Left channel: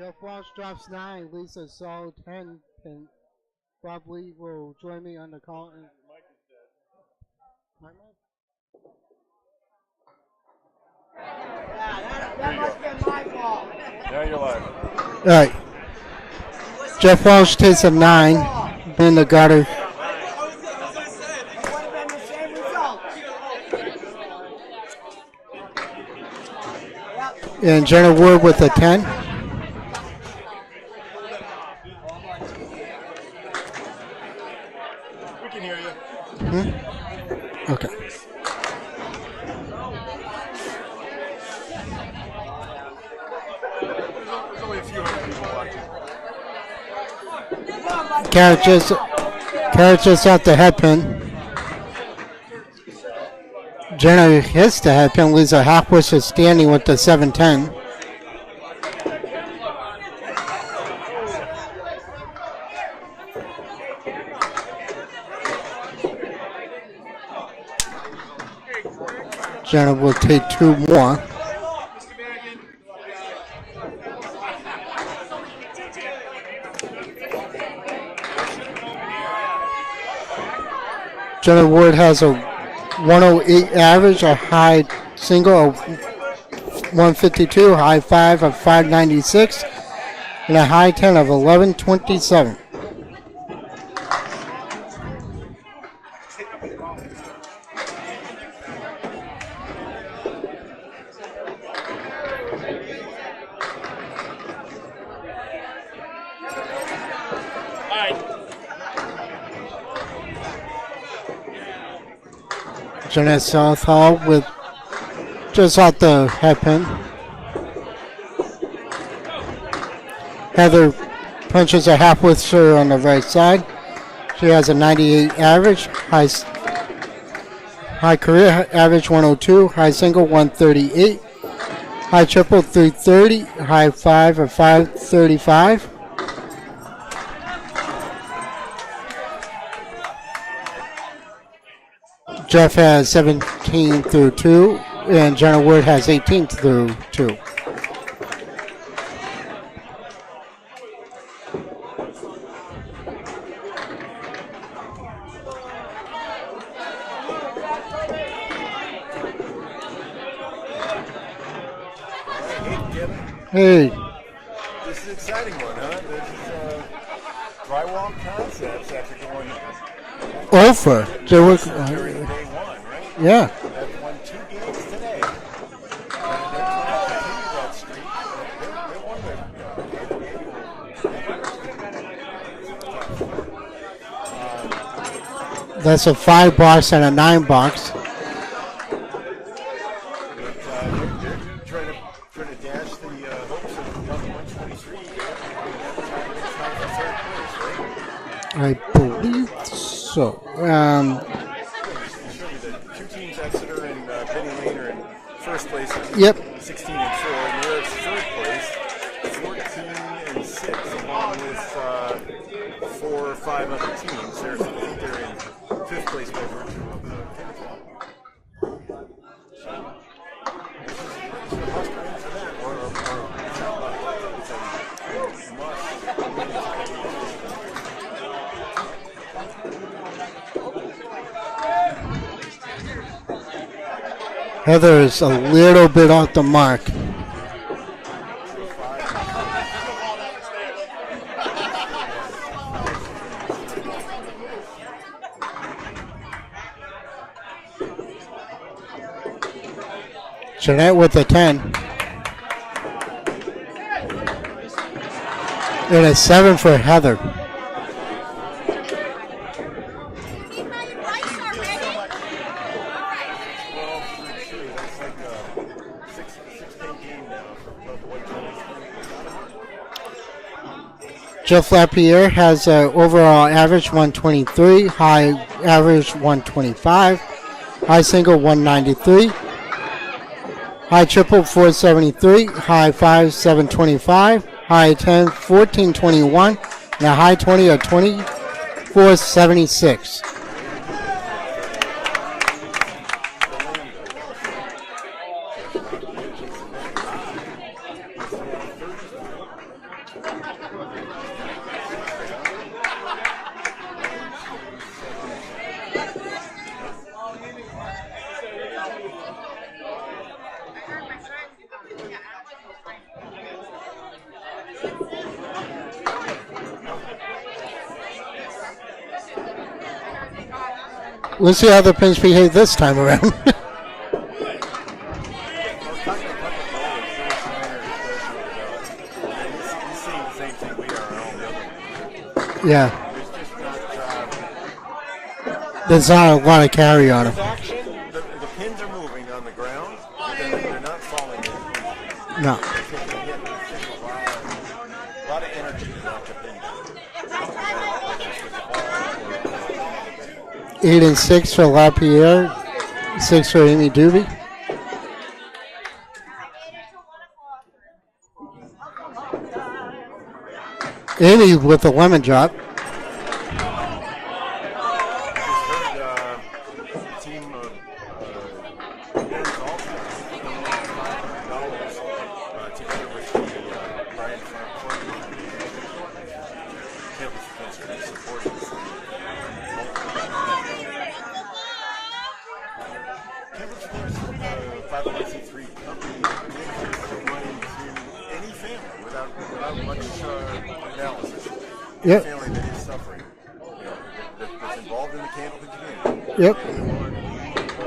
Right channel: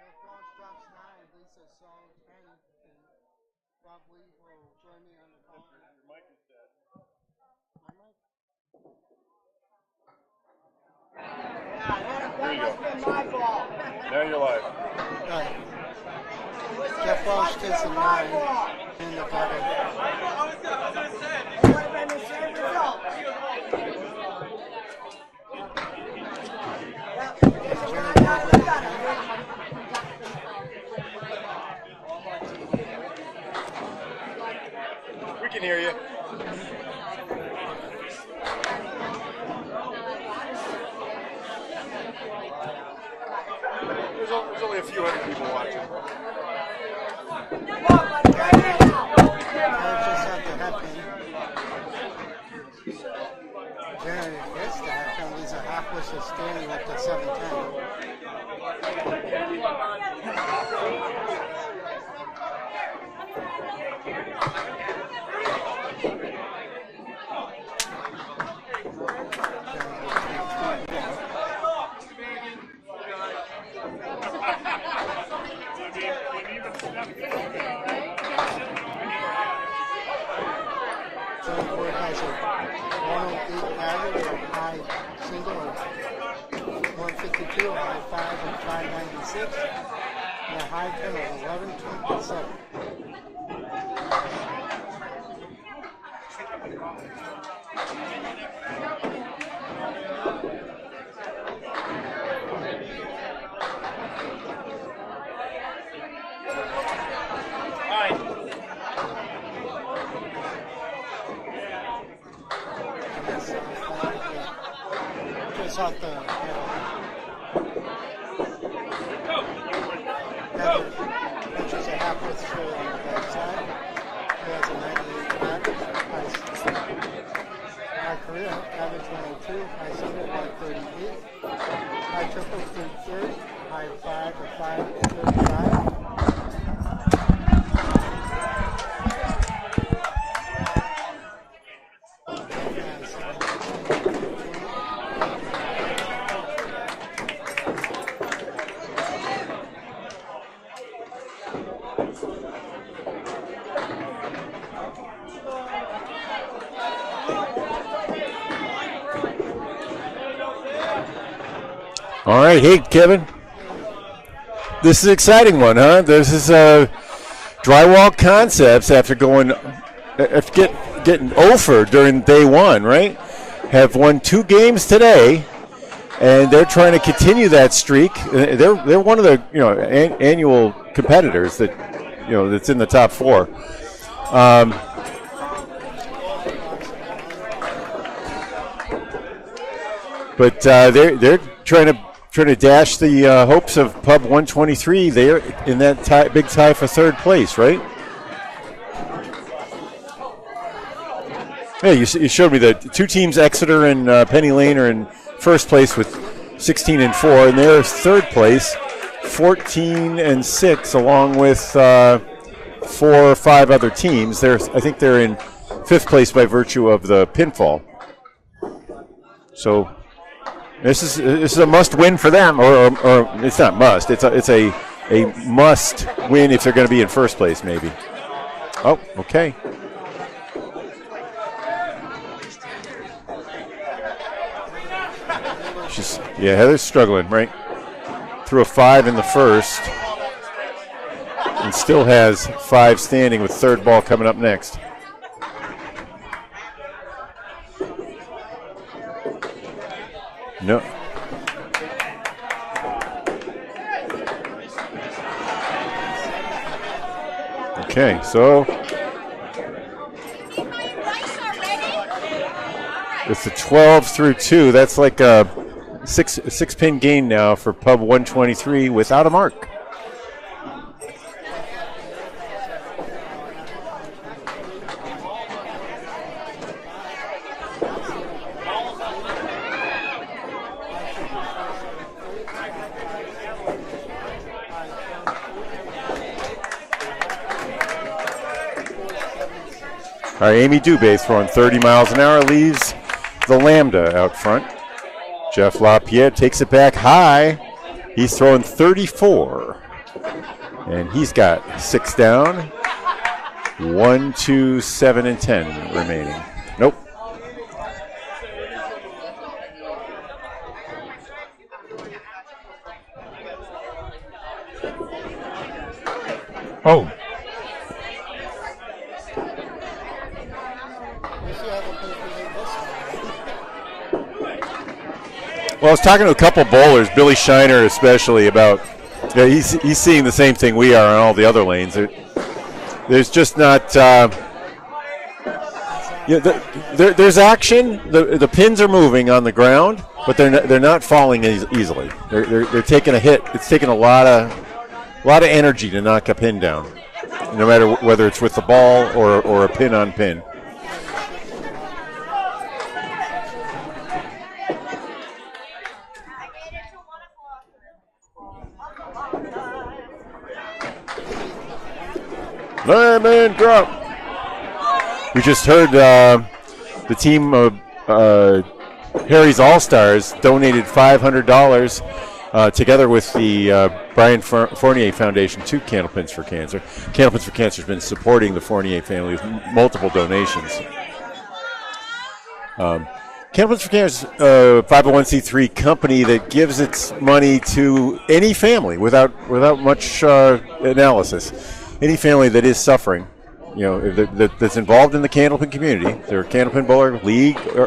Jeff Walsh drops 9, leads a solid 10, and Bob Lee will join me on the call. There you go. Now you're live. All right. Jeff Walsh takes a 9 in the gutter. And Jenna Wood with a 10. We can hear you. Mm-hmm. Okay. There's only a few hundred people watching. Carrot just out the head pin. Jenna hits the head pin, leaves a half whistle standing with the 7-10. Jenna will take 2 more. Jenna Wood has a 108 average, a high single of 152, high 5 of 596, and a high 10 of 1127. Jeanette Southall with just out the head pin. Heather punches a half whistle on the right side. She has a 98 average, high career average 102, high single 138, high triple 330, high 5 of 535. Jeff has 17 through 2, and Jenna Wood has 18 through 2. All right, hey Kevin. Hey. This is an exciting one, huh? This is Drywall Concepts after going getting over during day one, right? Yeah. Have won 2 games today, and they're trying to continue that streak. They're one of the annual competitors that that's in the top 4. That's a 5 box and a 9 box. But they're trying to dash the hopes of Pub 123. They're in that big tie for 3rd place, right? I believe so. Yeah, you showed me the 2 teams, Exeter and Penny Lane, are in 1st place with 16 and 4, and they're 3rd place, 14 and 6, along with 4 or 5 other teams. I think they're in 5th place by virtue of the pinfall. So this is a must win for them, or it's not must. It's a must win if they're going to be in 1st place, maybe. Oh, okay. Heather is a little bit off the mark. Yeah, they're struggling, right? Threw a 5 in the 1st, and still has 5 standing with 3rd ball coming up next. Jeanette with a 10. And a 7 for Heather. Okay, so with the 12 through 2, that's like a 6-pin gain now for Pub 123 without a mark. Jeff Lapierre has an overall average 123, high average 125, high single 193, high triple 473, high 5 725, high 10 1421, and a high 20 of 2476. All right, Amy Dubé throwing 30 miles an hour, leaves the Lambda out front. Jeff Lapierre takes it back high. He's throwing 34. And he's got 6 down. 1, 2, 7, and 10 remaining. Nope. Oh. We'll see how the pins behave this time around. Well, I was talking to a couple bowlers, Billy Shiner especially, about he's seeing the same thing we are on all the other lanes. Yeah. There's just not. There's not a lot of carry on. There's action. The pins are moving on the ground, but they're not falling easily. They're taking a hit. It's taking a lot of energy to knock a pin down, no matter whether it's with the ball or a pin on pin. 8 and 6 for LaPierre. 6 for Amy Doobie. Amy with the lemon drop. Lemon drop. We just heard the team of Harry's All-Stars donated $500 together with the Brian Fournier Foundation to Candlepins for Cancer. Candlepins for Cancer has been supporting the Fournier family with multiple donations. Candlepins for Cancer is a 501c3 company that gives its money to any family without much analysis. Any family that is suffering, that's involved in the candlepin community. They're a candlepin bowler, league, or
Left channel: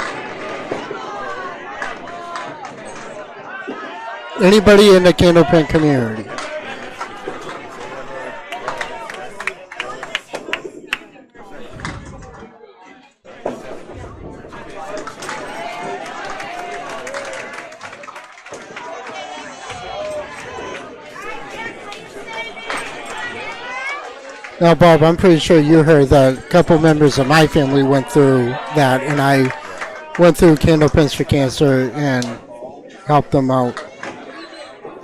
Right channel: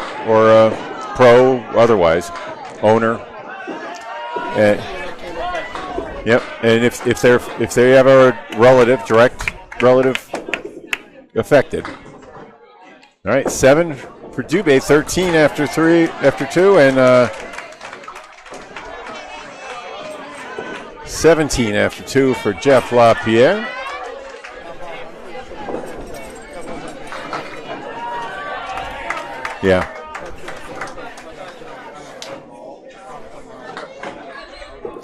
pro, otherwise, owner. Anybody in the candlepin community. Yep, and if they have a direct relative affected. All right, 7 for Dubé, 13 after 2, and 17 after 2 for Jeff LaPierre. Now, Bob, I'm pretty sure you heard that a couple members of my family went through that, and I went through Candlepins for Cancer and helped them out.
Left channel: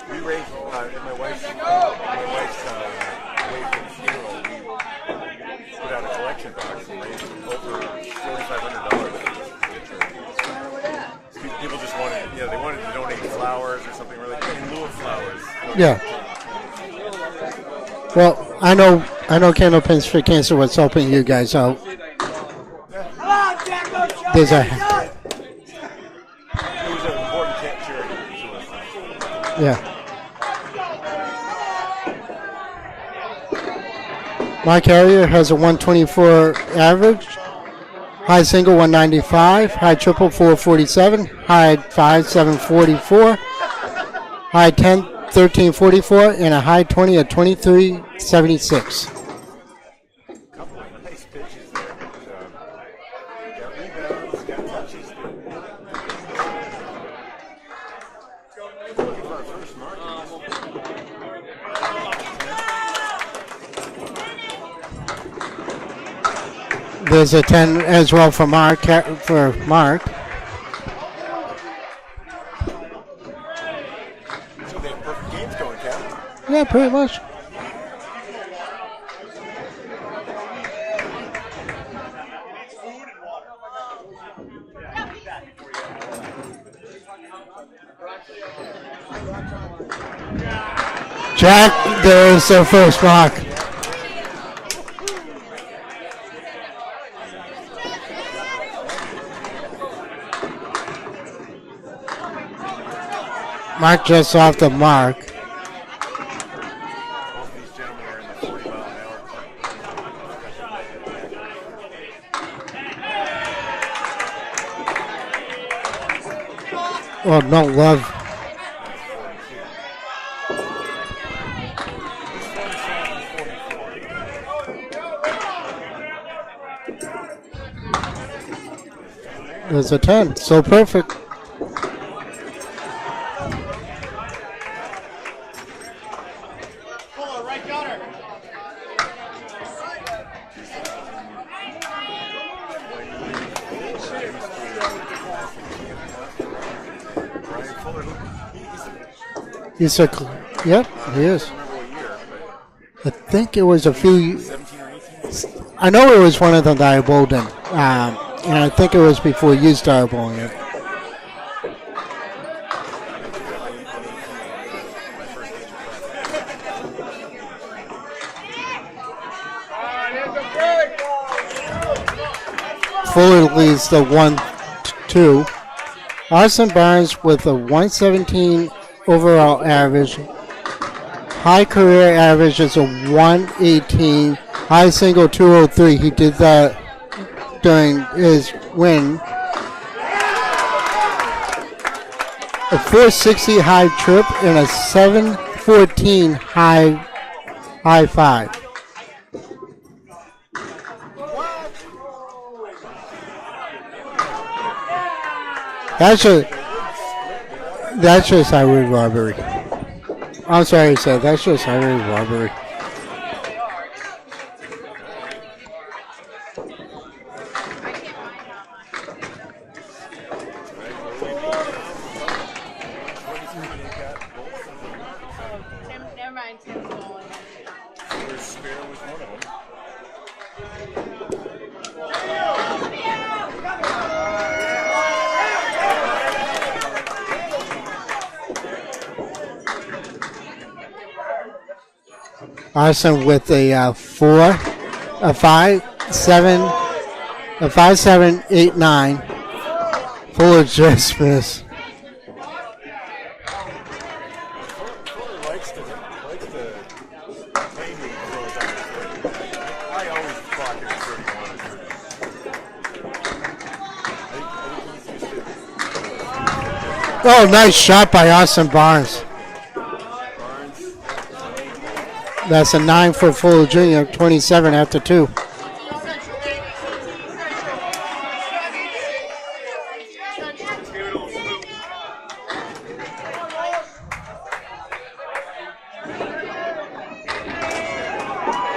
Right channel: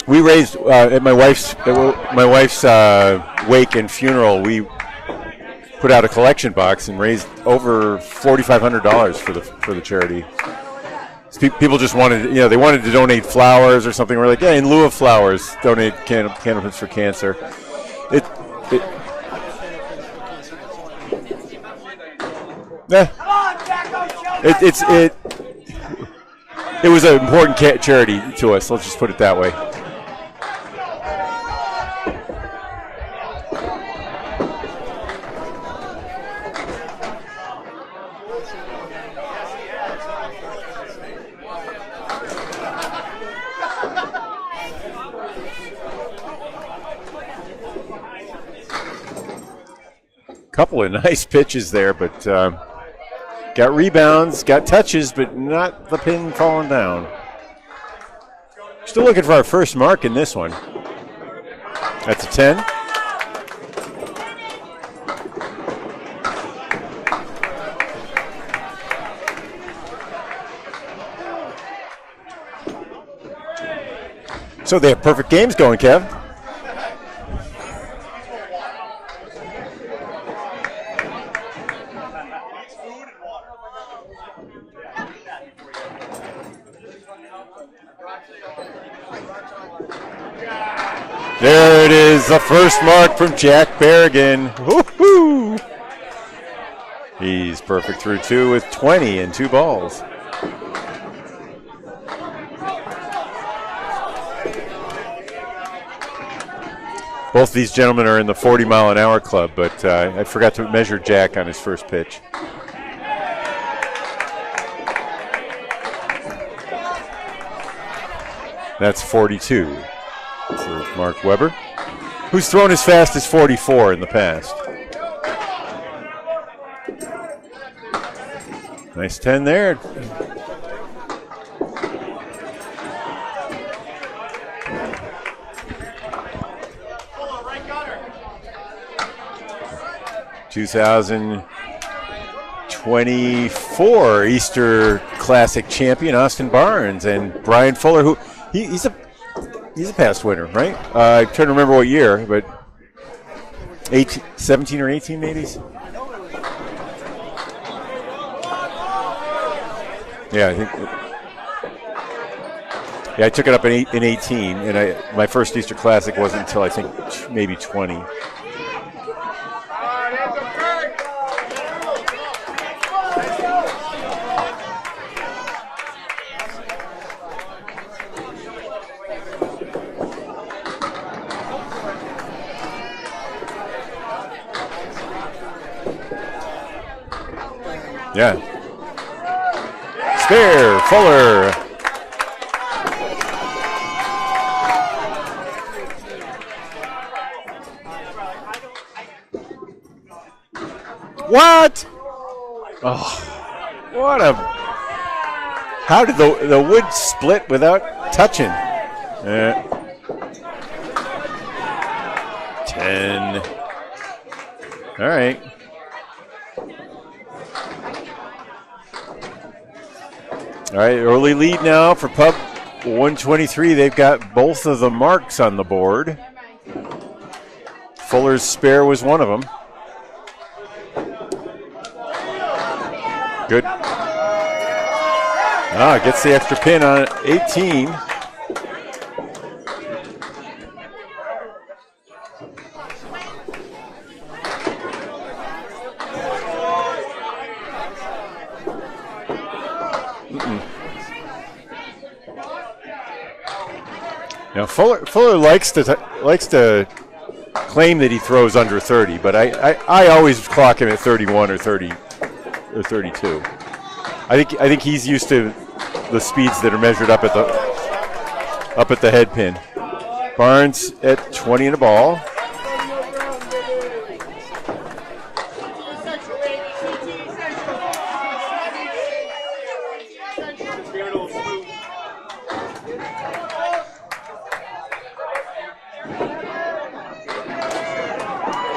We raised at my wife's wake and funeral. We put out a collection box and raised over $4,500 for the charity. People just wanted, they wanted to donate flowers or something. We're like, in lieu of flowers, donate Candlepins for Cancer. Well, I know Candlepins for Cancer was helping you guys out. Yeah. It was an important charity to us. Let's just put it that way. Yeah. Mark Harrier has a 124 average. High single 195, high triple 447, high 5 744, high 10 1344, and a high 20 at 2376. Couple of nice pitches there, but got rebounds, got touches, but not the pin falling down. Still looking for our first mark in this one. That's a 10. There's a 10 as well for Mark. So they have perfect games going, Kev. Yeah, pretty much. There it is, the first mark for Jack Berrigan. Woo-hoo! He's perfect through 2 with 20 and 2 balls. Mark just off the mark. Both these gentlemen are in the 40-mile-an-hour club, but I forgot to measure Jack on his first pitch. Oh, no love. That's 42 for Mark Weber, who's thrown as fast as 44 in the past. Nice 10 there. There's a 10. So perfect. (2024) Easter Classic champion Austin Barnes and Brian Fuller, who he's a past winner, right? Yeah, I can't remember what year, but I think it was 17 or 18 maybe. I know it was one of them that I bowled in, and I think it was before you started bowling. Yeah, Yeah, I took it up in 18, and my first Easter Classic wasn't until I think maybe 20. Fuller leads the 1-2. Austin Barnes with a 117 overall average. High career average is a 118. High single 203. He did that during his win. Spare, Fuller. A 460 high trip and a 714 high five. What? Oh, what a... How did the wood split without That's touching? just highway robbery. Yeah. I'm sorry to say, that's just highway robbery. 10. All right. All right, early lead now for Pup. 123. They've got both of the marks on the board. Fuller's spare was one of them. Good. Gets the extra pin on 18. Austin with a 4, a 5, 7, a 5, 7, 8, 9. Fuller just missed. Now Fuller likes to claim that he throws under 30, but I always clock him at 31 or 30 or 32. I think he's used to the speeds that are measured up. Nice shot by Austin Barnes. Up at the head pin. Barnes at 20 in the ball. That's a 9 for Fuller Jr., 27 after 2.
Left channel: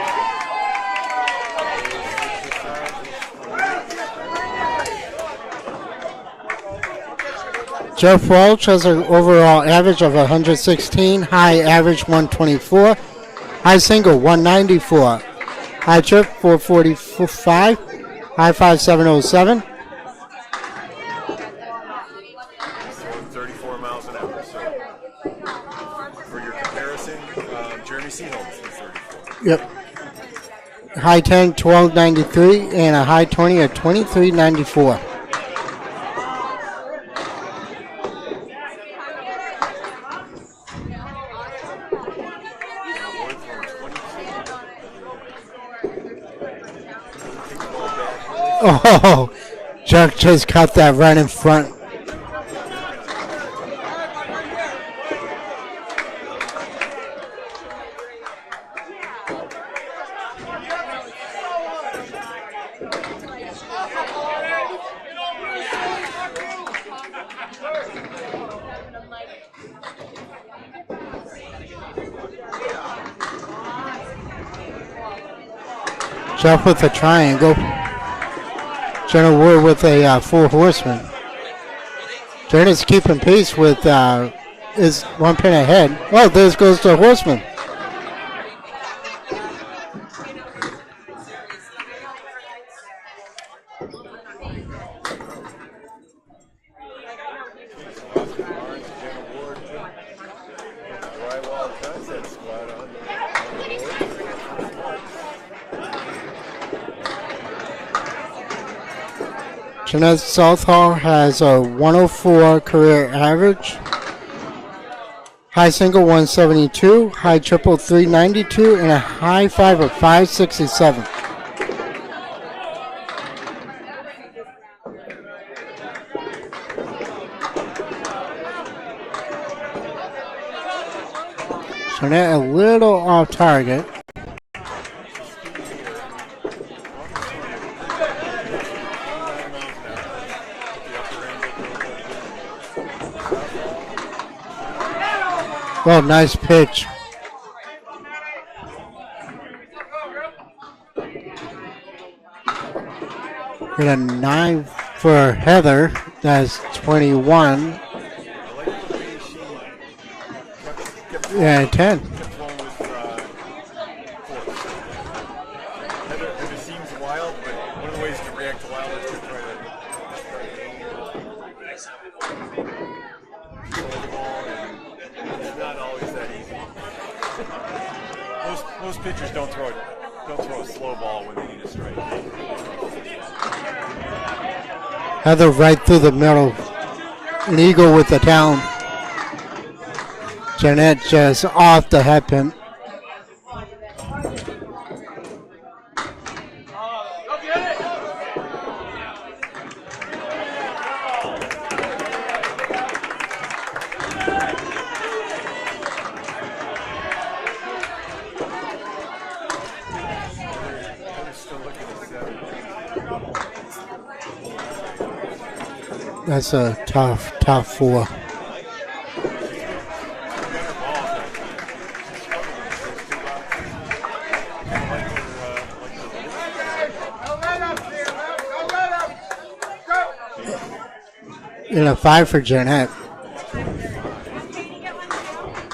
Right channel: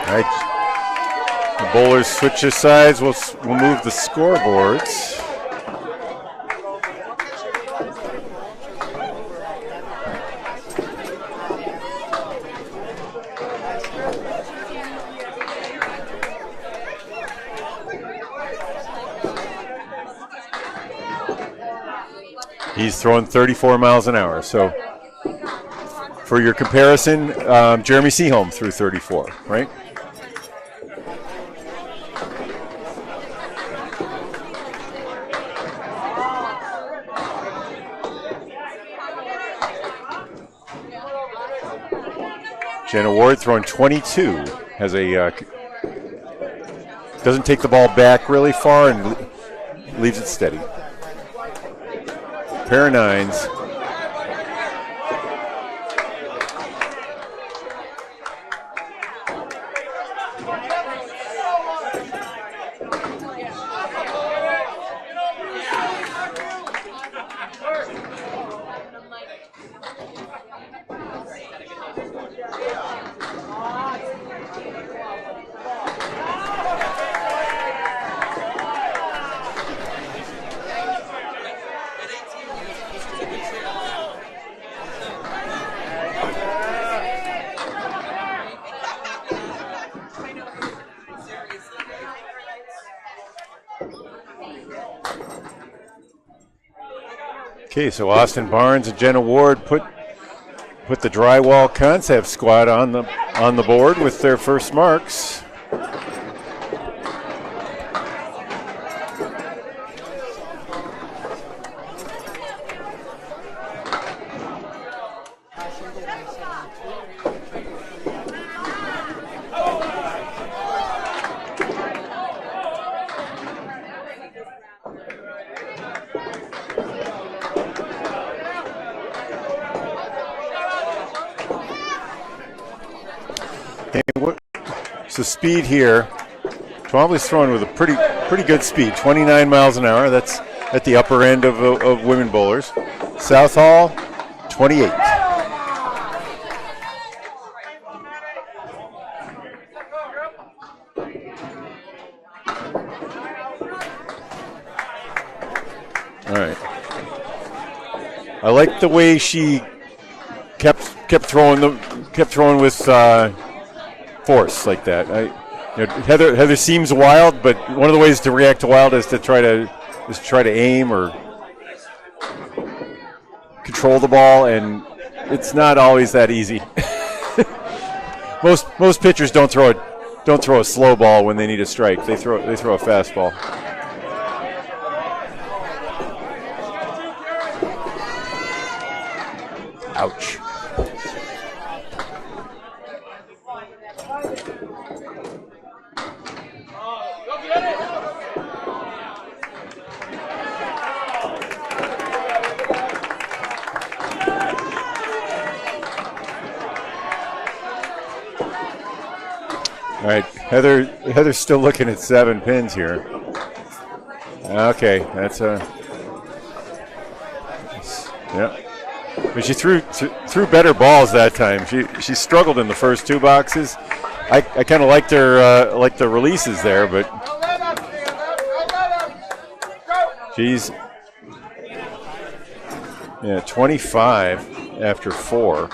All right. The bowlers switch his sides. We'll move the scoreboards. Jeff Welch has an overall average of 116, high average 124, high single 194, high trip 445, high 5707. He's throwing 34 miles an hour. So for your comparison, Jeremy Seaholm threw 34, right? High 10, 1293, and a high 20 at 2394. Jenna Ward throwing 22. Doesn't take the ball back really far. Oh, Jeff just cut that right in front. Pair of 9s. Jeff with a triangle. Jenna Ward with a 4 horseman. Jenna's keeping pace with is 1 pin ahead. Oh, there goes the horseman. Okay, so Austin Barnes and Jenna Ward put the Drywall Concept squad on the board with their first marks. Jeanette Southall has a 104 career average. High single 172, high triple 392, and a high 5 of 567. Jeanette a little off target. So speed here. Twombly's throwing with a pretty good speed, 29 miles an hour. That's at the upper end of women bowlers. Southall, 28. Well, nice pitch. And a 9 for Heather. That's 21. I like the way she kept throwing kept throwing with force like that. Heather seems wild, but one of the ways to react to wild is to try to aim or. control the ball, and it's not always that easy. Most pitchers don't throw a slow ball when they need a strike. They throw a fastball. Heather right through the middle. An eagle with the down. Ouch. Jeanette just off the head pin. All right, Heather's still looking at 7 pins here. Okay, that's a tough 4. Yeah. But she threw better balls that time. She struggled in the first 2 boxes. I kind of liked the releases there, but she's in a 5 for Jeanette. Yeah, 25 after 4.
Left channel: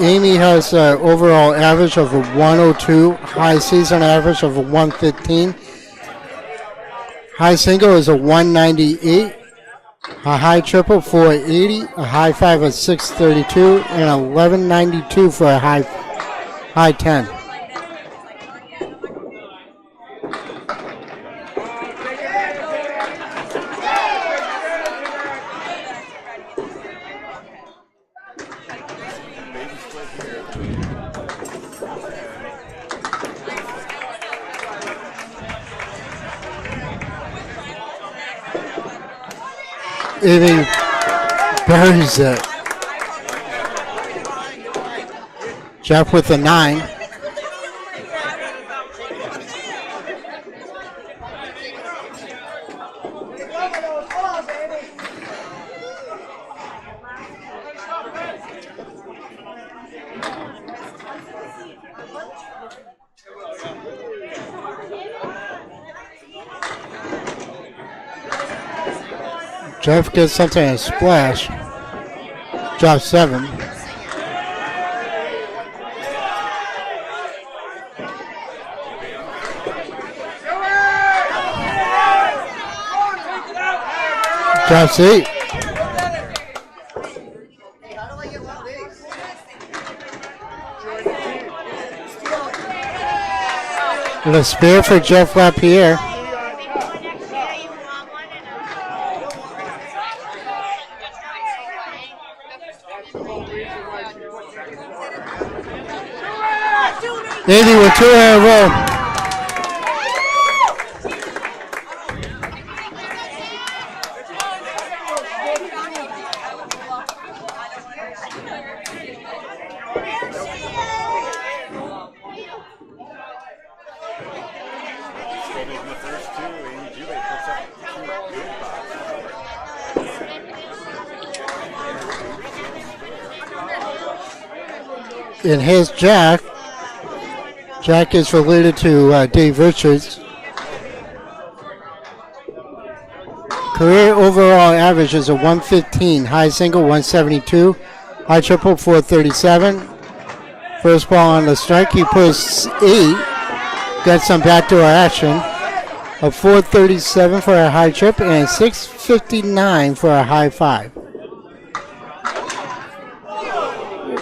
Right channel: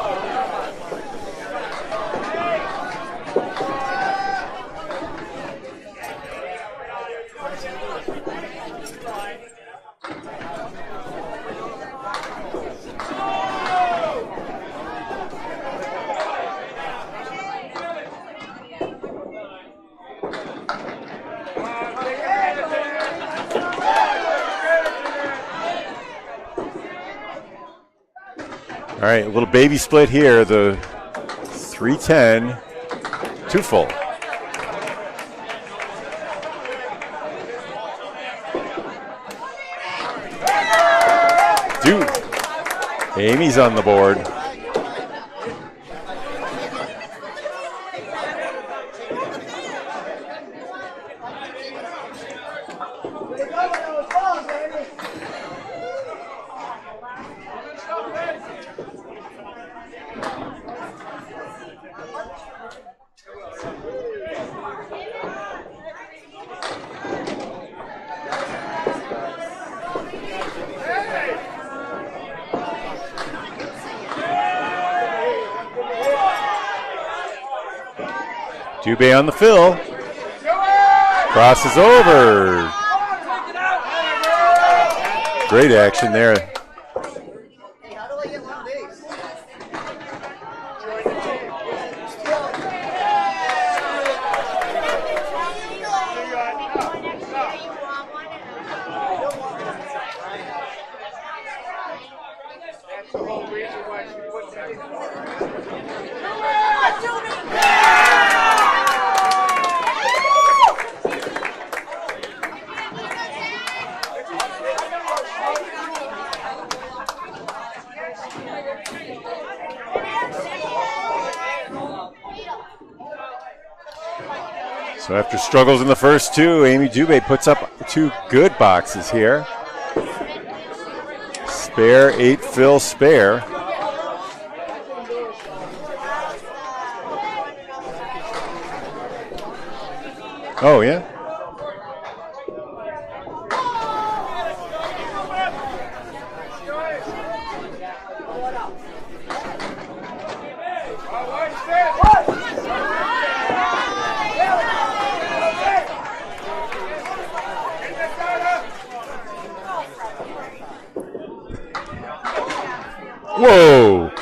Amy has an overall average of a 102, high season average of a 115. High single is a 198, a high triple 480, a high 5 of 632, and a 1192 for a high 10. All right, a little baby split here. The 310, 2 full. Amy buries it. Amy's on the board. Jeff with a 9. Jeff gets something in a splash. Drop 7. Dubé on the fill. Crosses over. Drops 8. Great action there. And a spare for Jeff LaPierre. Andy with 2 in a row. So after struggles in the first 2, Amy Dubé puts up 2 good boxes here. Spare, 8 fill spare. And here's Jack. Jack is related to Dave Richards. Oh, yeah? Career overall average is a 115. High single, 172. High triple, 437. First ball on the strike, he puts 8. Gets some backdoor action. A 437 for a high trip and 659 for a high 5. Whoa!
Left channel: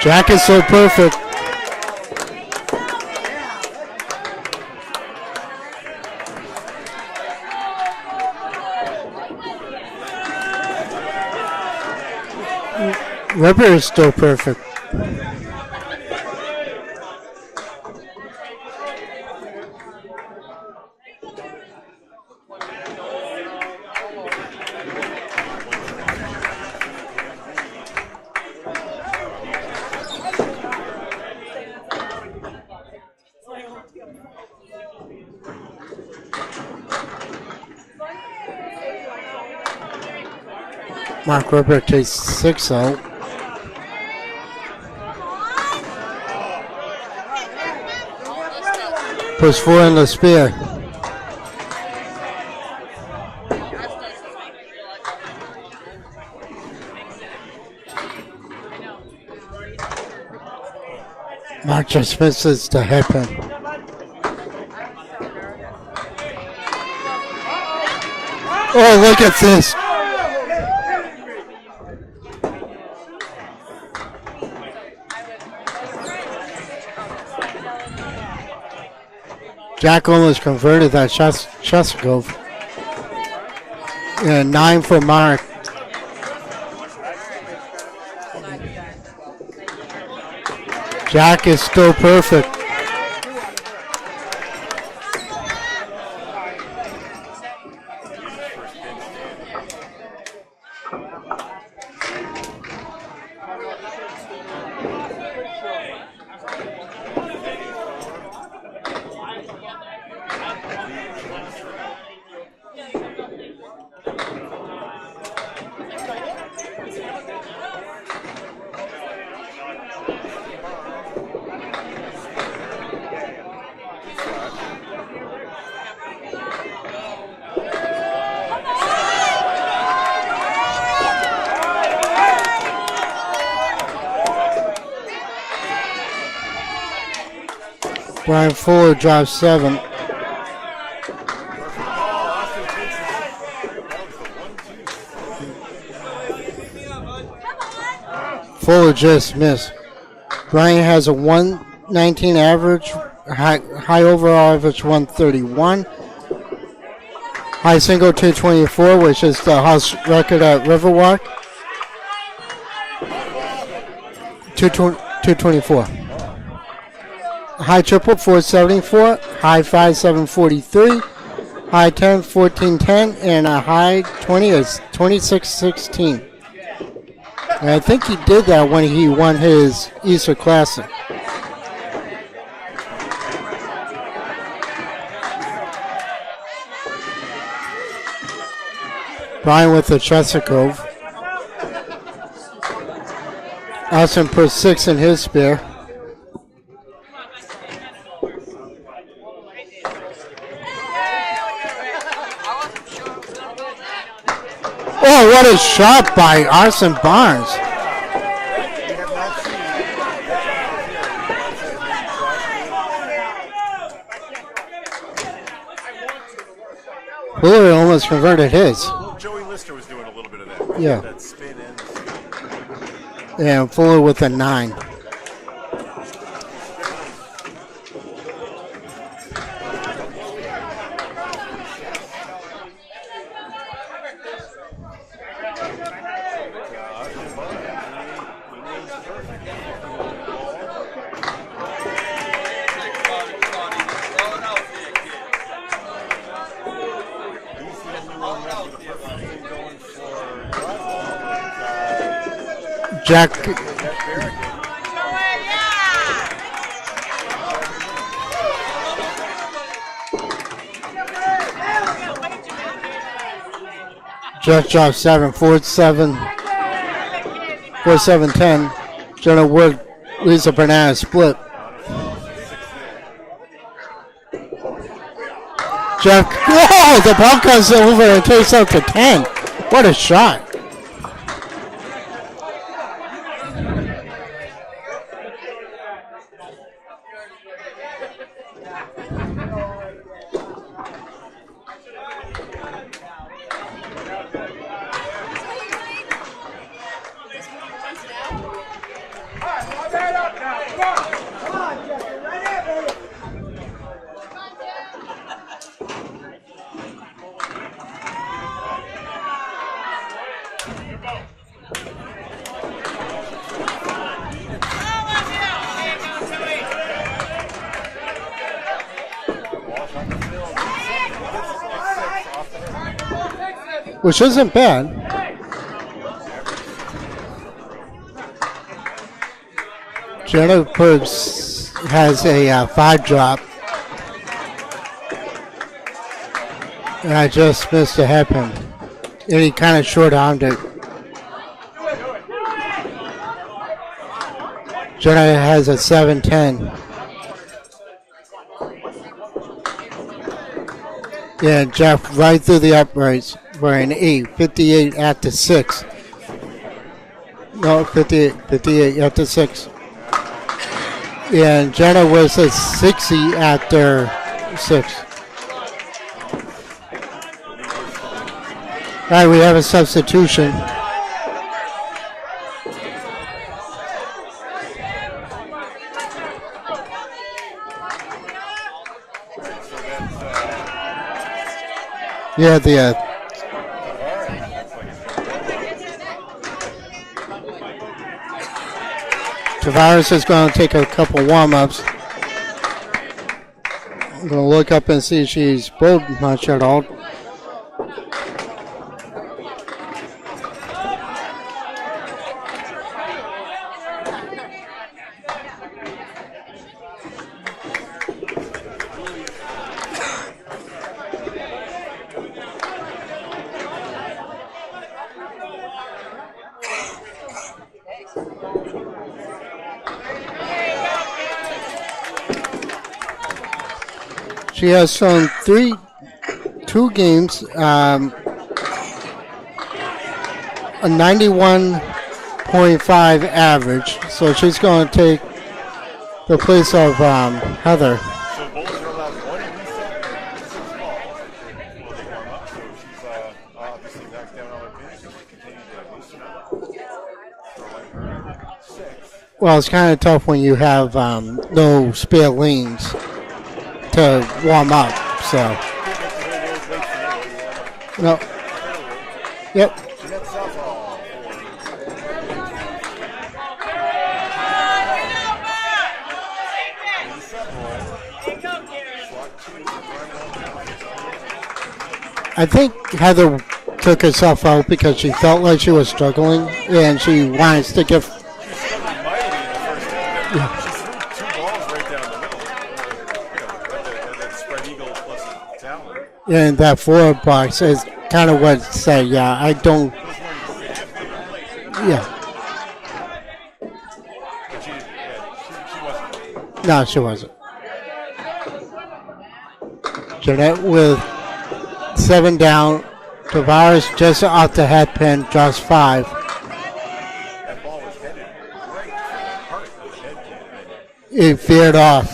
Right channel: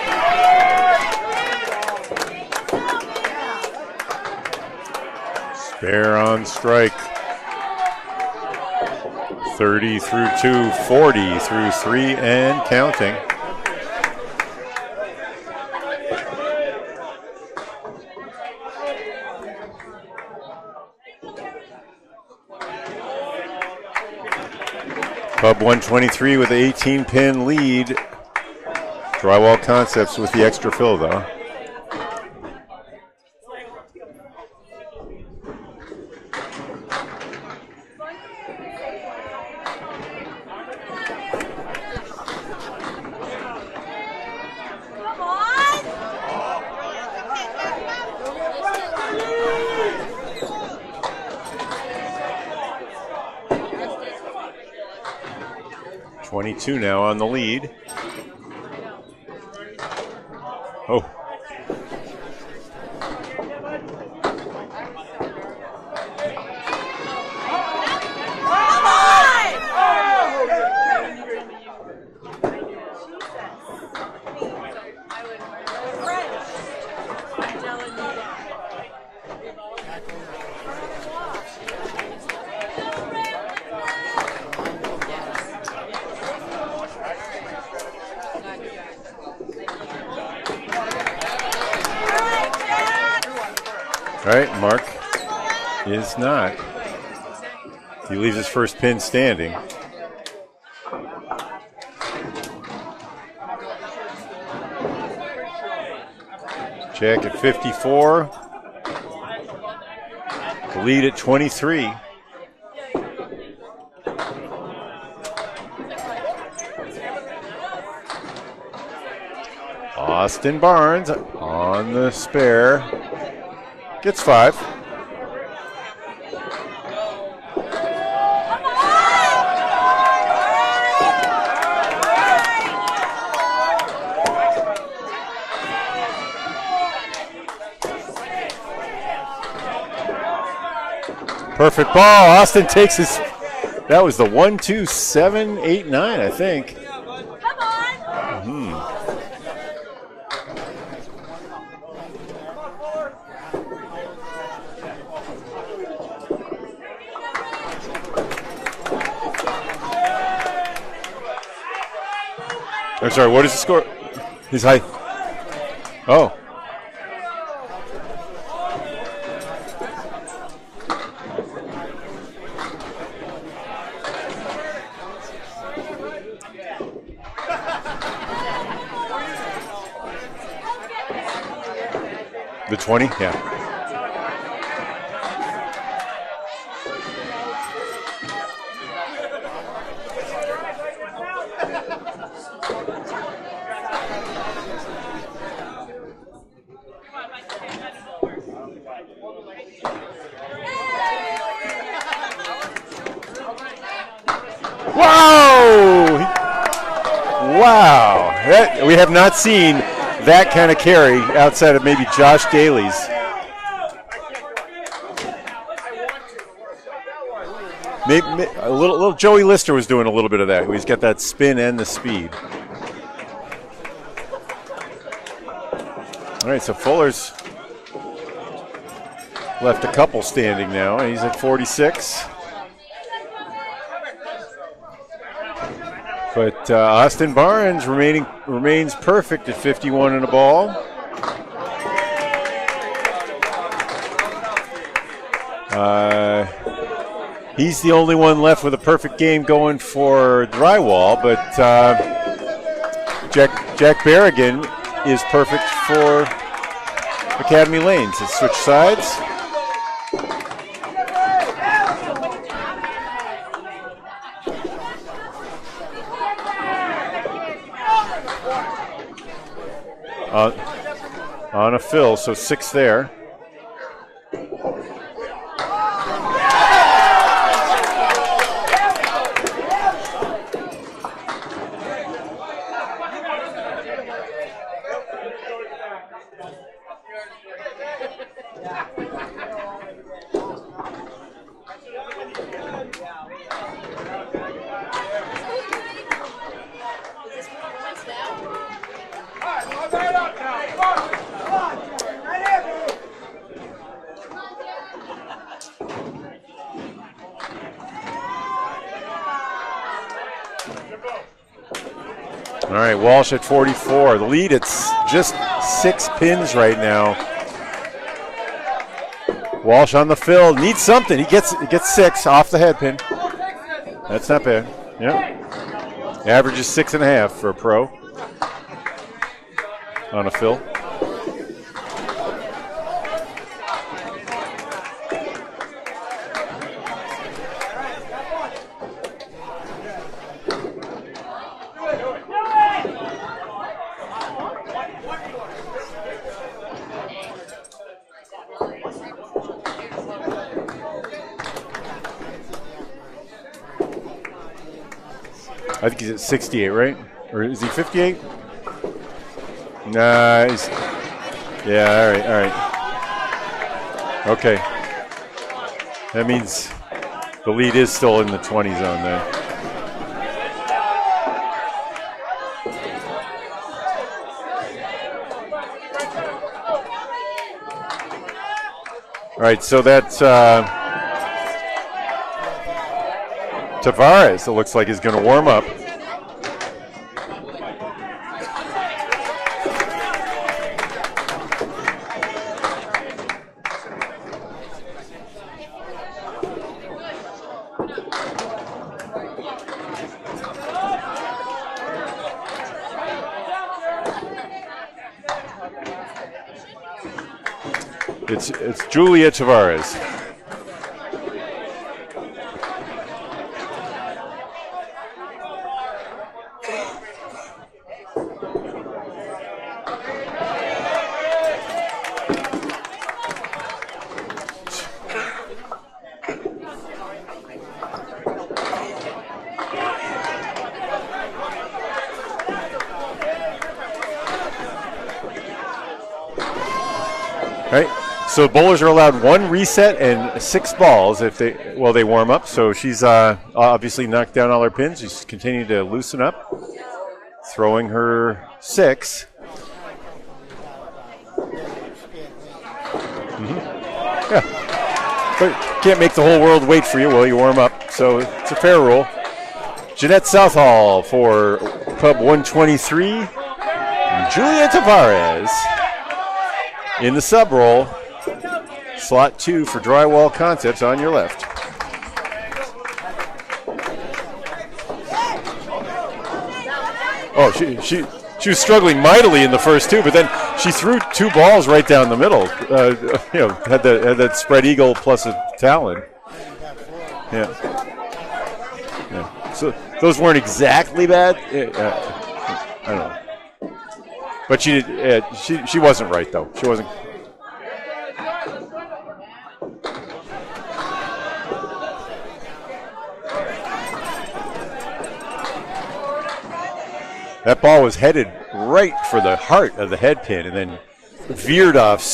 Jack is so perfect. Spare on strike. 30 through 2, 40 through 3, and counting. Weber is still perfect. Club 123 with an 18-pin lead. Drywall Concepts with the extra fill, though. Mark Weber takes 6 out. Puts 4 in the spare. .22 now on the lead. Mark just misses the headpin. Oh, look at this. Jack almost converted that Chesapeake. And 9 for Mark. Jack is still perfect. Right, Mark is not. He leaves his first pin standing. Jack at 54. The lead at 23. Austin Barnes on the spare. Gets 5. Brian Fuller drives 7. Perfect ball. Austin takes his. That was the 1, 2, 7, 8, 9, I think. Fuller just missed. Brian has a 119 average, high overall average 131. High single 224, which is the house record at Riverwalk. I'm sorry, what is the score? 224. Oh. High triple 474, high 5 743, high 10 1410, and a high 20 is 2616. And I think he did that when he won his Easter Classic. The 20? Yeah. Brian with the Chesapeake. Austin put 6 in his spare. Shot by Austin Barnes. Wow. We have not seen that kind of carry outside of maybe Josh Daly's. Fuller almost converted his. Little Joey Lister was doing a little bit of that. He's got that spin and the speed. Yeah, Fuller with a 9. All right, so Fuller's left a couple standing now. He's at 46. But Austin Barnes remains perfect at 51 in a ball. He's the only one left with a perfect game going for drywall, but Jack Berrigan is perfect for Academy Lanes. Let's switch sides. Jack drops 7, 4 7, 4 7 10. Gonna work Lisa Banana split. On a fill, so 6 there. Jeff, whoa, the ball comes over and takes out to 10. What a shot. All right, Walsh at 44. The lead, it's just 6 pins right now. Walsh on the fill, needs something. He gets 6 off the head pin. Which isn't bad. Yeah. Average is 6.5 for a pro. Jello Purbs has a 5 drop. And I just missed a head pin. And he kind of short-armed it. Jenna has a 7-10. Yeah, Jeff right through the uprights for an 8, 58 at the 6. I think he's at 68, right? Or is he no, 58? 58 at the 6. Nah, And Jenna was at 60 after 6. That means the lead is still in the 20 zone. All right, we have a substitution. All right, so that's Tavares, it looks like he's going to warm up. Tavares is going to take a couple warm-ups. I'm going to look up and see if she's bowled much at all. It's Julia Tavares. She has shown 2 games, a 91.5 average. So she's going to take the place of Heather. Right. So bowlers are allowed 1 reset and 6 balls if they warm up. So she's obviously knocked down all her pins. She's continuing to loosen up, throwing her 6. Well, it's kind of tough when you have no spare lanes to warm up. So can't make the whole world wait for you while you warm up. So it's a fair rule. Yep. Jeanette Southall for Club 123. Julia Tavares in the sub roll. Slot 2 for Drywall Concepts on your left. I think Heather took herself out because she felt like she was struggling, and she wants to get. She was struggling mightily in the first 2, but then she threw 2 balls right down the middle. Had that spread eagle plus a talon. And that 4 box is kind of what said, Those weren't exactly bad. I don't know. But she wasn't right though. She wasn't. Jeanette with 7 down. Tavares just off the head pin, draws 5. That ball was headed right for the heart of the head pin, and then it veered off.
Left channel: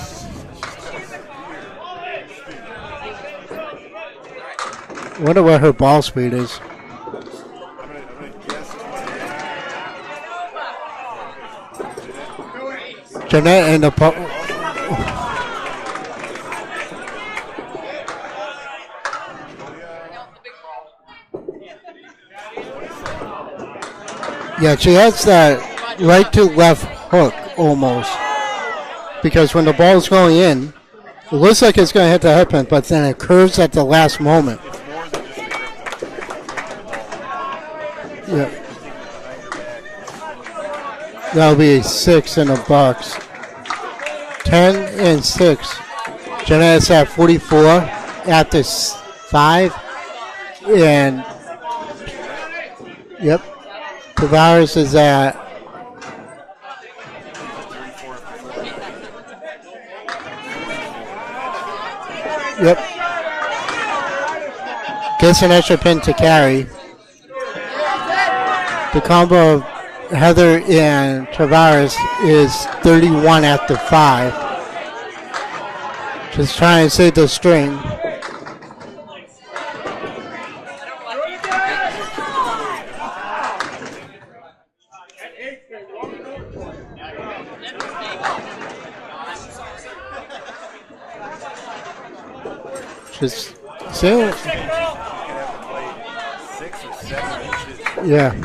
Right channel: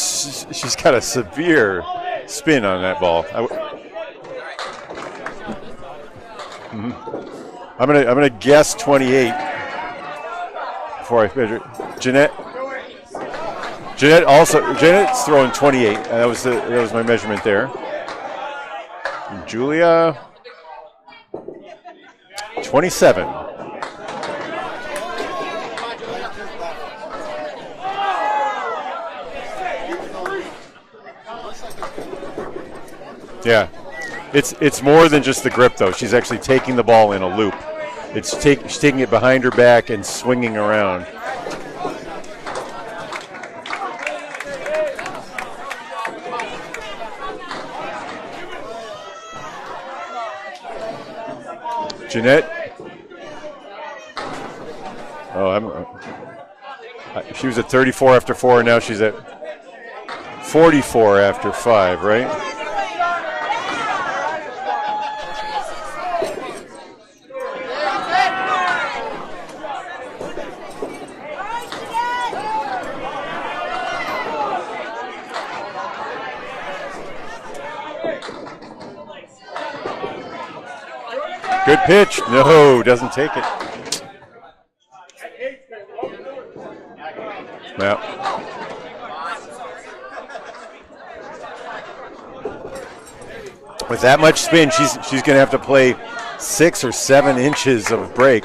She's got a severe spin on that ball. I wonder what her ball speed is. Mm-hmm. I'm gonna guess 28 before I measure. Jeanette and the Jeanette's throwing 28. That was my measurement there. And Julia 27. Yeah, she has that right to left hook almost. Because when the ball's going in, it looks like it's going to hit the head pin, but then it curves at the last moment. It's more than just the grip, though. She's actually taking the ball in a loop. She's taking it behind her back and swinging around. That'll be 6 in a box. 10 and 6. Jeanette's at 44 after 5. And Jeanette? Yep. Tavares is at... she was at 34 after 4, and now she's at 44 after 5, right? Yep. Gets an extra pin to carry. The combo of Heather and Tavares is 31 after 5. Just trying to save the string. Good pitch. No, doesn't take it. Yeah. With that much spin, she's going to have to play 6 or 7 inches of break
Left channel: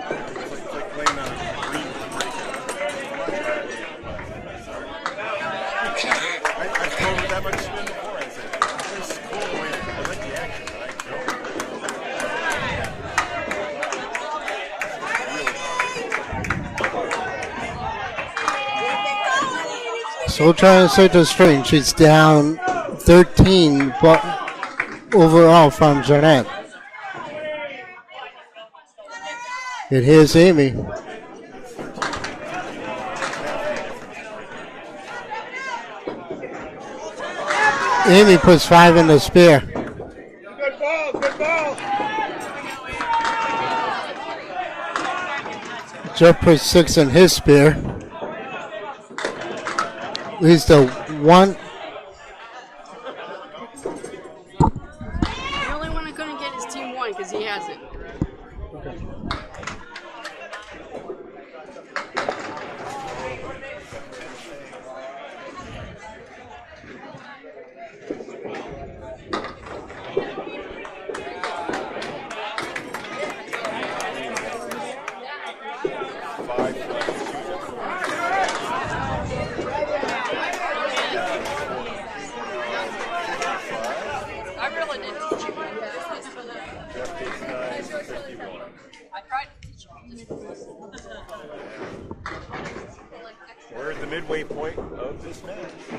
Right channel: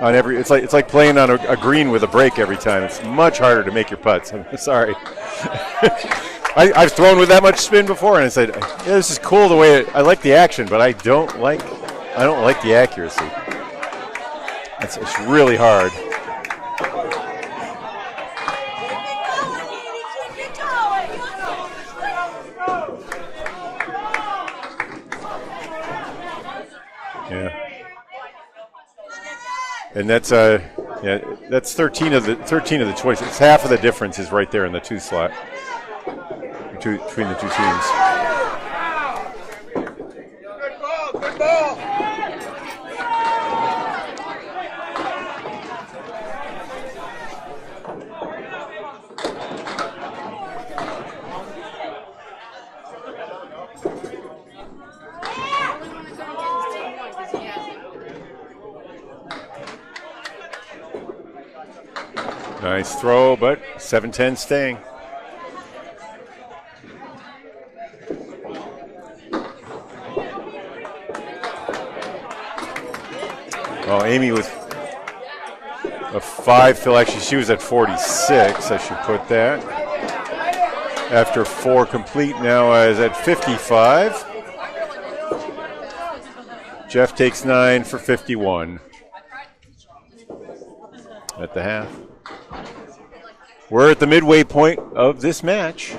on every. It's like playing on a green with a break every time. It's much harder to make your putts. I'm sorry. I've thrown with that much spin before, and I said, this is cool the way I like the action, but I don't like the accuracy. It's really hard. Still trying to set the string. She's down 13 overall from Jeanette. Yeah. Here's Amy. Yeah, that's 13 of the 20. It's half of the difference is right there in the 2 slot between the 2 teams. Amy puts 5 in the spare. Good ball. Jeff puts 6 in his spare. He's the one. The only one that couldn't get his team one because he hasn't. Nice throw, but 7-10 staying. Oh, Amy with a 5 fill. Actually, she was at 46. I should put that. After 4 complete, now is at 55. Jeff takes 9 for 51 at the half. We're at the midway point of this match.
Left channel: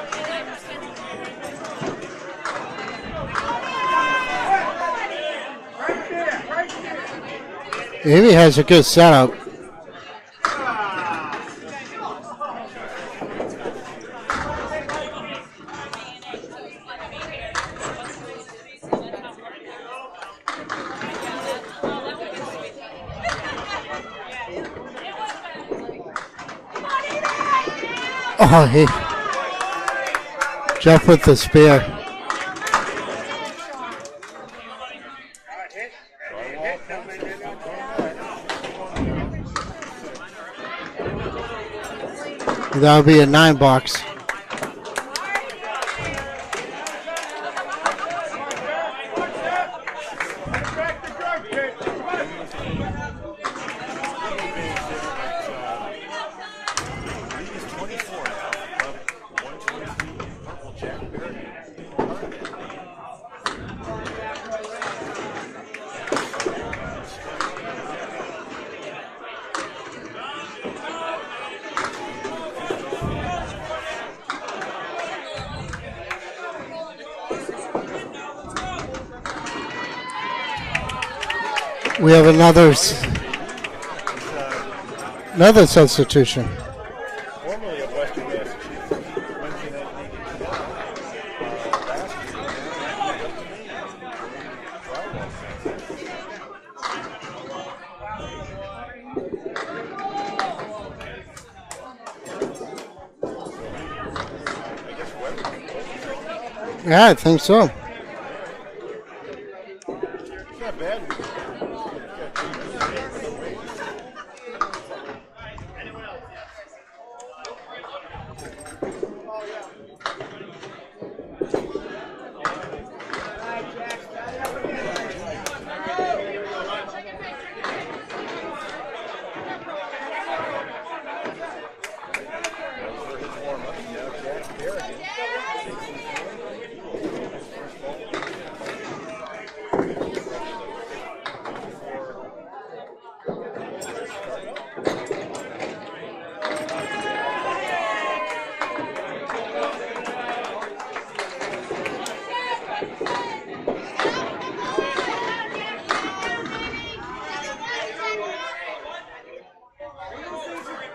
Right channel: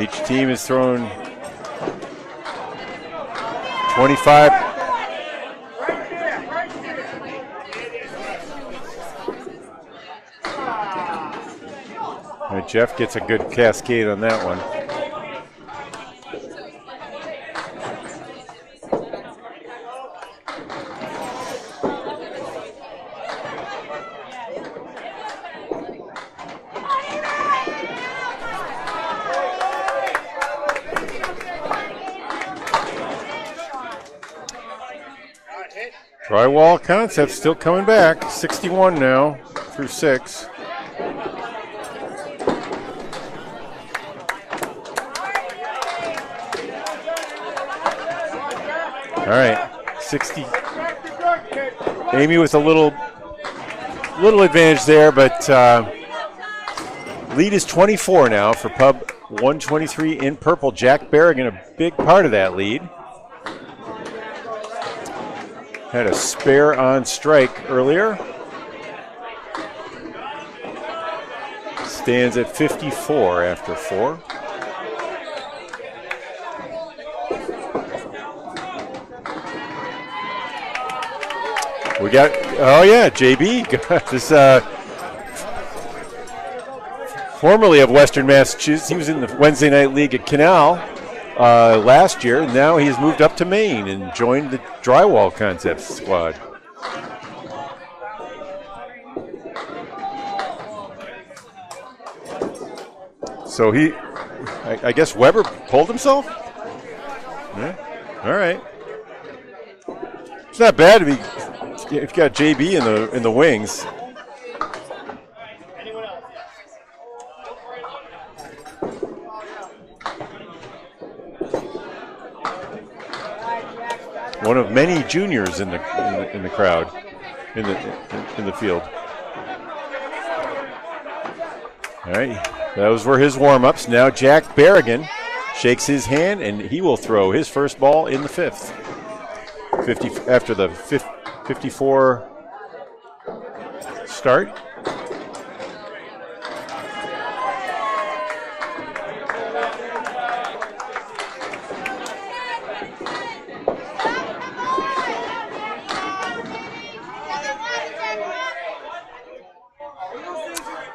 Each team has thrown 25. Amy has a good setup. And Jeff gets a good cascade on that one. Oh, Jeff with the spear. Drywall Concepts still coming back. 61 now through 6. That'll be a 9 box. All right, 60. Amy with a little advantage there, but lead is 24 now for Pub 123 in purple. Jack Berrigan, a big part of that lead. Had a spare on strike earlier. Stands at 54 after 4. We have another. Oh yeah, JB got this. Another substitution. Formerly of Western Massachusetts, he was in the Wednesday Night League at Canal last year. Now he's moved up to Maine and joined the Drywall Concepts squad. So I guess Weber pulled himself? Yeah, I think so. All right. It's not bad if you got JB in the wings. One of many juniors in the crowd, in the field. All right, those were his warm-ups. Now Jack Berrigan shakes his hand, and he will throw his first ball in the 5th. 50 after the 54 start.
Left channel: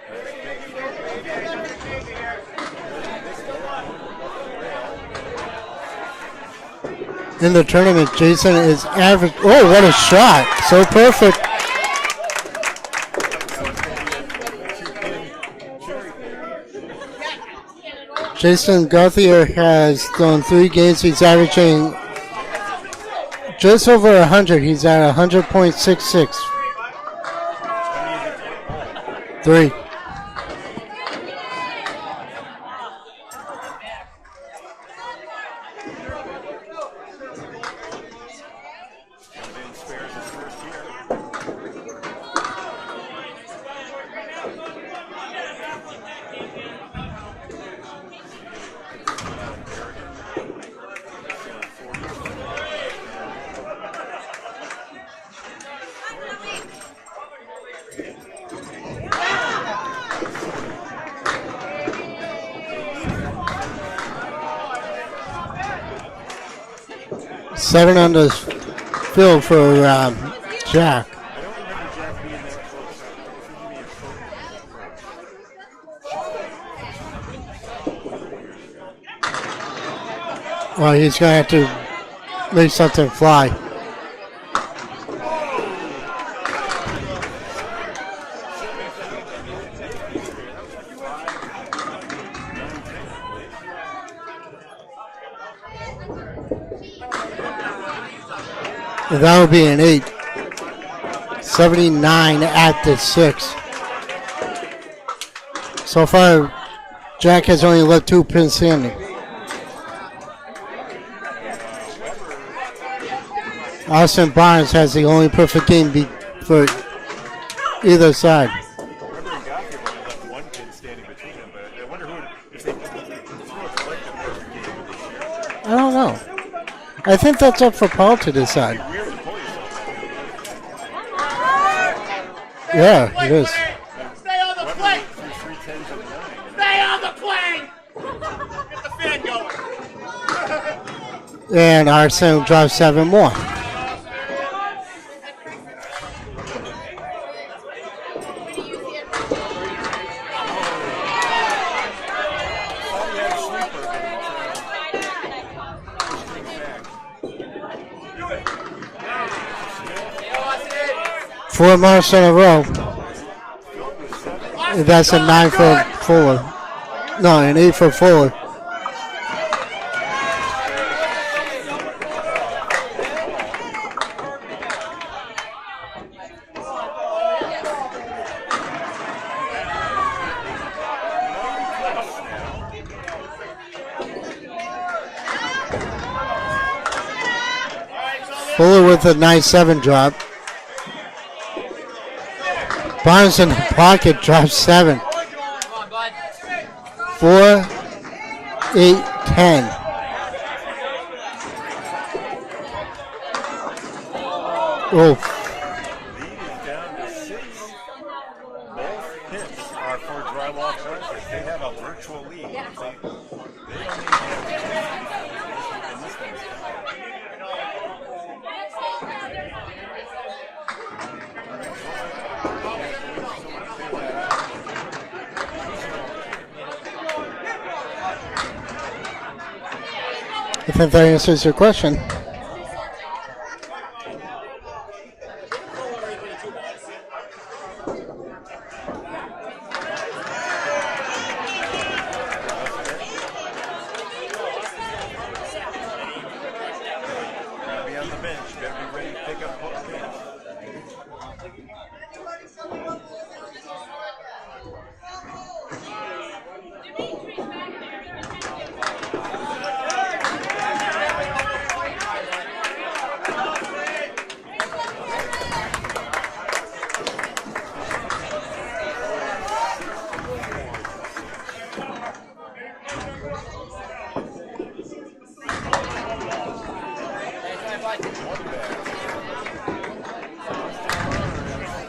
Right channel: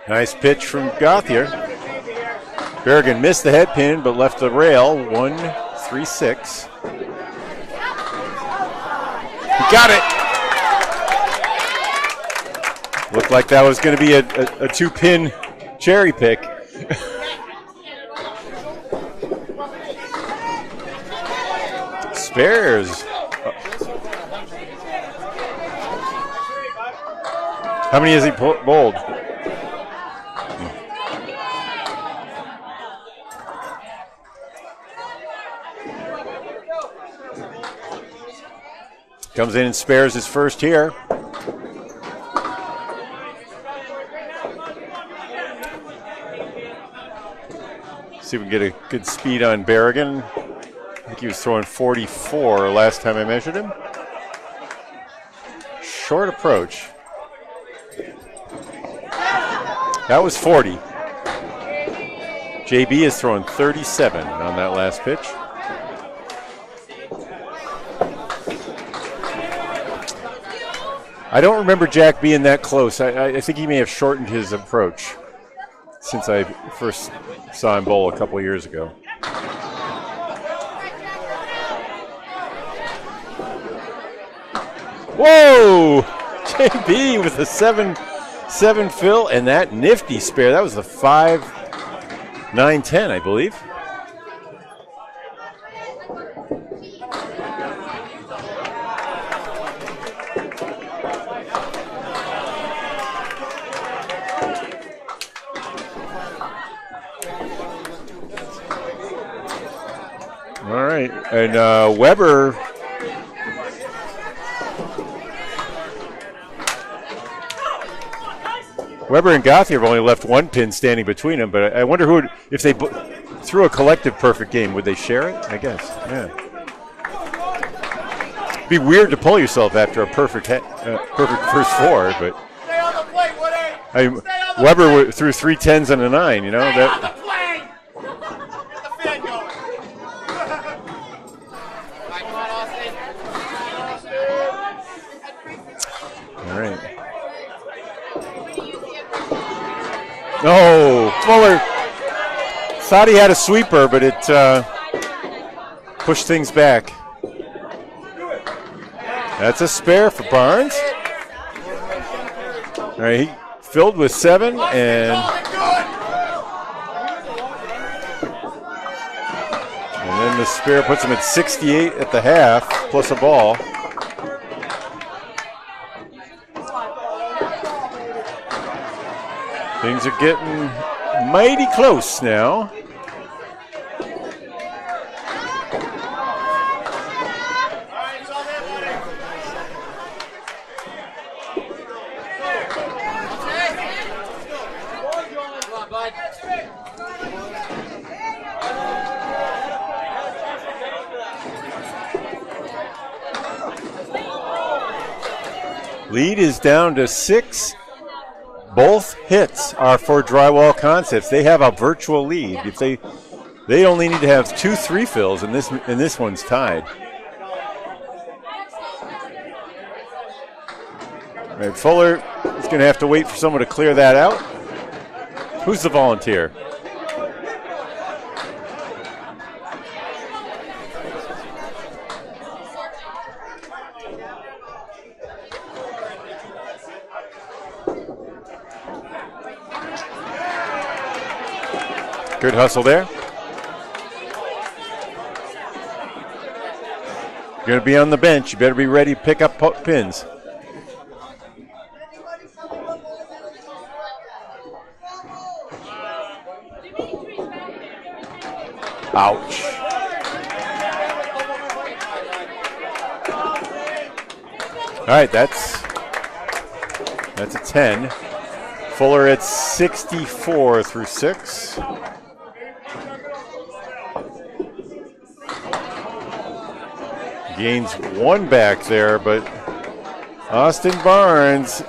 Nice pitch from Gauthier. Berrigan missed the head pin but left the rail. 1-3-6. In the tournament, Jason is average. Oh, what a shot! So perfect. Looked like that was going to be a 2-pin cherry pick. Jason Gauthier has done 3 games. He's averaging spares. Just over 100. He's at 100.66. How many has he bowled? 3. Comes in and spares his first here. See if we can get a good speed on Berrigan. I think he was throwing 44 last time I measured him. Short approach. That was 40. JB is throwing 37 on that last pitch. 7 on the field for Jack. I don't remember Jack being that close. I think he may have shortened his approach since I first saw him bowl a couple years ago. Well, he's going to have to make something fly. Whoa! JB with a 7 fill and that nifty spare. That was a 5-9-10, I believe. That would be an 8. 79 at the 6. So far, Jack has only left 2 pins standing. All right, and Weber. Austin Barnes has the only perfect game for either side. Weber and Gauthier have only left 1 pin standing between them, but I wonder who would, if they threw a collective perfect game, would they share it? I guess. I don't know. Yeah. I think that's up for Paul to decide. It'd be weird to pull yourself after a perfect first 4, but yeah, it is. Weber threw 3 10s and a 9. You know that. And Arsenal drives 7 more. All right. No, Fuller. Thought he had a sweeper, but it pushed things back. That's a spare for Barnes. 4 marks in a row. All right, he filled with 7. And that's a 9 for Fuller. No, an 8 for Fuller. And then the spare puts him at 68 at the half, plus a ball. Things are getting mighty close now. Fuller with a nice 7 drop. Barnes in the pocket drops 7. 4, 8, 10. Oh. Lead is down to 6. Both hits are for Drywall Concepts. They have a virtual lead. If they only need to have 2 3 fills, and this one's tied. All right, Fuller is going to have to wait for someone to clear that out. Who's the volunteer? I think that answers your question. Good hustle there. You're going to be on the bench. You better be ready to pick up pins. Ouch. All right, that's a 10. Fuller at 64 through 6. Gains 1 back there, but Austin Barnes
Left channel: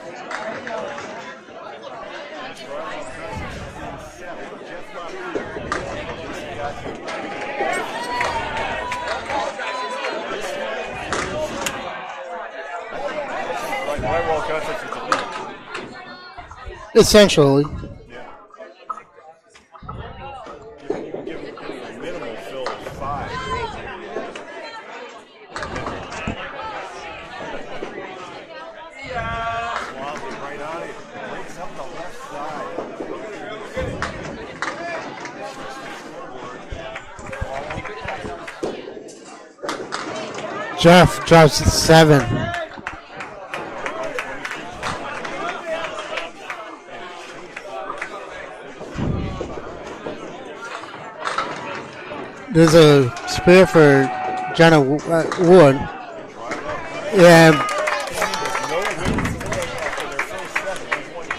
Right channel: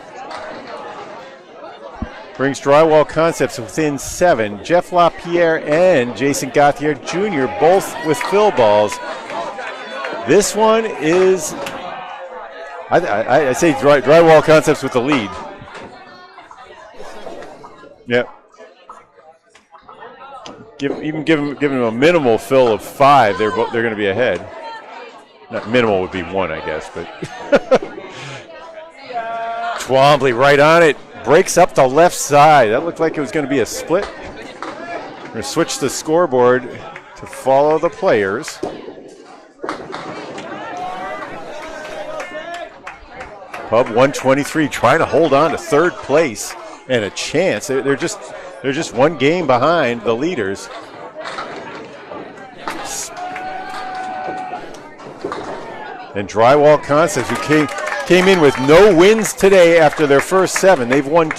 brings Drywall Concepts within 7. Jeff LaPierre and Jason Gauthier Jr. both with fill balls. This one is, I say Drywall Concepts with the lead. Essentially. Yep. Give them a minimal fill of 5. They're going to be ahead. Not minimal would be 1, I guess, but Twombly right on it. Breaks up the left side. That looked like it was going to be a split. We're going to switch the scoreboard to follow the players. Jeff drops 7. Pub 123 trying to hold on to 3rd place and a chance. They're just 1 game behind the leaders. There's a spare for Jenna Wood. And Drywall Concepts came in with no wins today after their first 7. They've won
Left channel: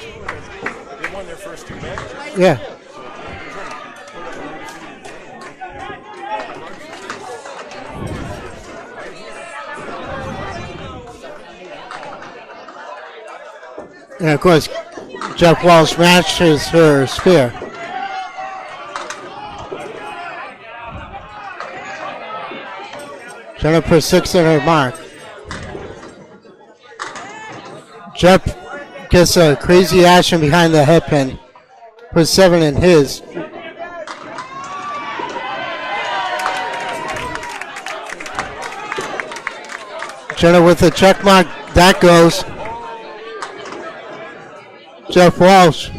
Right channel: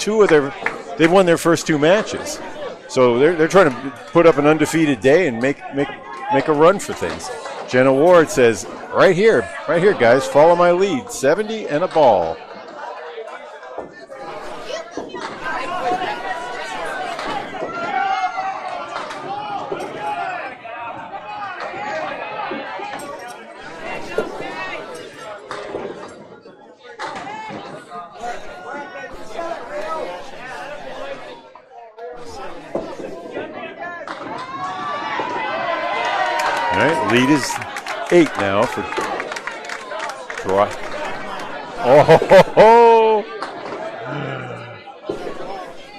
their first 2 matches. Yeah. So they're trying to put up an undefeated day and make a run for things. Jenna Ward says, right here, guys, follow my lead. 70 and a ball. And of course, Jeff Walsh matches her spare. Jenna put 6 in her mark. Jeff gets a crazy action behind the headpin. Put 7 in his. Lead is 8 now for Jenna with a check mark. That goes. Oh, Jeff Walsh.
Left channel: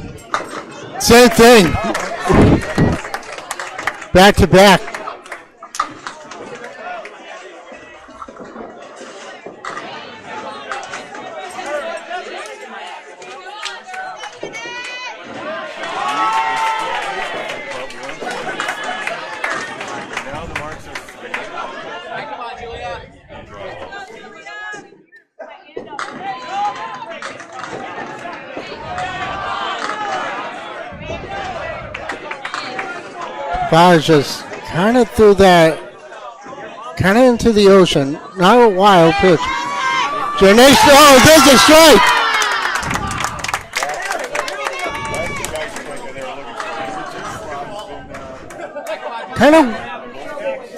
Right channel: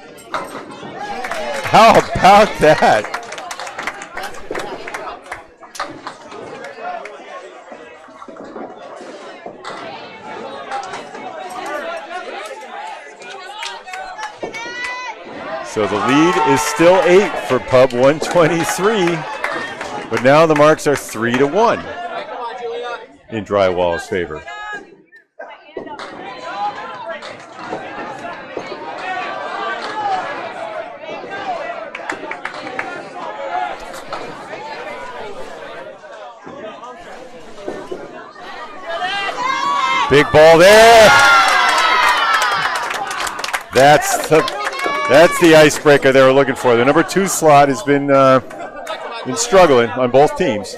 Same thing. how about that? Back to back. So the lead is still 8 for Pub 123, but now the marks are 3-1 in Drywall's favor. Guys just kind of threw that kind of into the ocean. Not a wild pitch. Big ball There's there. a strike. That's the icebreaker they were looking for. The number 2 slot has been struggling on both teams.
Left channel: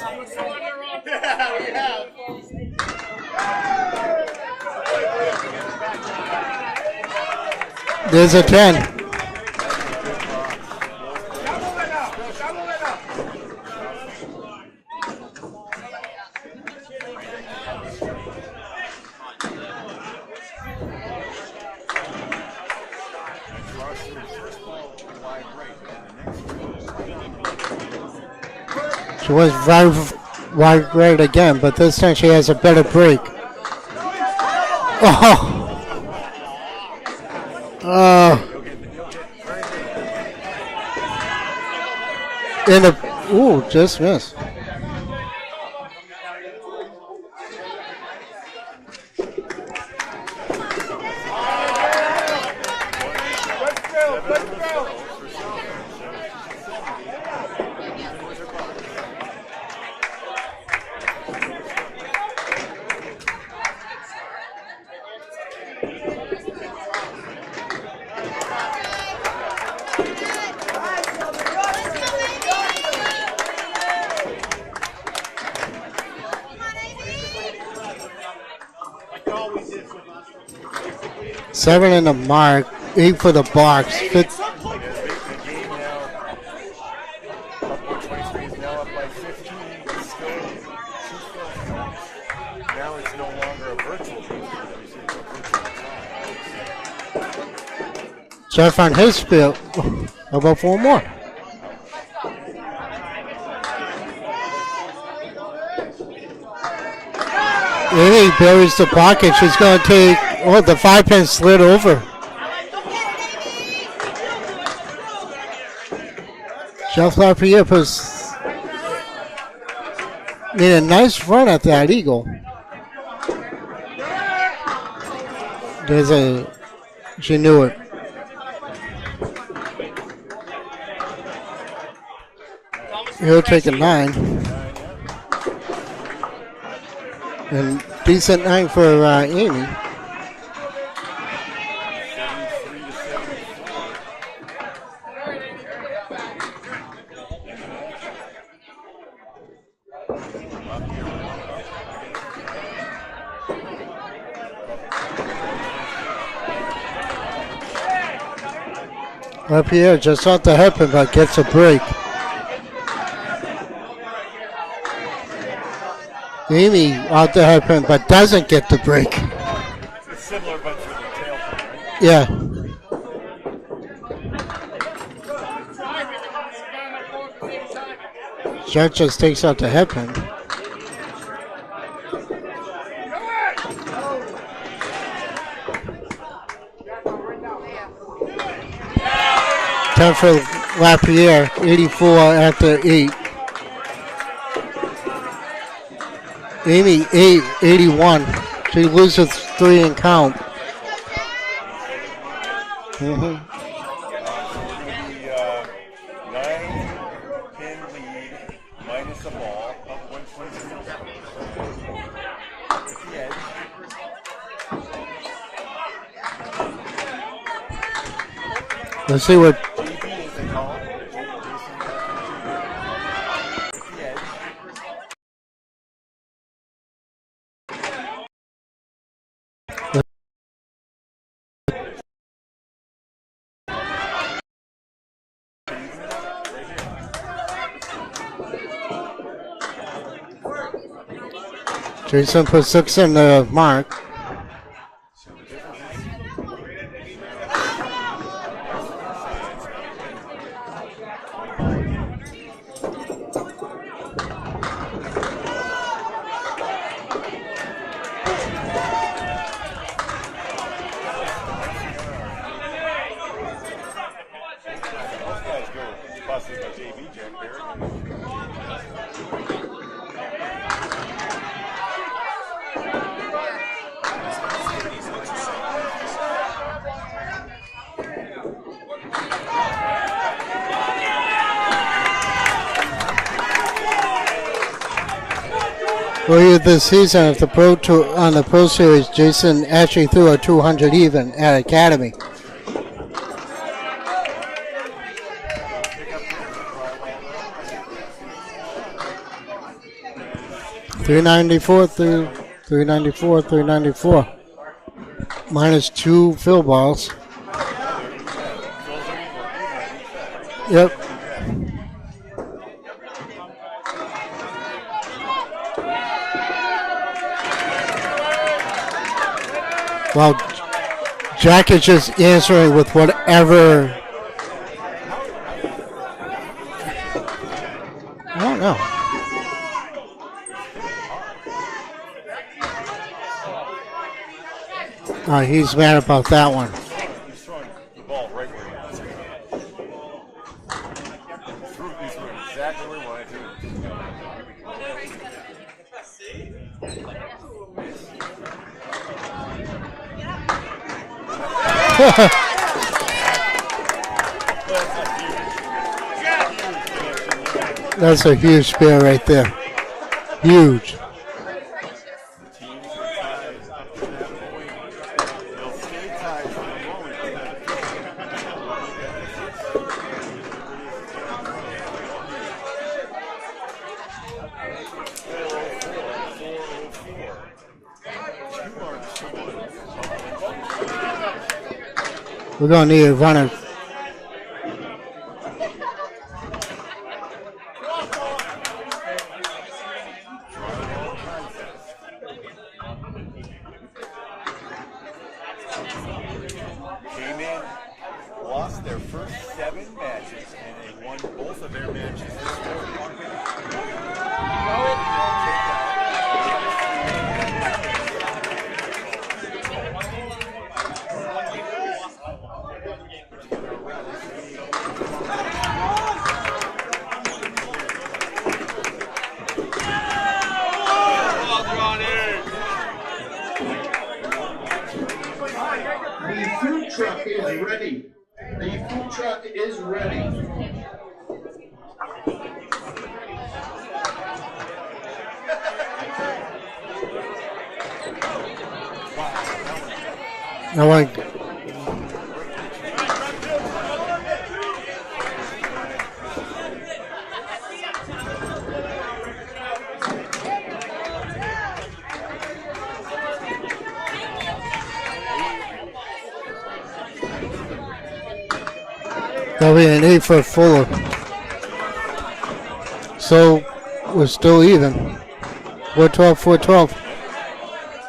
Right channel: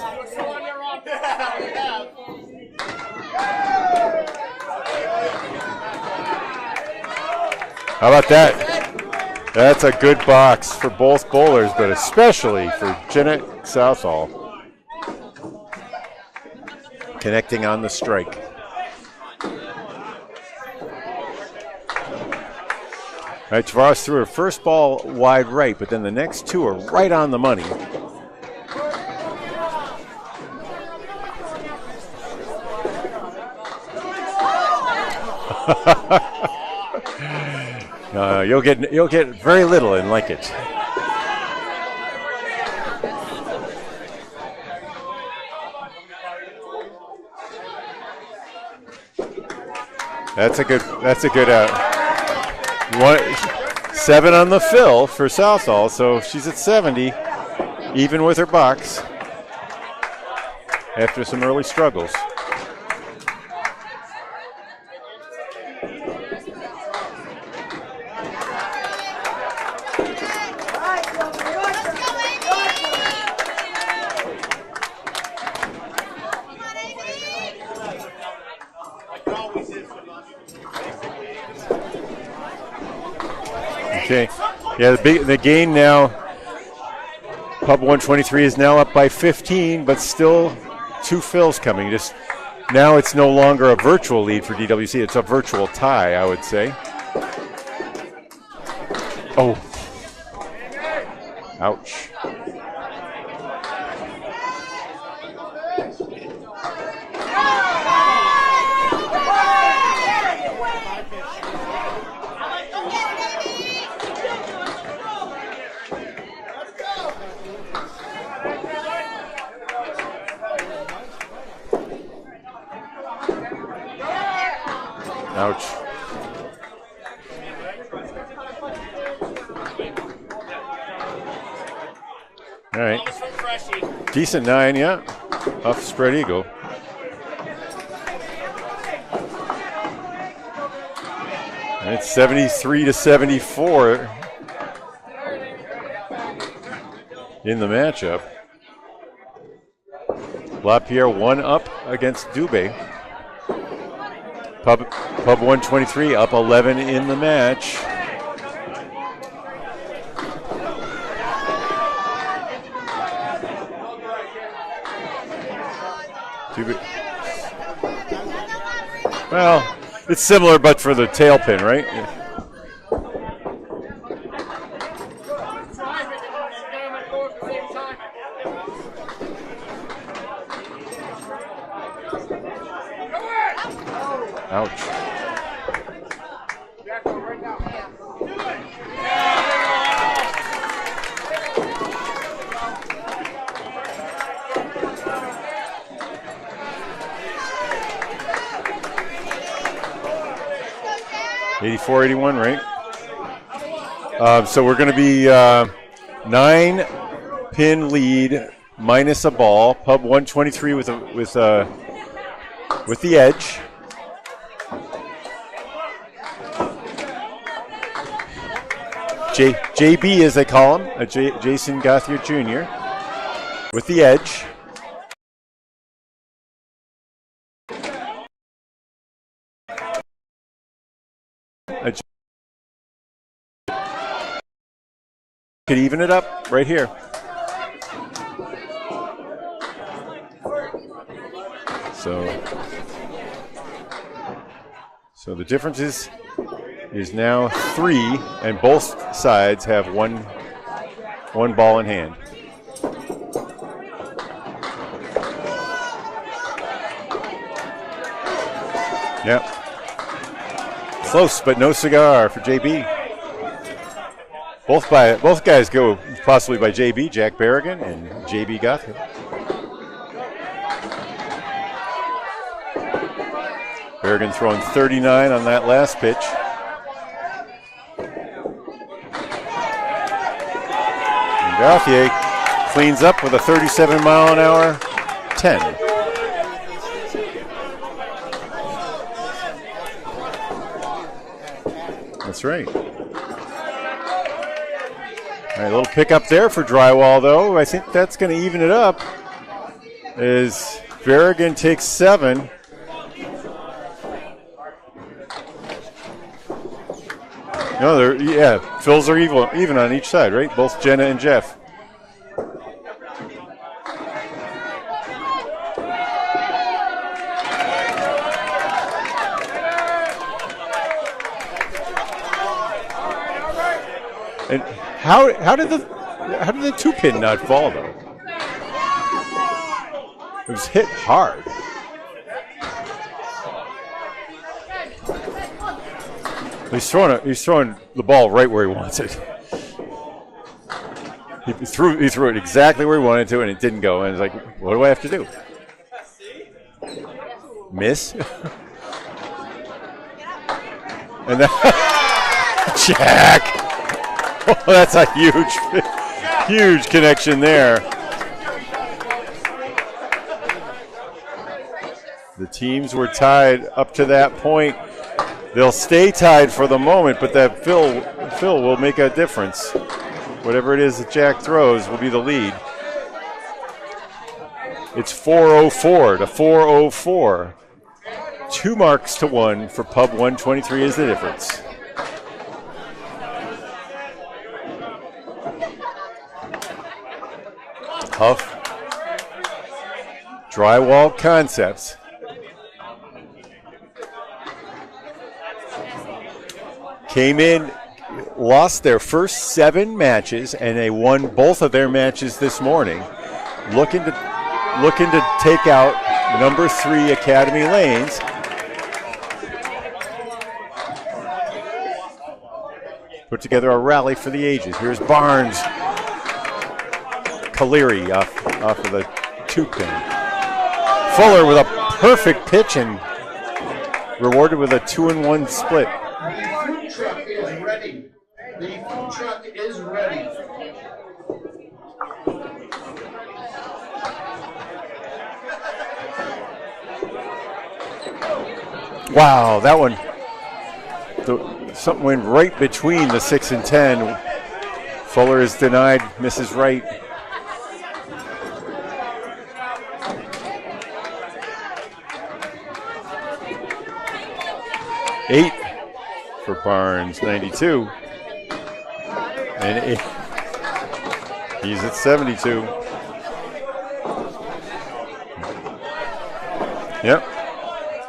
How about that? 10. That's a good box for both bowlers, but especially for Jeanette Southall. Connecting on the strike. All right, Tavares threw her first ball wide right, but then the next 2 are right on the money. She was wide right again, but this time she has a better break. Oh. You'll get very little in linkage. Just missed. That's a good 7 on the fill for Southall, so she's at 70, even with her box after some early struggles. Seven in the mark, 8 for the box. Okay. Yeah, the gain now, Pub 123 is now up by 15, but still 2 fills coming. Just now it's no longer a virtual lead for DWC, it's a virtual tie, I would say. Jeff on his fill. How about 4 more? Ouch. Amy buries the pocket. She's going to take, the 5-pin slid over. Jeff Lapierre made a nice run at that eagle. Ouch. She knew it. All right. He'll take a 9. Decent 9, yeah. Off spread eagle. And decent 9 for Amy. It's 73-74 in the matchup. Lapierre 1 up against Dubé. Pub 123 up 11 in the match. Lapierre just off the headpin, but gets a break. Amy off the headpin, but doesn't get the break. Well, it's similar, but for the tail pin, right? Yeah. Jeff just takes out the headpin. Ouch. Time for Lapierre, 84 after 8. Amy, 81. She loses 3 in count. 84-81, right? Mm-hmm. So we're going to be 9-pin lead minus a ball. Pub 123 with the edge. Let's see what JB, as they call him, Jason Gothard Jr. with the edge. Could even it up right here. So, Jason put 6 in the mark. so the difference is now 3, and both sides have one ball in hand. Yep. Close, but no cigar for JB. Both guys go possibly by JB, Jack Berrigan and JB Guthrie. Berrigan throwing 39 on that last pitch. Gauthier cleans up with a 37-mile-an-hour 10. Earlier this season at the Pro Tour, on the Pro Series, Jason actually threw a 200 even at Academy. That's right. All right, a little pickup there for Drywall, though. I think that's going to even it up. As Berrigan takes 7. 394, 394. Minus 2 fill balls. No, fills are even on each side, right? Both Yep. Jenna and Jeff. Well, Jack is just answering with whatever. And how did the 2-pin not fall though? I don't know. It was hit hard. He's mad about that one. He's throwing the ball right where he wants it. He threw it exactly where he wanted to, and it didn't go. And he's like, what do I have to do? Miss? And then Jack. Oh, that's a huge connection there. That's a huge spare right there. Huge. The teams were tied up to that point. They'll stay tied for the moment, but that fill will make a difference. Whatever it is that Jack throws will be the lead. It's 404 to 404. 2 marks to 1 for Pub 123 is the difference. We're going to need a runner. Tough. Drywall Concepts. Came in, lost their first 7 matches, and they won both of their matches this morning. Looking to take out number 3 Academy Lanes. Put together a rally for the ages. Here's Barnes. Caleri off of the 2-pin. Fuller with a perfect pitch and rewarded with a 2-1 split. The food truck is ready. The food truck is ready. Wow, that one. No, Something went right between the 6 and 10. Fuller is denied, misses right. Eight for Barnes, 92. that'll be an 8 for Fuller. He's at 72. So we're still even. 412, 412. Yep.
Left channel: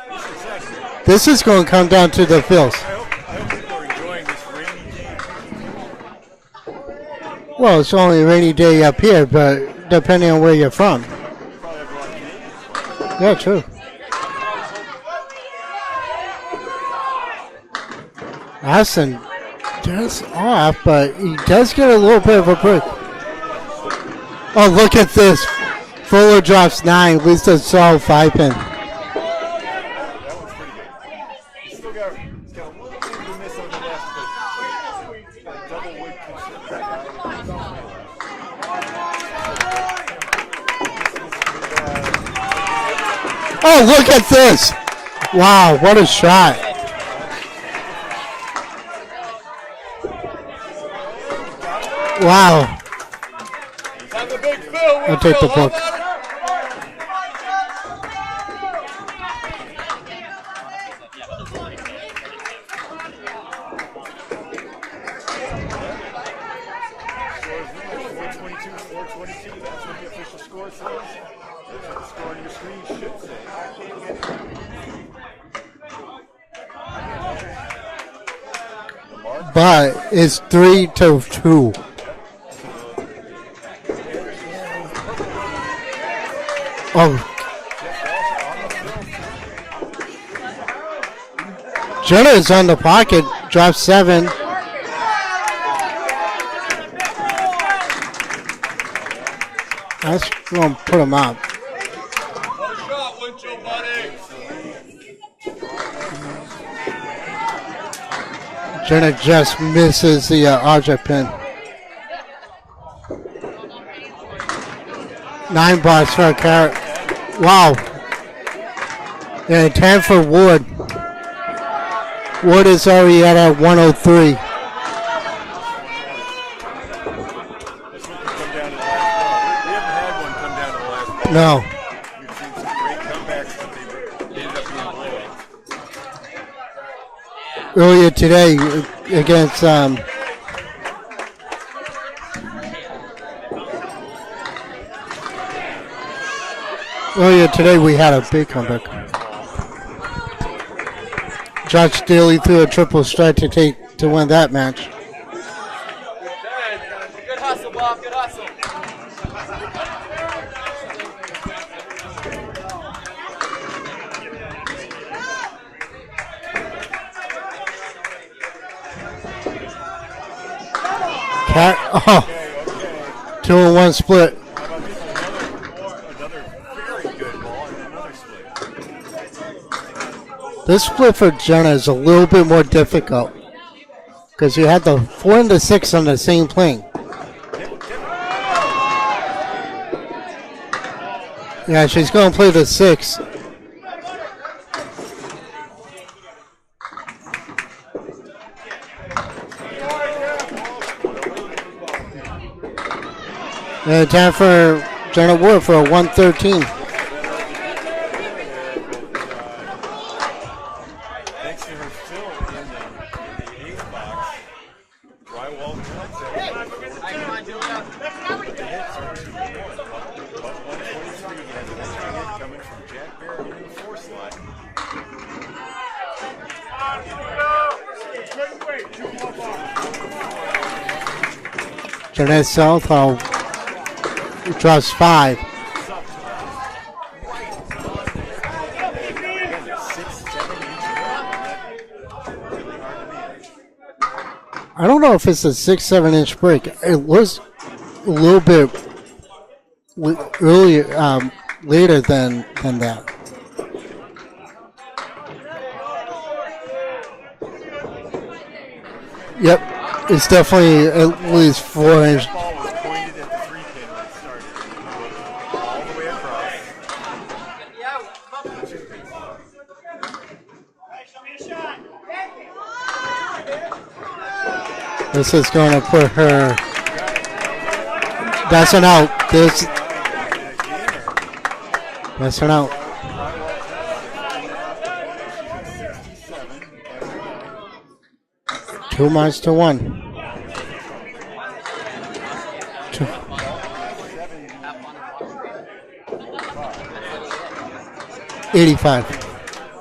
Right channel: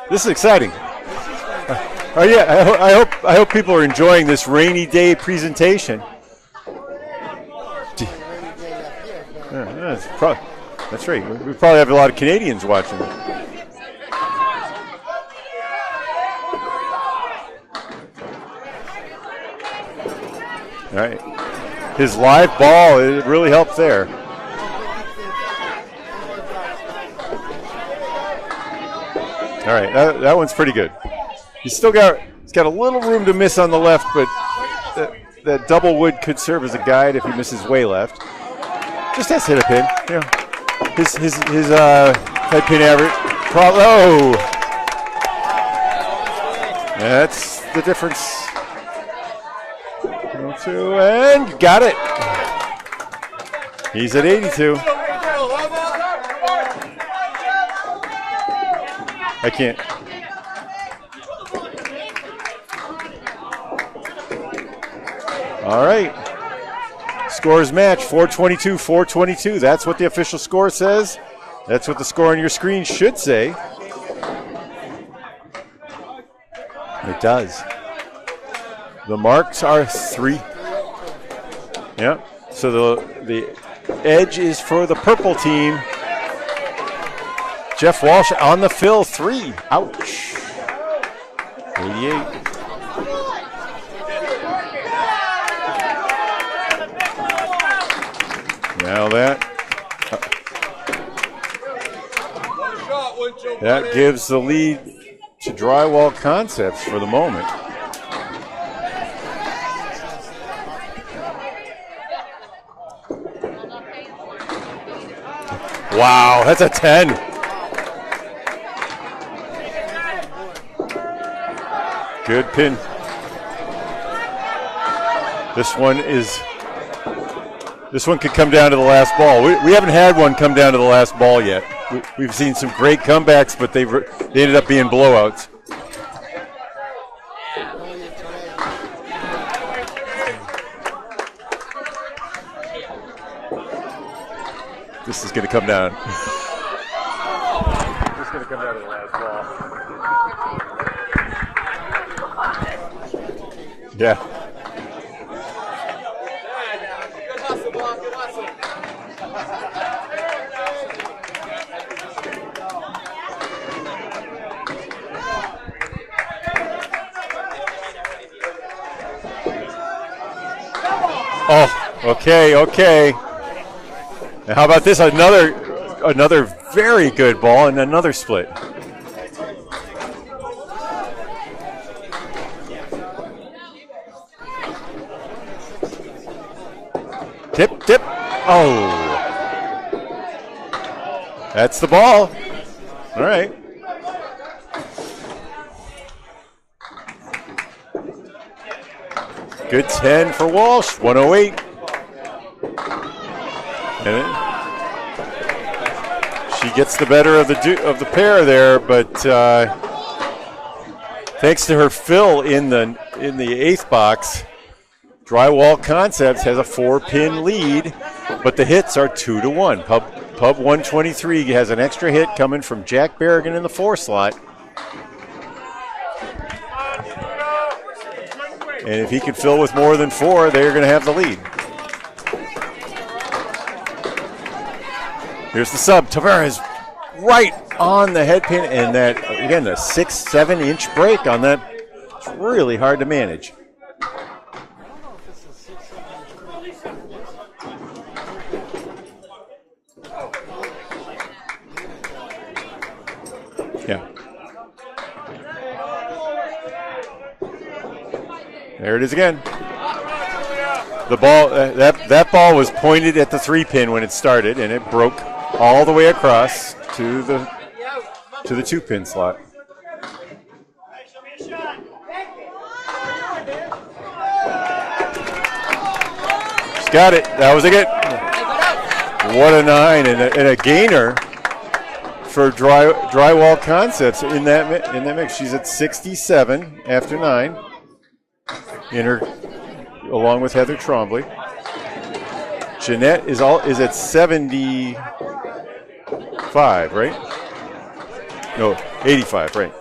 This is exciting. This is going to come down to Oh, the yeah, fifth. I hope people are enjoying this rainy day presentation. Well, it's only a rainy day up here, but depending on where you're from. That's right. We probably have a lot of Canadians watching. Yeah, true. Austin does off, but he does get a His little bit of a live break. ball, it really helped there. Oh, look at this. Fuller drops 9. At least it's all 5-pin. All right, that one's pretty good. He's got a little room to miss on the left, but that double wood could serve as a guide if he misses way left. Just has to hit a pin. Yeah. His head pin average. Oh, look at this. Wow, what a shot. That's the difference. 2 and got it. Wow. He's at 82. I'll take the book. I can't. All right. Scores match 422-422. That's what the official score says. That's what the score on your screen should say. It does. The marks But are it's 3-2. Yep. So the edge is for the purple team. Oh, Jeff Walsh on the fill, 3. Ouch. Jenna is on the pocket, drops 7. Now That's going to put him out. that gives the lead to Drywall Concepts for the moment. Jenna just misses the object pin. 9 bars. Wow, that's a 10. Wow. And 10 for Wood. Good. Wood pin. is already at a 103. This one could come down to the last ball. We haven't had one come down to the last ball No. yet. We've seen some great comebacks, but they ended up being blowouts. Earlier today against This is going to come down. earlier today we had a big comeback. Josh Daly threw a triple strike to win that match. Good hustle, Bob. Good hustle. Okay. 2-1 split. And how about this? Another very good ball and another split. This split for Jenna is a little bit more difficult because you had the 4 and the 6 on the same plane. Tip. Oh. That's Yeah, the she's ball. going to play the 6. All right. Good 10 for Walsh, 108. And 10 for Jenna Wood for a 113. She gets the better of the pair there, but thanks to her fill in the 8th box, Drywall Concepts has a 4-pin lead, but the hits are 2-1. Pub 123 has an extra hit coming from Jack Berrigan in the 4 slot. And if he can fill with more than 4, they're going to have the lead. Jeanette Southall drops 5. Here's the sub. Tavares right on the head pin, and that, again, the 6-7 inch break on that. It's really hard to manage. I don't know if it's a 6-7 inch break. It was a little bit earlier, later than that. Yeah. There it is again. Yep, it's definitely The ball. That ball was pointed at the 3-pin when it started, and it broke all the way across to the 2-pin slot. This is going to put her. She's got it. That was a good. That's an out. 1-9 and a gainer That's for an out. Drywall Concepts in that mix. She's at 67 after 9. 2 miles to 1. Along with Heather Trombley. Jeanette is at 75, right? 85. 85, right.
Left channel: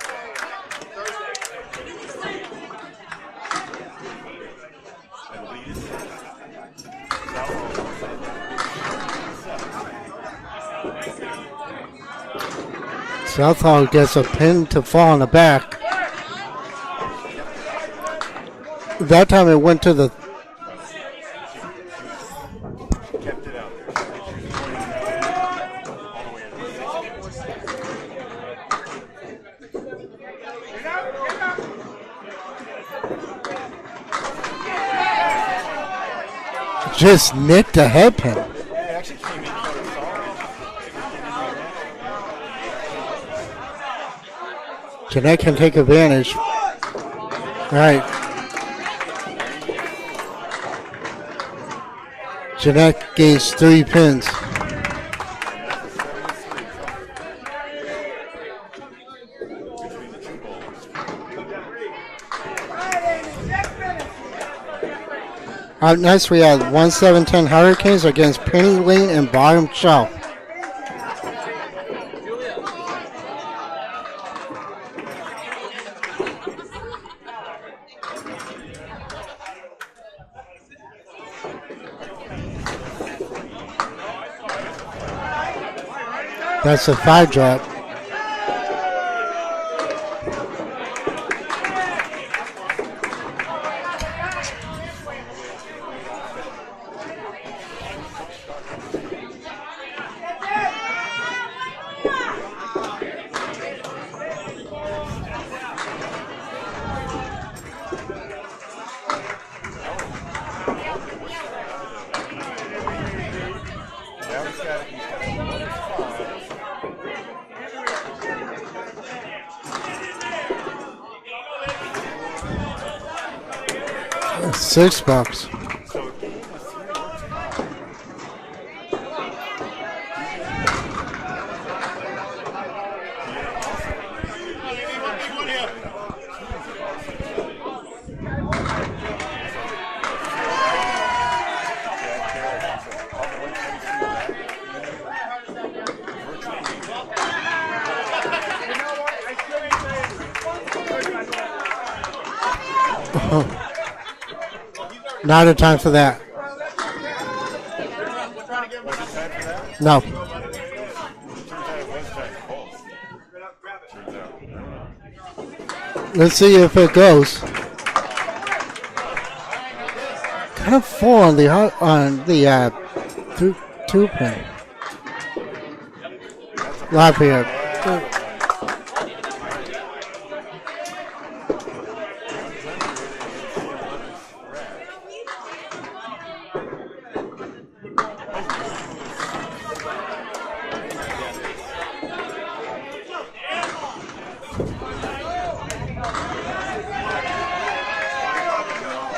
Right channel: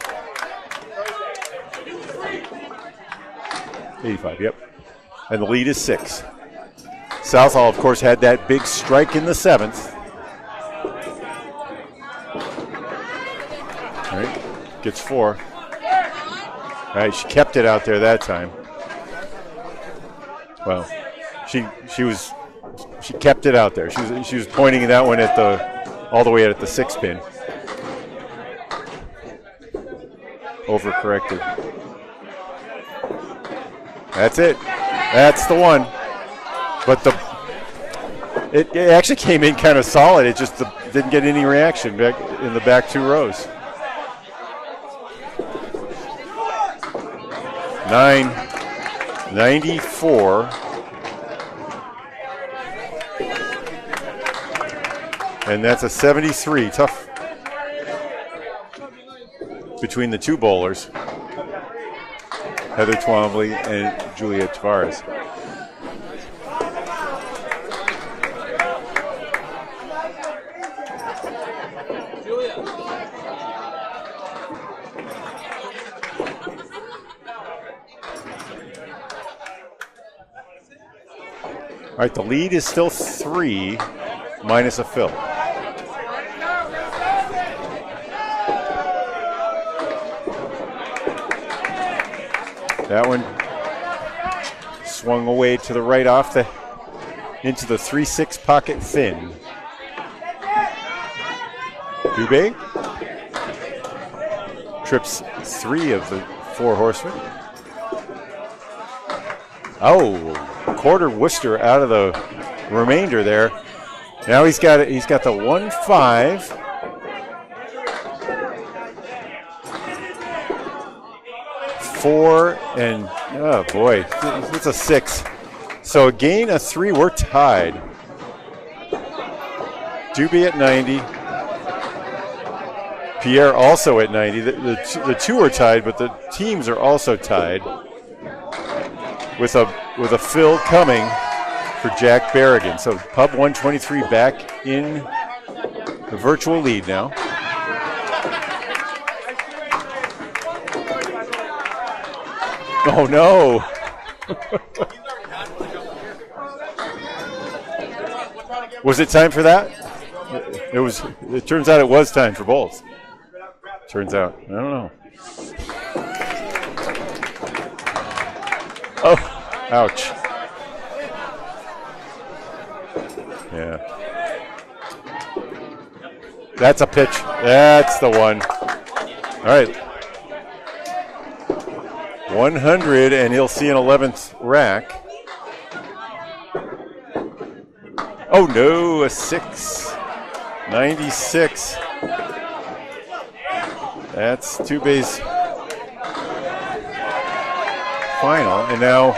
85, yep. And the lead is 6. Southall, of course, had that big strike in the 7th. Southall gets a pin to Gets fall on the 4. back. All right, she kept it out there that time. That time it went to the. Well, she kept it out there. She was pointing that one at all the way at the 6-pin. Overcorrected. That's it. That's the one. But Just nicked the head pin. it actually came in kind of solid. It just didn't get any reaction back in the back 2 rows. Jeanette can take advantage. All right. 994. Jeanette gains 3 pins. And that's a 73. Tough between the 2 bowlers, Heather Twombly and Juliet Tavares. Up next, we have 1-7-10 Hurricanes against Penny Lane and Bottom Shelf. right, the lead is still 3 minus a fill. That's a 5 drop. That one swung away to the right off the into the 3-6 pocket thin. Dubé trips 3 of the 4 horsemen. Oh, quarter Worcester out of the remainder there. Now he's got the 1-5. Four and oh boy, it's a 6. Bucks. So a gain of 3. We're tied. Dubé at 90. Pierre also at 90. The 2 are tied, but the teams are also tied. With a fill coming for Jack Berrigan. So Pub 123 back in the virtual lead now. Oh no! Not a time for that. Was it time for that? No. It was. It turns out it was time for both. Turns out. I don't know. Let's see if it goes. Oh, ouch. Kind of full on the two pin. That's a pitch. Lafayette. That's the one. All right. 100, and he'll see an 11th rack. Oh no, a 6. 96. That's Dubé's final. And now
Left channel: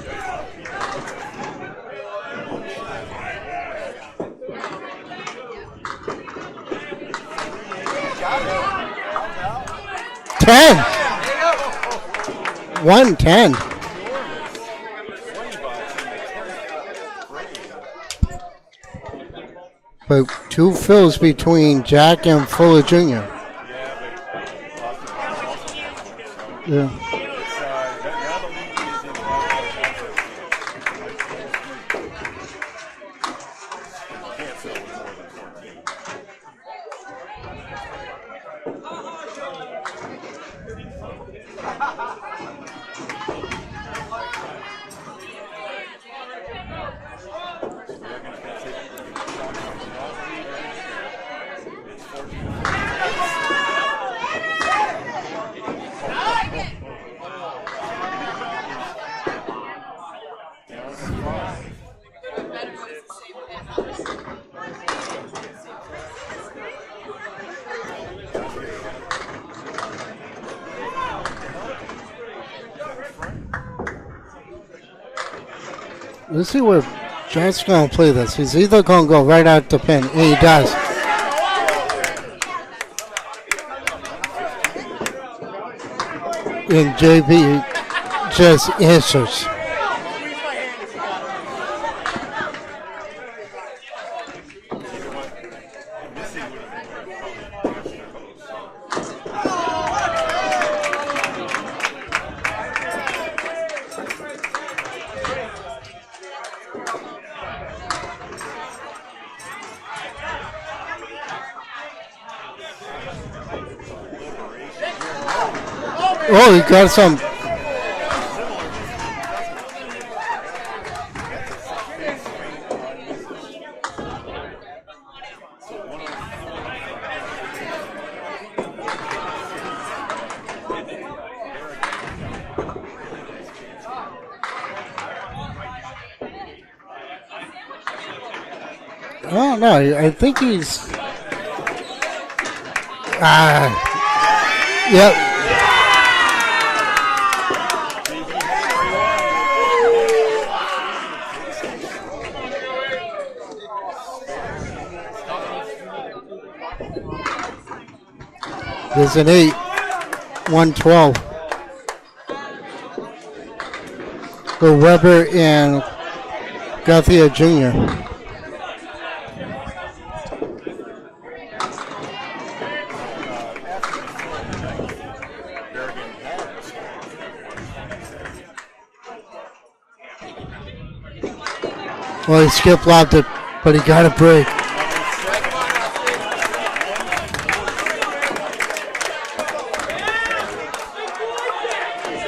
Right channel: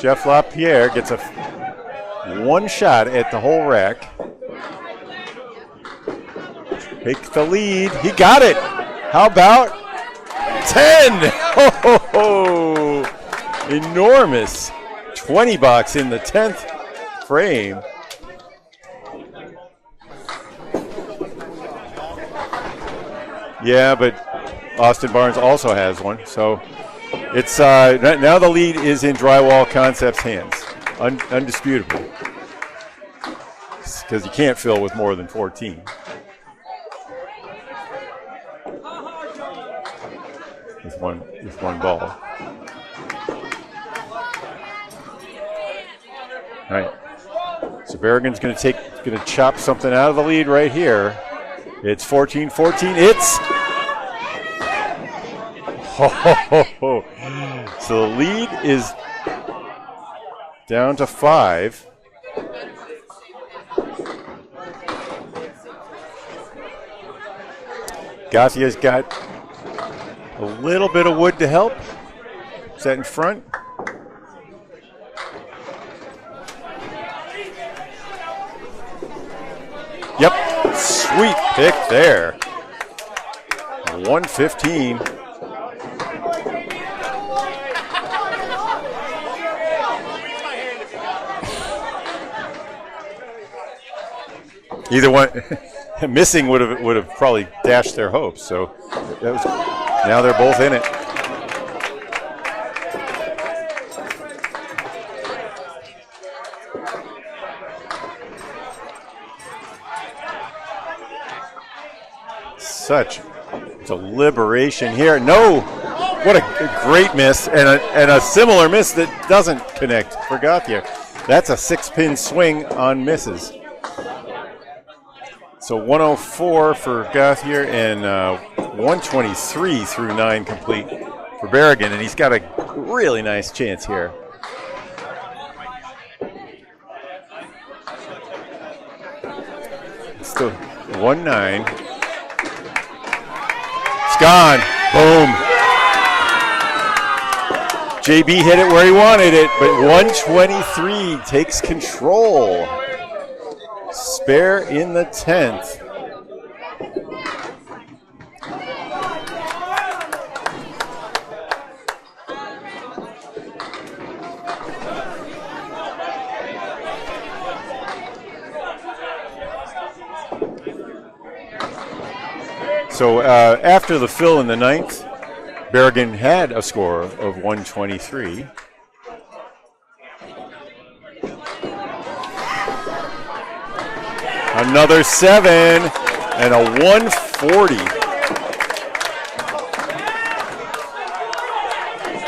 Jeff LaPierre gets a 1 shot at the whole rack. Take the lead. He got it. How about 10? 10! Oh, 110. Enormous. 20 bucks in the 10th frame. But 2 fills between Jack and Fuller Jr. Yeah, but Austin Barnes also has one. So Yeah. it's now the lead is in Drywall Concepts' hands. Undisputable. Because you can't fill with more than 14. With one ball. All right. So Berrigan's going to chop something out of the lead right here. It's 14-14. It's So the lead is down to 5. Gothia's got a little bit of wood to help. Is that in front? Let's see where Jack's going to play this. He's either going to go right out the pin, and he does. Sweet pick there. 115. And JB just answers. Either one, missing would have probably dashed their hopes. So now they're both in it. Such deliberation here. No, what a great miss and a similar miss that doesn't connect for Gauthier. That's a 6-pin swing on misses. So 104 for Gauthier and 123 through 9 complete for Berrigan, and he's got a really nice chance here. Oh, no, I think so he's 1-9. It's gone. Yep. Boom. JB hit it where he wanted it, but 123 takes control. Spare in the 10th. There's an 8, 112. Go Weber and Gauthier Jr. So after the fill in the 9th, Berrigan had a score of 123. Well, he skip lobbed it, but he got a break. Another 7 and a 140.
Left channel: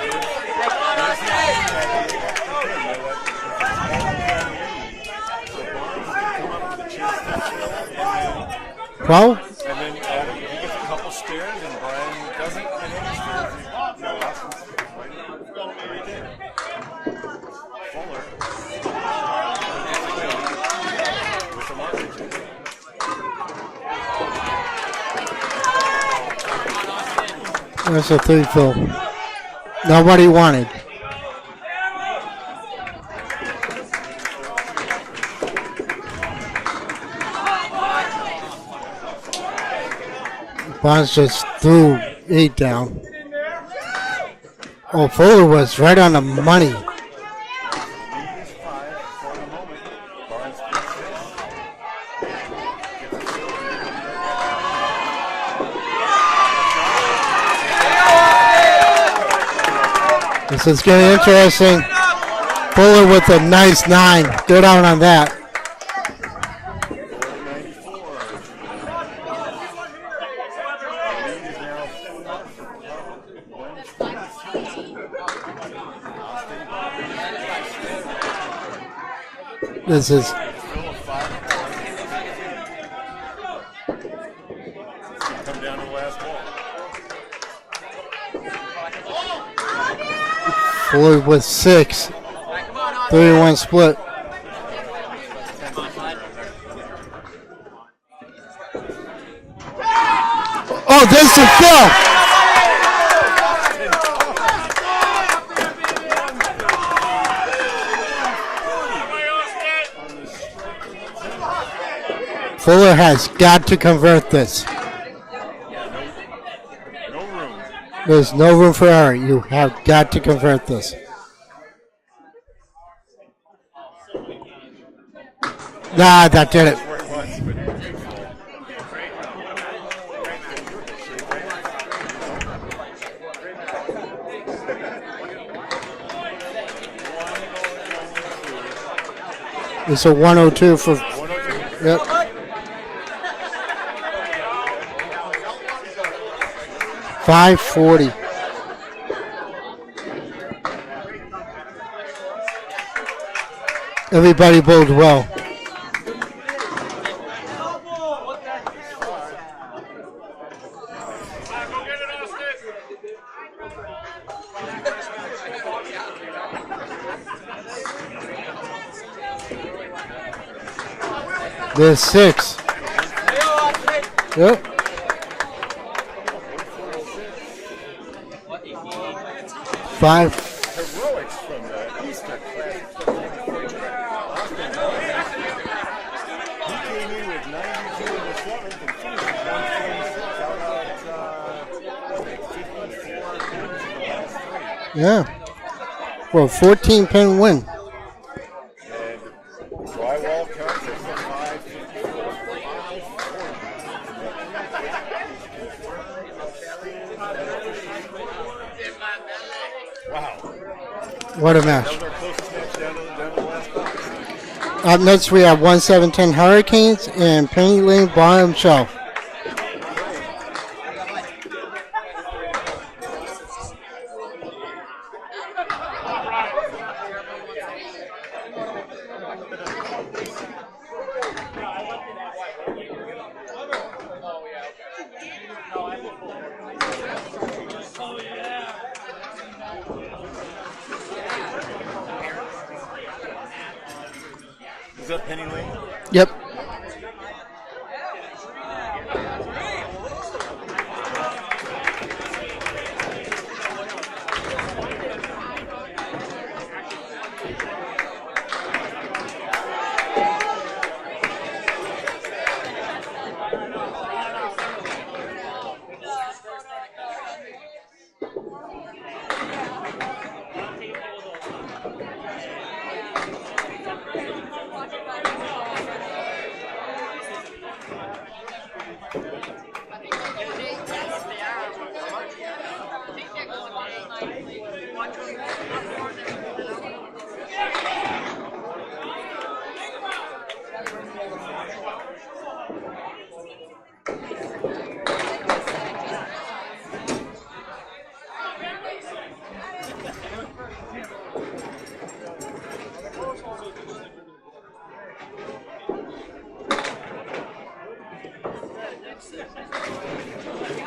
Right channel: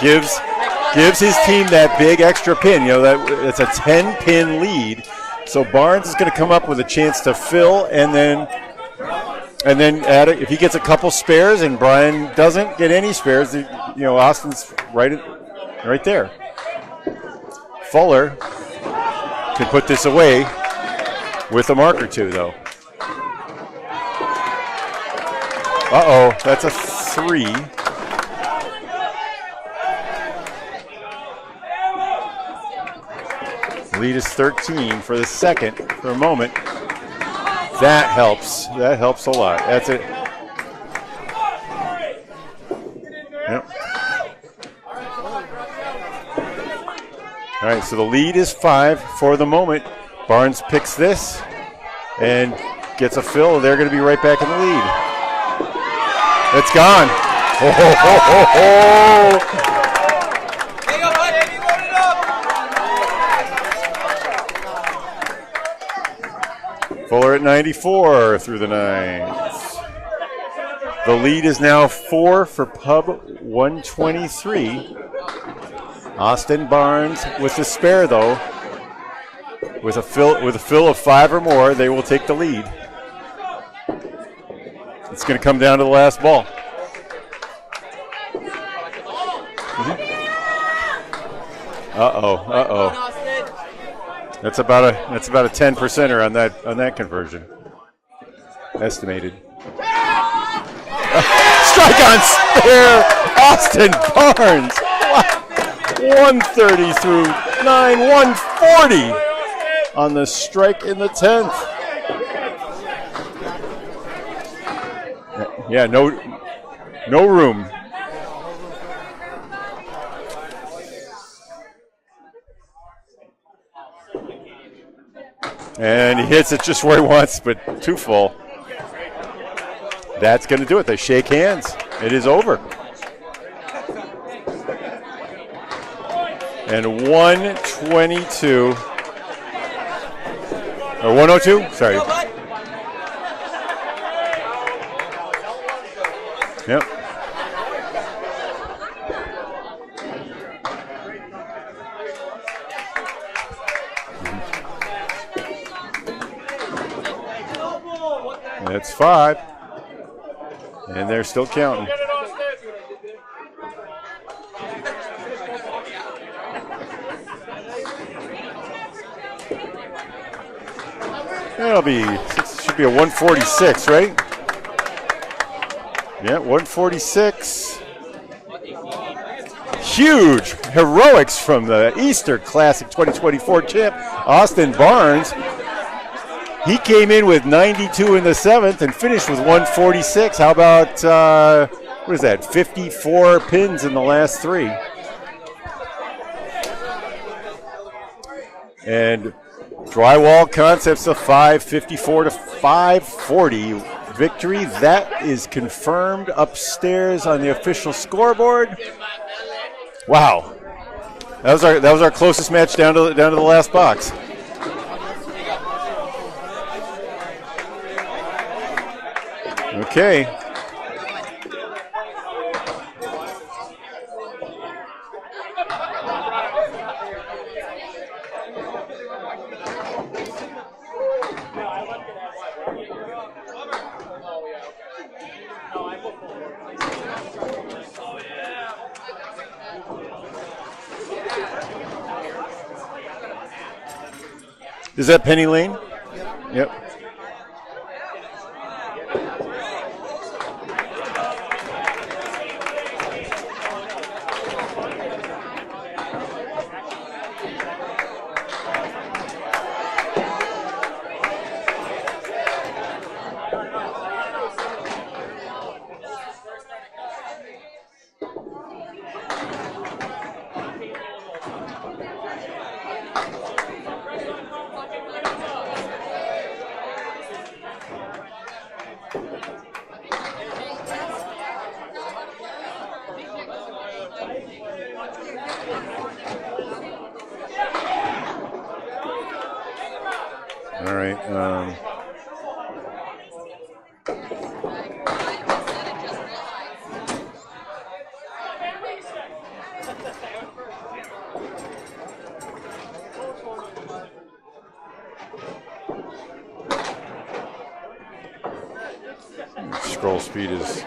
Gives his team that big extra pin. You know, it's a 10-pin lead. So Barnes is going to come up with a chance to fill and then add it. If he gets a couple spares and Brian doesn't get any spares, you know, Austin's right there. Fuller can put this away with a mark or two, though. Uh-oh, that's a 3. That's a 3, Phil. Nobody wanted. Lead is 13 for the second for a moment. That helps. That helps a lot. That's it. Bonds just threw 8 down. Yep. Oh, Fuller was right on the money. All right, so the lead is 5 for the moment. Barnes picks this and gets a fill. They're going to be right back in the lead. It's gone. This is getting interesting. Fuller with a nice 9. Go down on that. Fuller at 94 through the 9s. The lead is now 4 for Pub 123. Austin Barnes with the spare, though. With a fill of 5 or more, they will take the lead. It's going to come down to the last ball. Fuller with 6. 3-1 split. That's about a 10%er on that conversion. Estimated. Oh, there's the shotgun spare. Austin Barnes. 130 through 9, 140 on the strike in the 10th. Fuller has got to convert this. Yeah, no room. There's no room for error. You have got to convert this. And he hits it just where he wants, but too full. That's going to do it. They shake hands. It is over. And 122. It's a 102 for. A 102? Sorry. Yep. 540. Everybody bowled well. That's 5. And they're still counting. There's 6. Should be a 146, right? Yep. Yeah, 146. Huge heroics from the Easter Classic 2024 champ, Austin Barnes. He came in with 92 in the 7th and finished with 146. How about, what is that, 54 pins in the last 3? Yeah. Well, 14-pin win. And Drywall Concepts a 554 to 540 victory. That is confirmed upstairs on the official scoreboard. Wow. That was our closest match down to the last box. Up next, we have 1710 Hurricanes and Penny Lane bottom shelf. Okay. Is that Penny Lane? Yep. Yep. All right. Scroll speed is.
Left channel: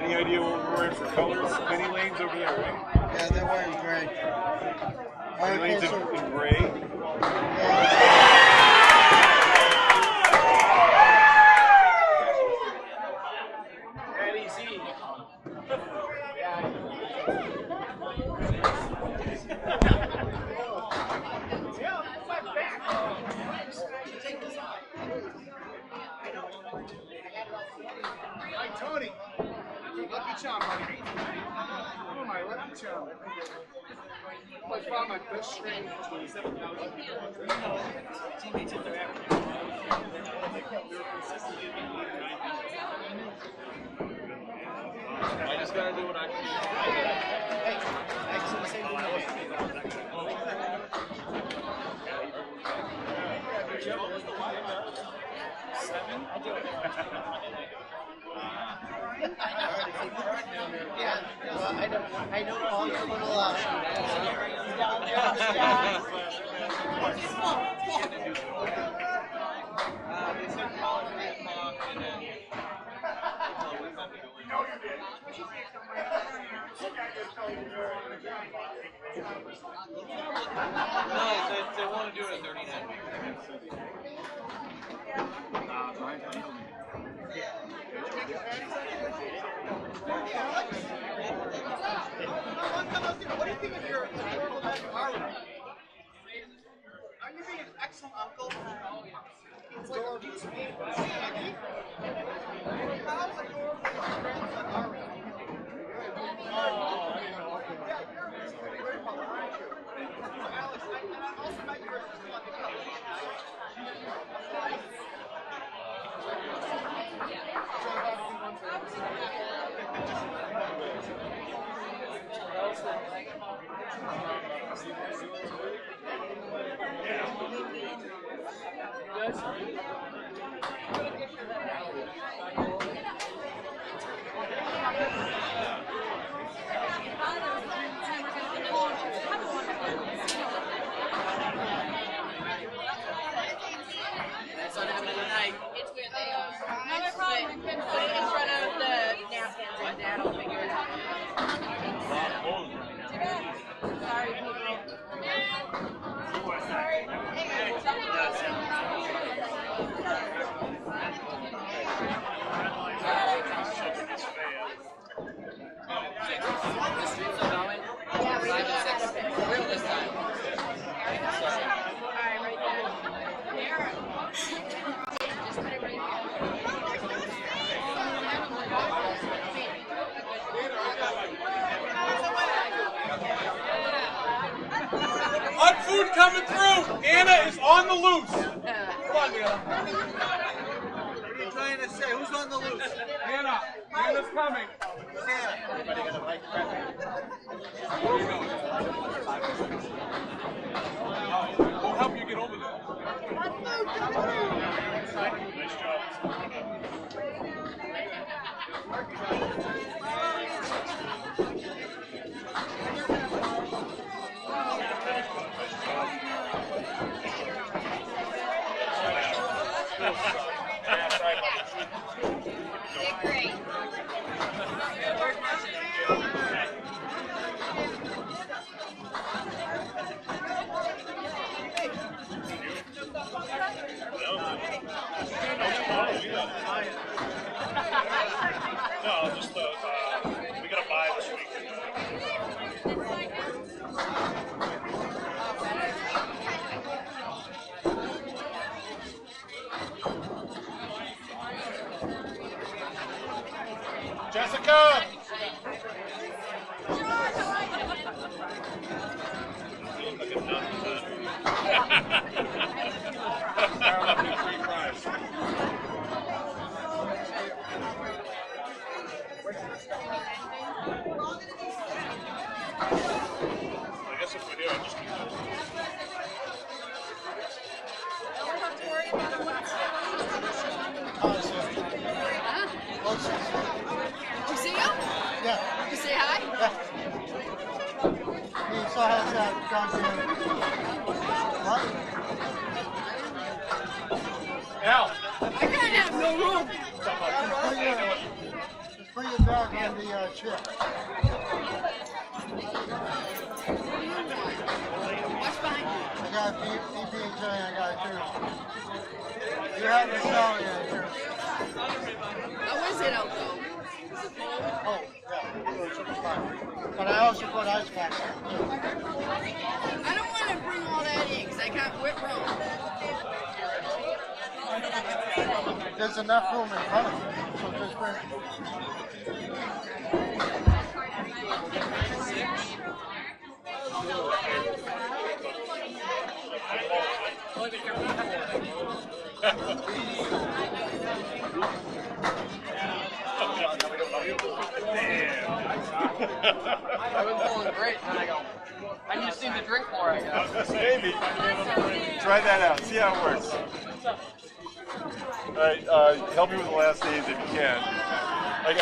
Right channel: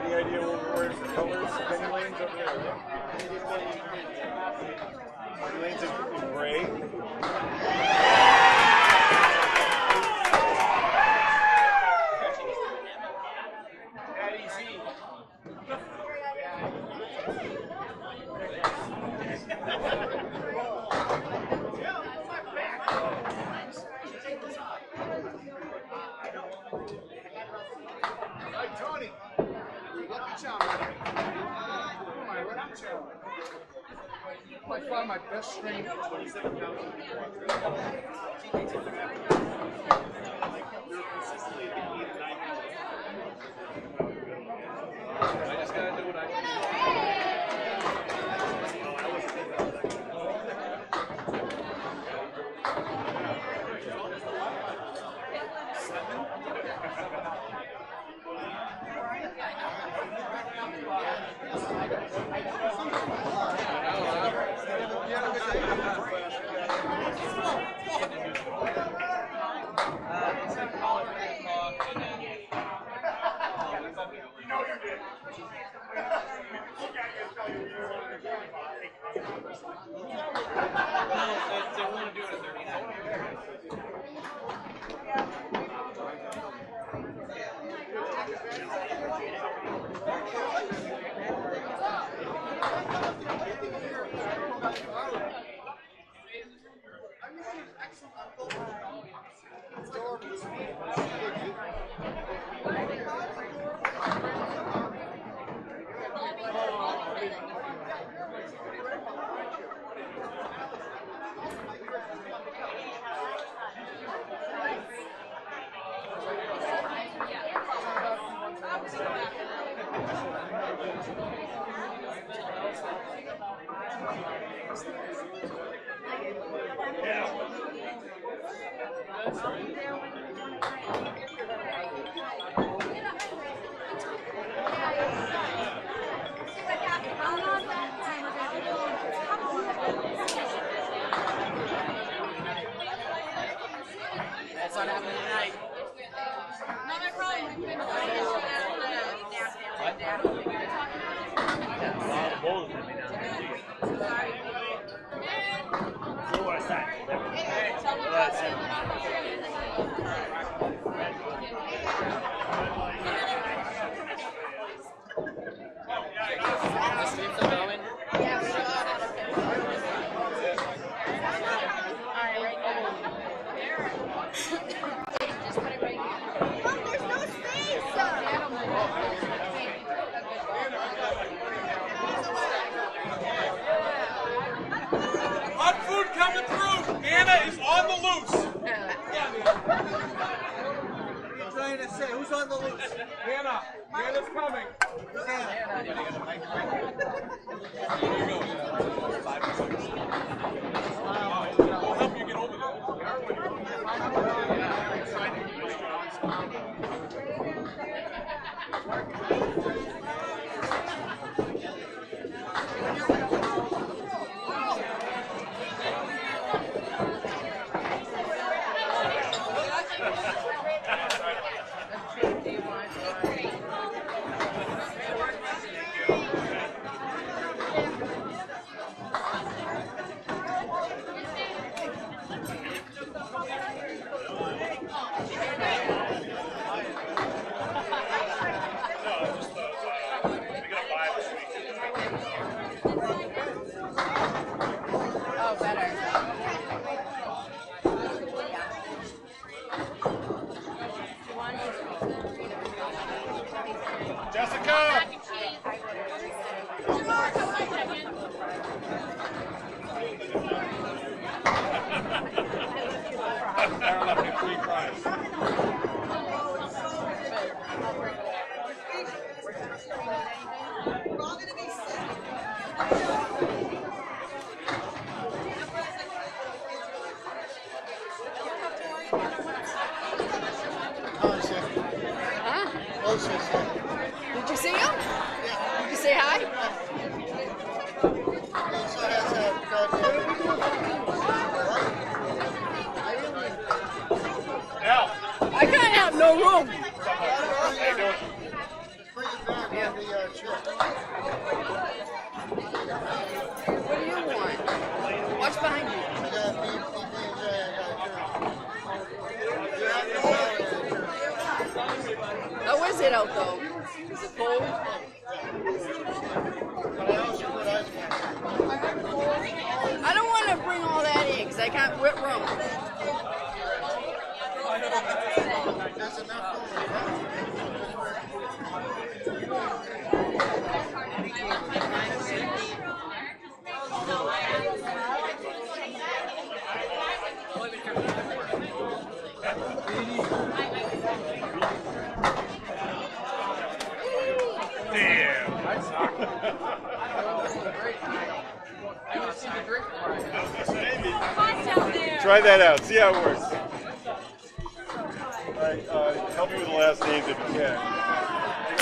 Any idea what we're in for colors? Penny lanes over there, right? Yeah, they're wearing gray. Penny lanes in gray. Tony, lucky charm, buddy. Oh, my lucky charm. I found my best string for 27,000. Teammates of the They're consistently at the 8 or 9. I just gotta do what I can do. Hot food coming through. Anna is on the loose. Come on, Anna. I'm trying to say, who's on the loose? Anna. Anna's coming. Who's Anna? We'll help you get over there. it out though. Cold. But I also put ice pack. I don't want to bring all that in because I can't whip room. There's enough room in front of Maybe. Try that out. See how it works. All right, help me with the last names if you can. I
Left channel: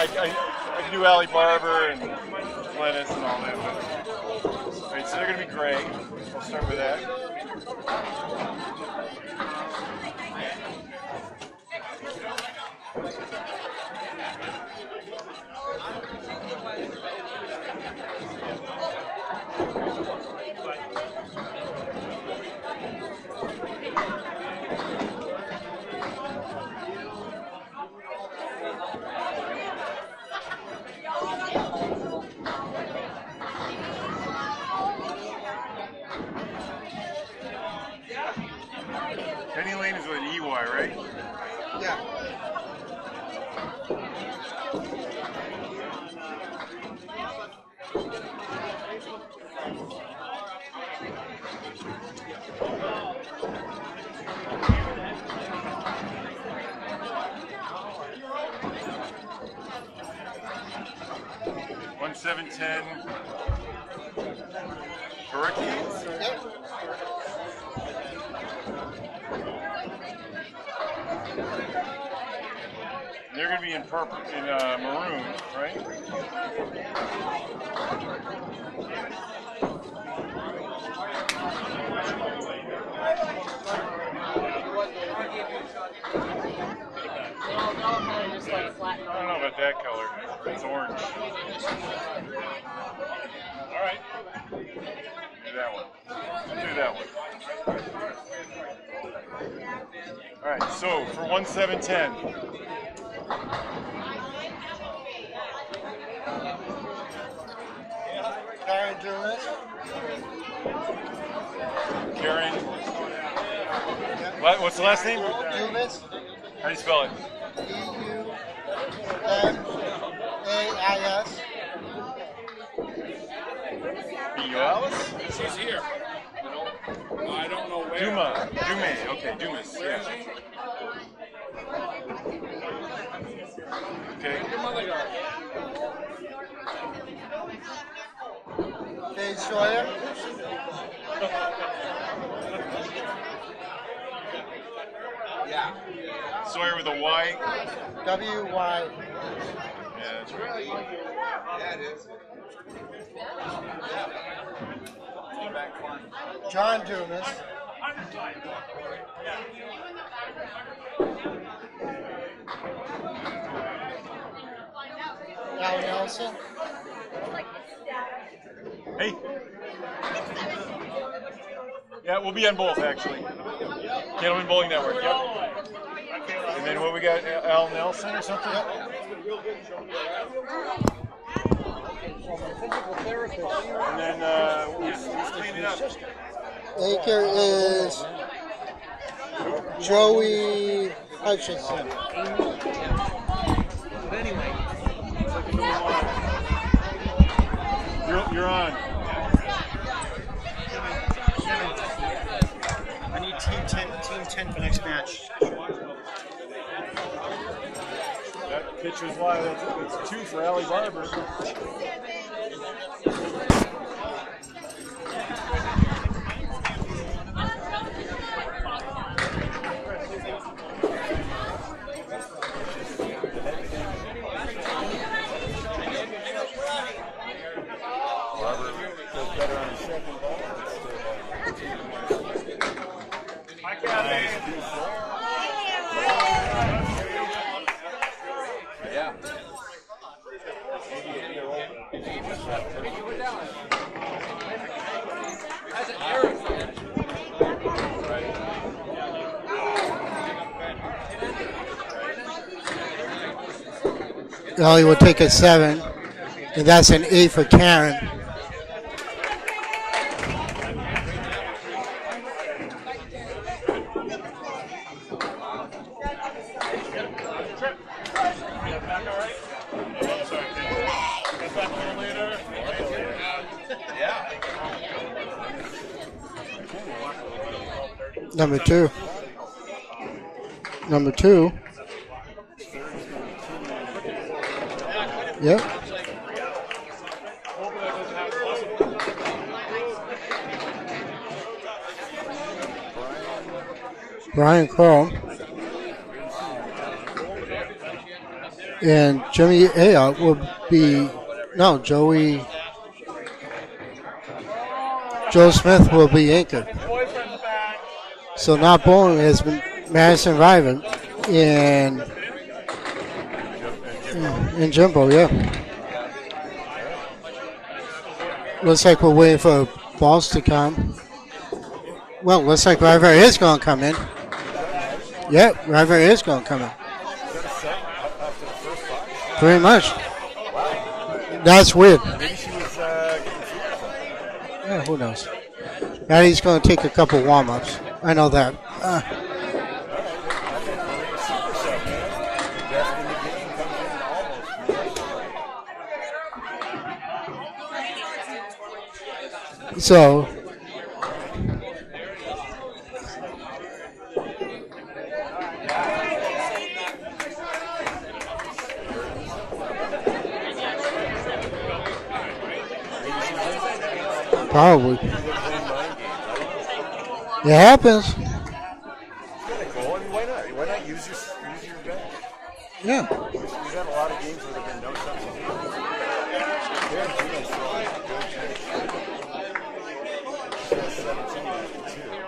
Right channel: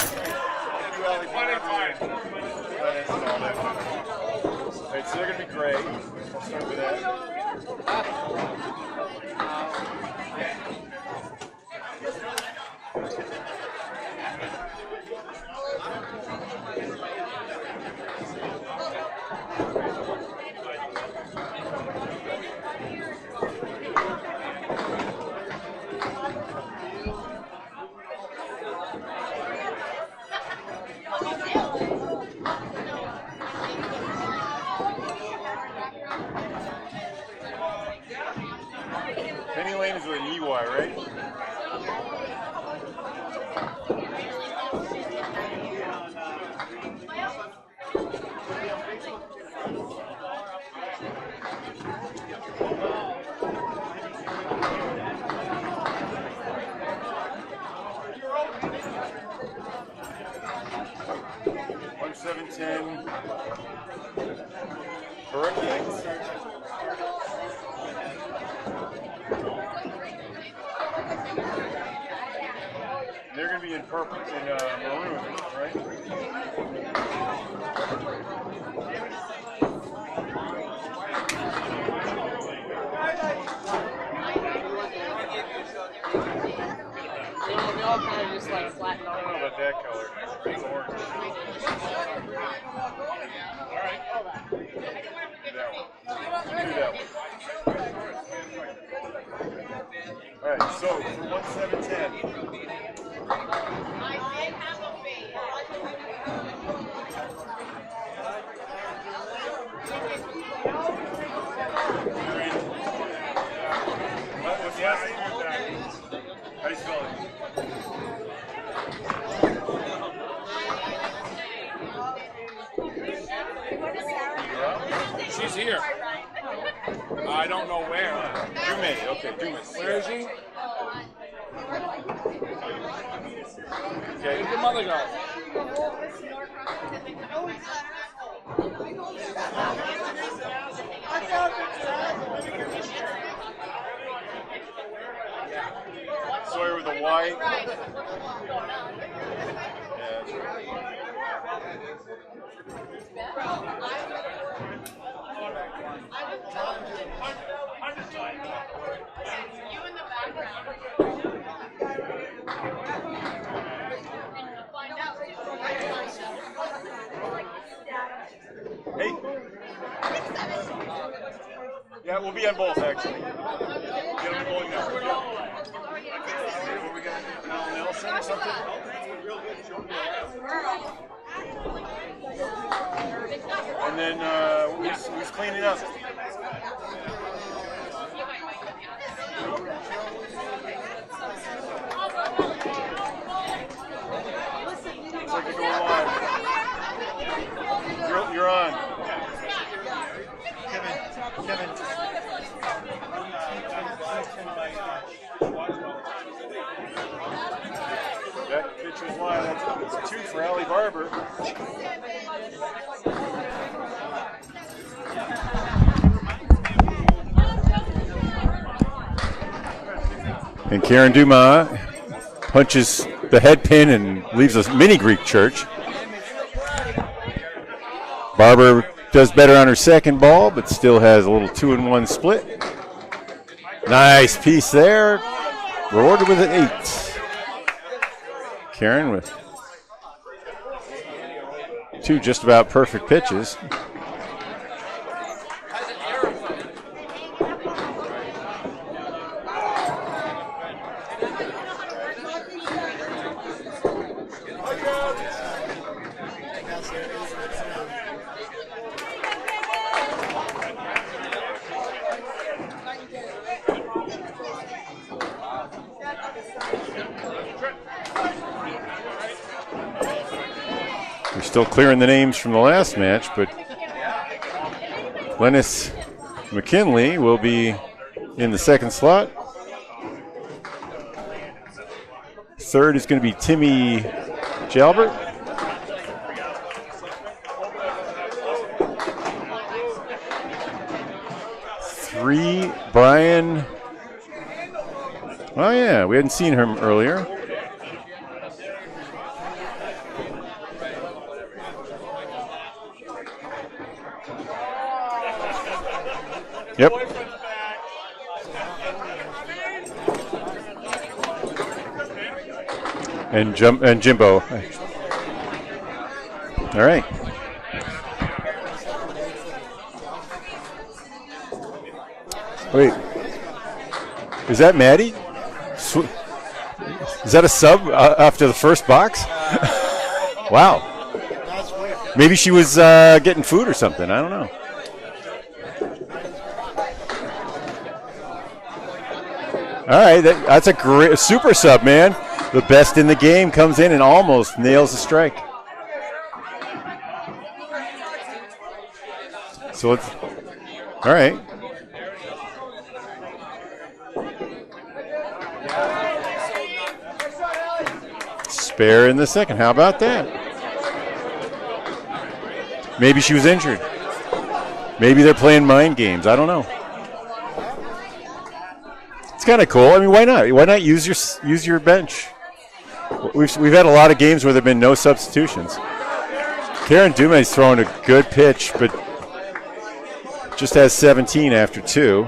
can do Allie Barber and Glennis and all that. All right, so they're going to be Craig. I'll start with that. Penny Lane is with an EY, right? Yeah. Hurricanes? They're going to be in purple, in maroon, right? I don't know about that color. It's orange. All right. Do that one. Do that one. All right, so for 1710. Karen Dumas. Karen. What's the last name? Dumas. How do you spell it? E-U-M-A-I-S. She's here. I don't know where. Dumas. Okay, Dumas. Where is she? Okay. Your mother got Dave Sawyer. Yeah. Sawyer with a Y. W-Y. Yeah, that's right. John Dumas. Al Nelson. Hey. Yeah, we'll be on both actually. Gentleman Bowling Network. Yeah. And then what we got? Al Nelson or something? And then who's cleaning up? Anchor is Joey Hutchinson. You're on. I need team 10 for next match. That pitch was live. That's 2 for Allie Barber. And Karen Dumas punches the head pin and leaves a mini Greek church. Barber does better on her second ball, but still has a little 2-1 split. Nice piece there. Rewarded with an 8. Karen with 2 just about perfect pitches. Ellie will take a 7, and that's an 8 for Karen. We're still clearing the names from the last match, but Glennis McKinley will be in the second slot. Number 2. Third is going to be Timmy Jalbert. Yep. Three, Brian Crow. Oh, yeah, we hadn't seen him earlier. And Jimmy Ayotte will be, Joe Smith will be anchored. Yep. So now bowling has been Madison Riven and Jimbo. And Jimbo, yeah. All right. Looks like we're waiting for balls to come. Well, looks like River is going to come in. Is that Maddie? Yeah, River is going to come in. Is that a sub after the first box? Pretty much. Wow. That's weird. Maybe she was getting food or something. I don't know. Yeah, who knows? Maddie's going to take a couple warm-ups. I know that. All right, that's a super sub, man. The best in the game comes in and almost nails the strike. So all right. Spare in the second. How about that? Maybe she was injured. Probably. Maybe they're playing mind games. I don't know. It happens. It's kind of cool. I mean, why not? Why not use your bench? Yeah. We've had a lot of games where there've been no substitutions. Karen Dume's throwing a good pitch, but just has 17 after 2.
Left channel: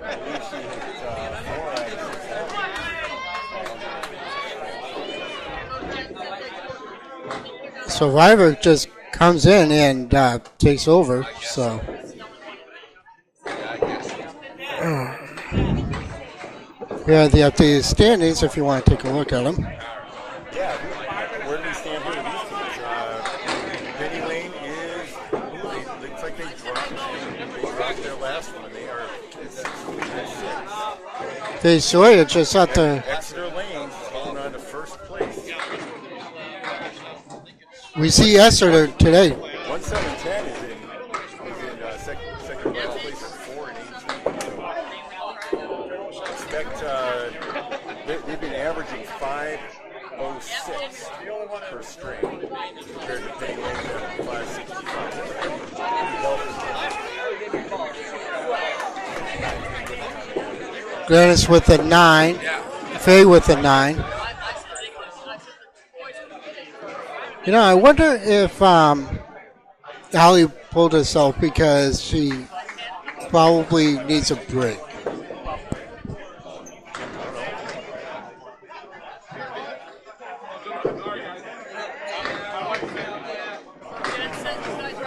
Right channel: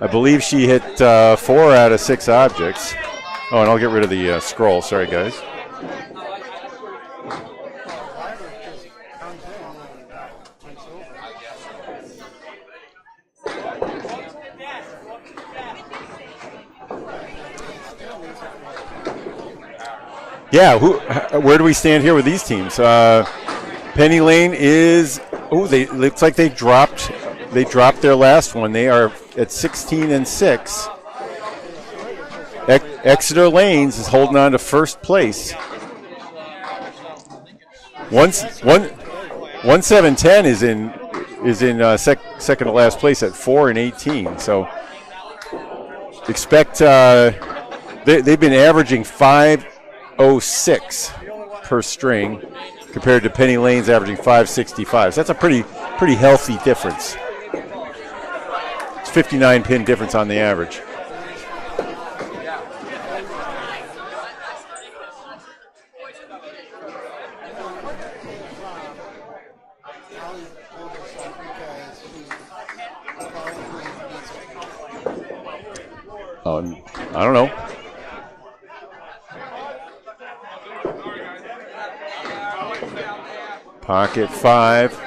I believe she hit 4 out of 6 objects. Oh, and I'll get rid of the scroll. Sorry, guys. So River just comes in and takes over. So here are the updated standings if you want to take a look at them. Yeah, where do we stand here with these teams? Penny Lane is looks like they dropped their last one. They are at 16-6. They Sawyer just out there. Exeter Lanes is holding on to first place. We see Exeter today. 1710 is in second to last place at 4-18. So expect they've been averaging 506 per string compared to Penny Lane's averaging 565. So that's a pretty healthy difference. It's 59 pin difference on the average. Glennis with a 9. Faye with a 9. You know, I wonder if Allie pulled herself because she probably needs a break. I don't know. Pocket 5.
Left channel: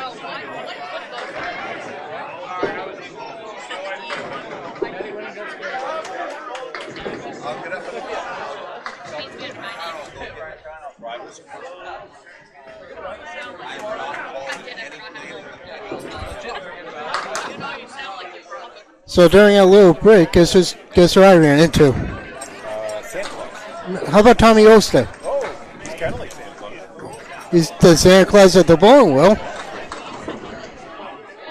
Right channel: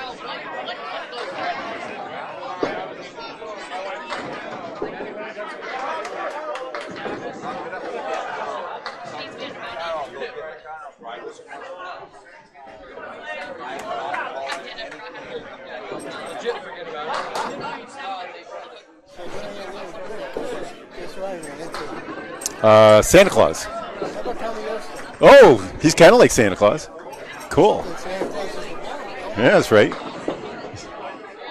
So during a little break, guess who I ran into? Santa Claus. How about Tommy Oster? Oh, he's kind of like Santa Claus. Cool. He's the Santa Claus at the bowling wheel. Yeah, that's right.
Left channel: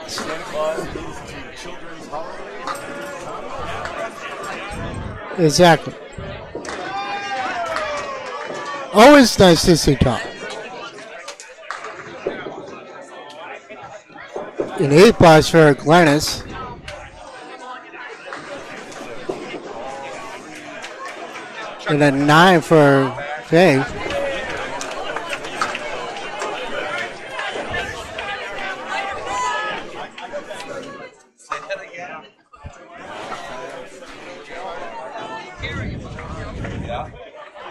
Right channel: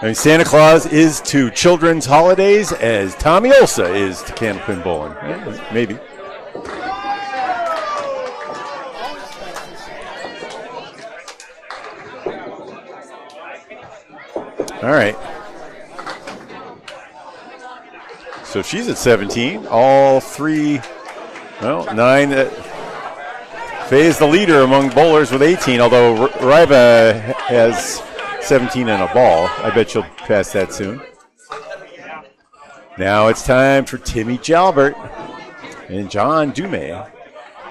I mean, Santa Claus is to children's holidays as Tommy Olsa is to Campton Bowling. Exactly. Maybe. Always nice to see Tom. Great pass for Glennis. So she's at 17. All three, well, And 9 for Faye. Faye is the leader among bowlers with 18, although Riva has 17 and a ball. I bet she'll pass that soon. Now it's time for Timmy Jalbert and John Dume.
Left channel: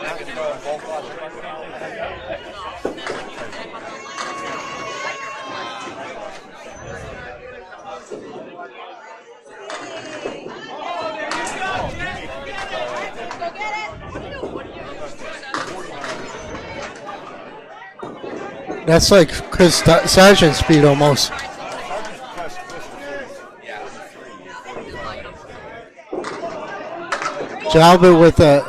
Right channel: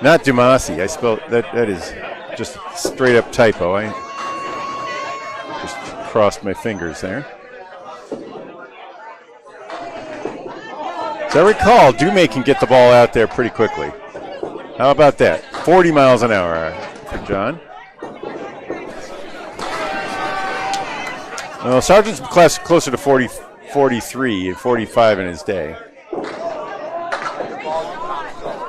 Not Dumasi. I spelled that is just straight up typo. I just crossed my fingers there. As I recall, Dume can get the ball out there pretty quickly. How about that? 40 miles an hour for John. That's like Chris Sargent's speed almost. Well, Sargent's closer to 43, 45 in his day. Jalbert with a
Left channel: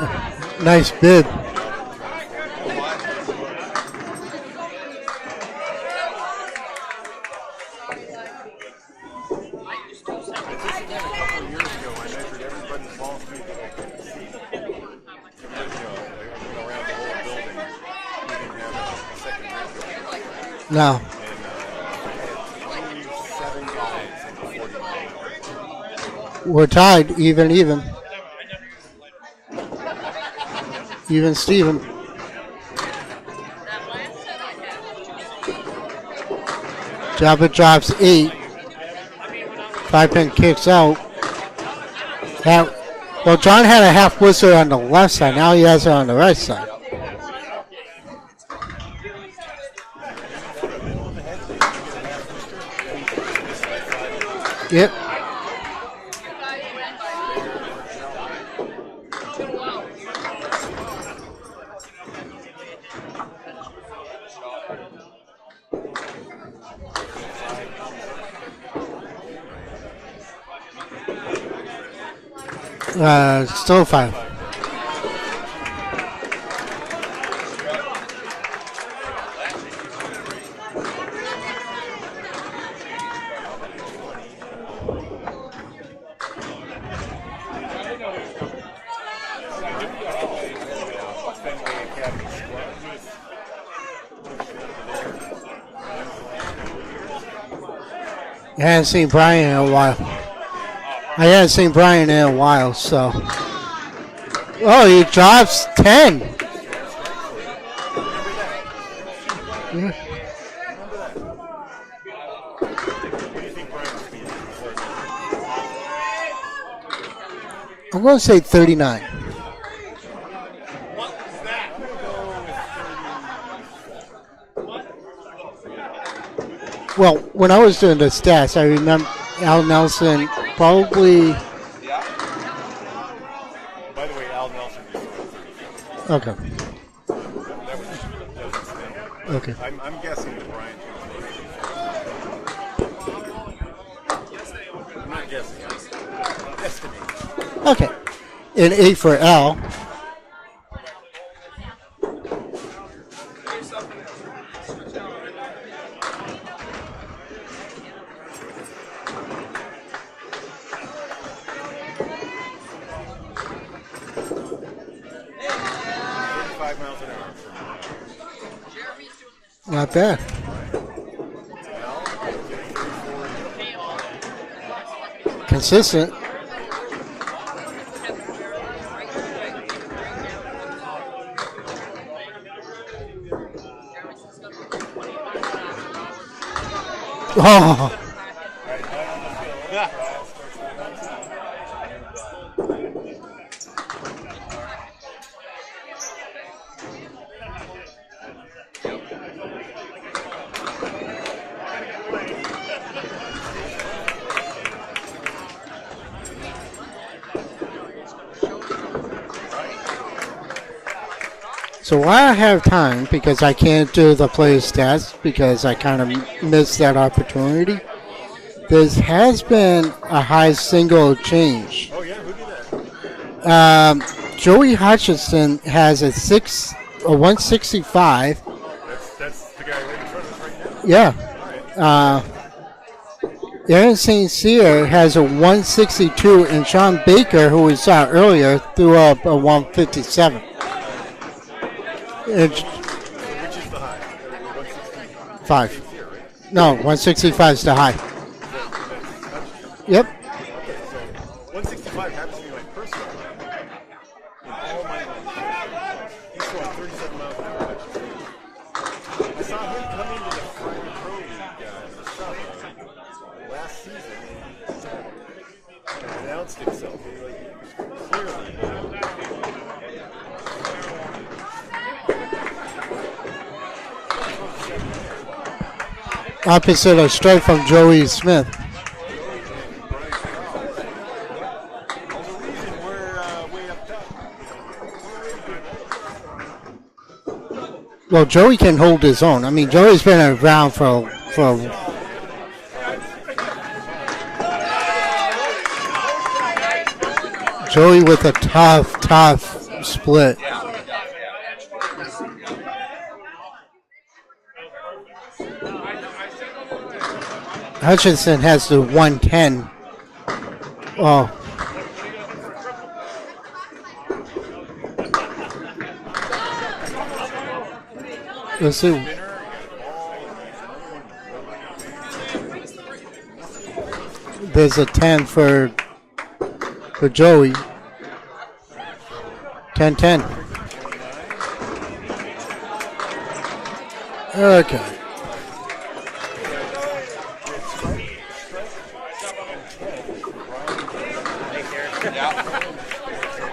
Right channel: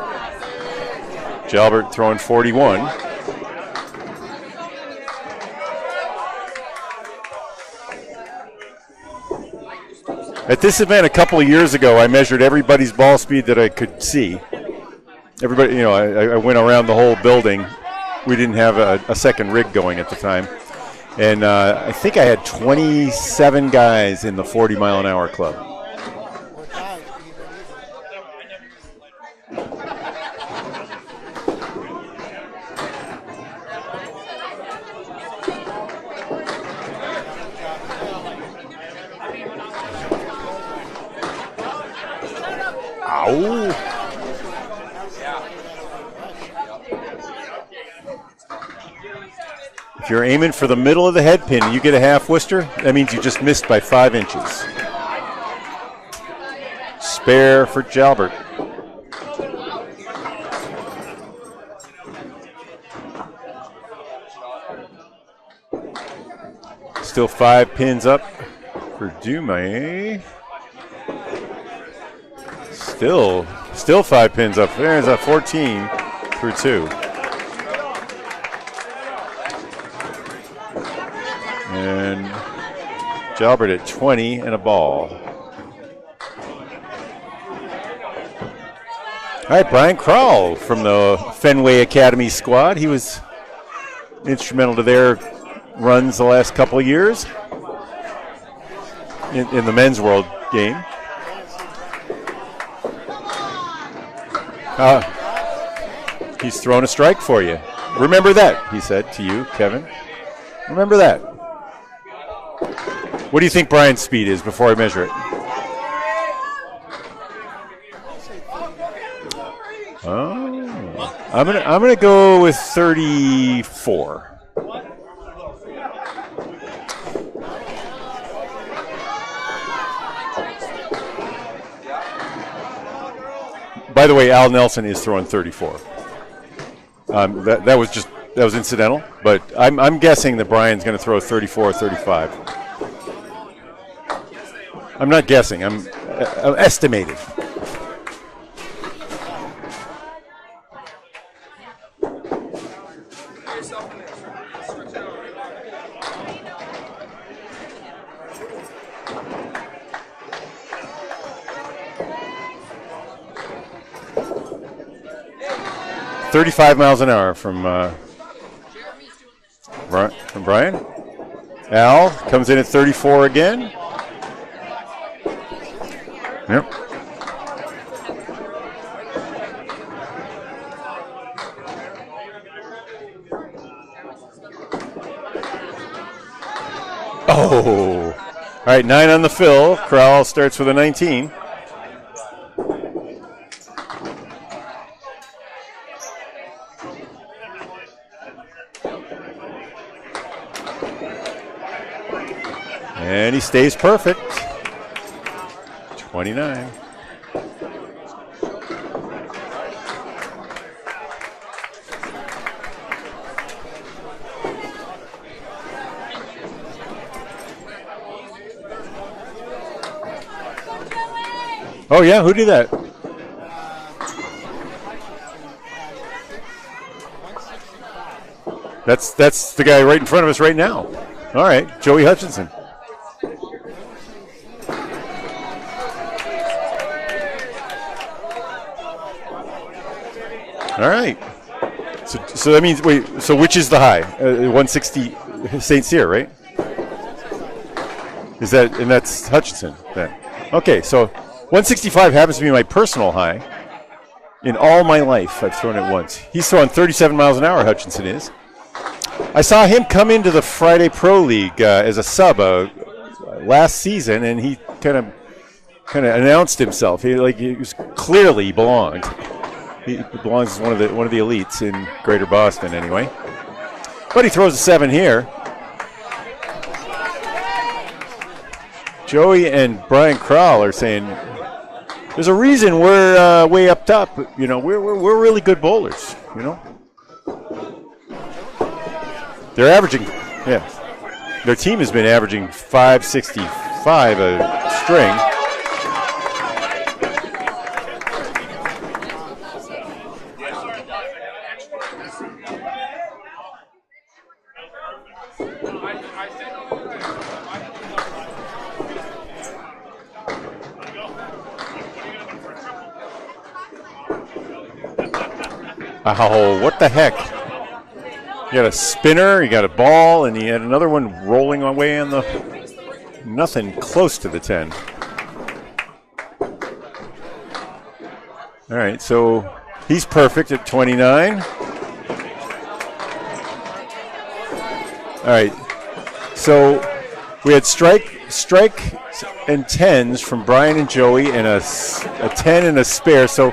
nice bid. Jalbert throwing 41. At this event a couple of years ago, I measured everybody's ball speed that I could see. Everybody, I went around the whole building. We didn't have a second rig going at the time. No. And I think I had 27 guys in the 40-mile-an-hour club. We're tied, even. Even Steven. Jalbert drops 8. 5-pin kicks out. Well, John had a half whistle on the left side. Now he has it on the right side. If you're aiming for the middle of the head pin, you get a half Worcester. That means you just missed by 5 inches. Yep. Spare for Jalbert. Still 5 pins up for Dumais. Still 5 pins up. There's a 14 for 2. And Jalbert at 20 and a ball. All right, Brian Crowell from the Fenway Academy squad. He was instrumental to their runs the last couple of years. I hadn't seen Brian in a the while. men's world game. I hadn't seen Brian in a while, so. Oh, he drops 10. He's thrown a strike for you. Remember that, he said to you, Kevin. Remember that. What do you think Brian's speed is before I measure it? I'm going to say 39. Oh, I'm gonna go with 34. Well, when I was doing the stats, I remember Al Nelson probably. By the way, Al Nelson is throwing 34. Okay. That was incidental, but okay. I'm guessing that Brian's going to throw 34 or 35. I'm not guessing. I'm estimating. Okay. And 8 for Al. $35 miles an hour from not bad. From Brian. Al comes in at 34 again. Consistent. Yep. Oh. All right, 9 on the fill. Crowell starts with a 19. And he stays perfect. 29. So while I have time, because I can't do the player stats because I kind of missed that opportunity, there has been a high single change. Oh, yeah? Who did that? Joey Hutchinson has a 165. That's the guy right in front of us right now. Yeah. All right, Joey Hutchinson. Aaron St. Cyr has a 162, and Sean Baker, who we saw earlier, threw up a 157. All right. So that means, wait, so which is the high? 165. St. Cyr, right? No, 165 is the high. Is that, and that's Hutchinson? Yep. Yeah. Okay, so 165 happens to be my personal high. In all my life, I've thrown it once. He's throwing 37 miles an hour, Hutchinson is. I saw him come into the Friday Pro League as a sub last season, and he kind of announced himself. He was clearly he belonged. He belongs as one of the elites in Greater Boston, anyway. But he throws a 7 here. Opposite a strike from Joey Smith. Joey and Brian Crowell are saying there's a reason we're way up top. You know, we're really good bowlers. You know. Well, Joey can hold his own. I mean, They're Joey's averaging- been around for Their team has been averaging 565 a string. Joey with a tough split. Hutchinson has the 110. Oh, Oh, what the heck? You got a Let's see. spinner, you got a ball, and you had another one rolling away on the. Nothing close to the 10. there's a 10 for Joey. All right, so 10, he's 10. perfect at 29. Okay. All right, so we had strike and 10s from Brian and Joey, and a 10 and a spare. So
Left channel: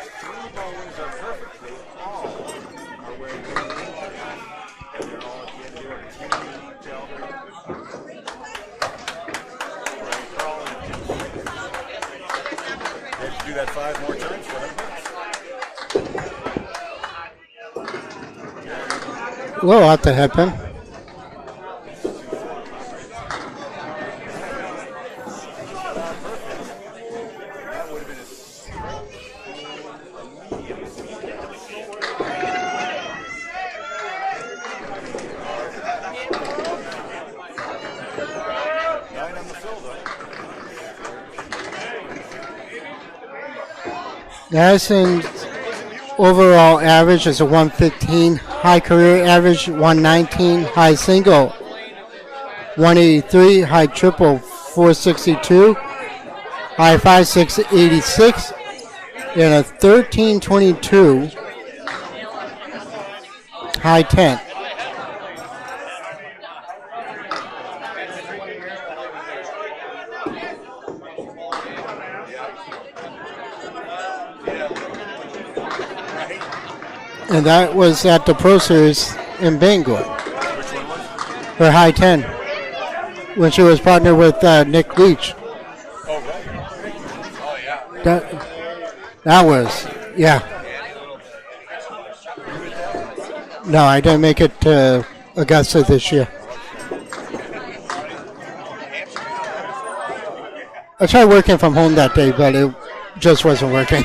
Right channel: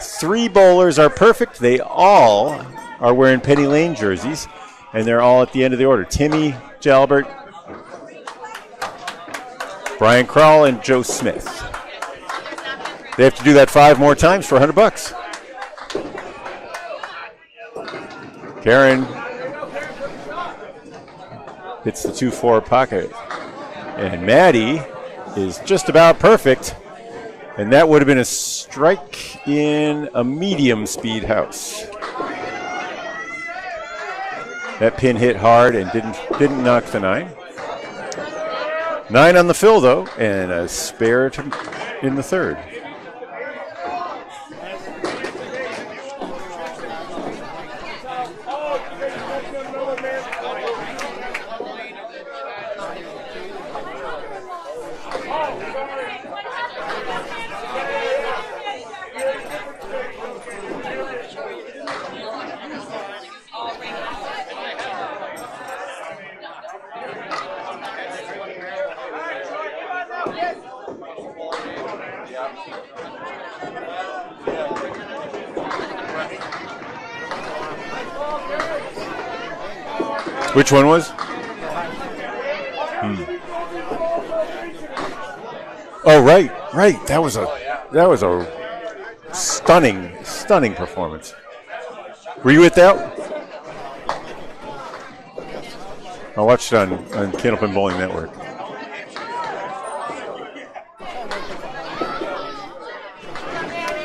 3 bowlers are perfect. They all are wearing Penny Lane jerseys, and they're all at the end of the order. Timmy Jalbert, Brian Crowell, and Joe Smith. They have to do that 5 more times for $100. Karen Low out the headpin. hits the 2-4 pocket. And Maddie is just about perfect. And that would have been a strike in a medium speed house. That pin hit hard and didn't knock the 9. 9 on the fill though, and a spare in the 3rd. Madison's overall average is a 115. High career average 119. High single 183. High triple 462. High 5-6 86. And a 1322. High 10. And that was at the Pro Series in Bangor. Which one was? Her high 10. When she was partnered with Nick Leach. Oh, right. That was a stunning performance. Were you at that? No, I didn't make it to Augusta this year. I watched it on Candlepin Bowling Network. I tried working from home that day, but it just wasn't working.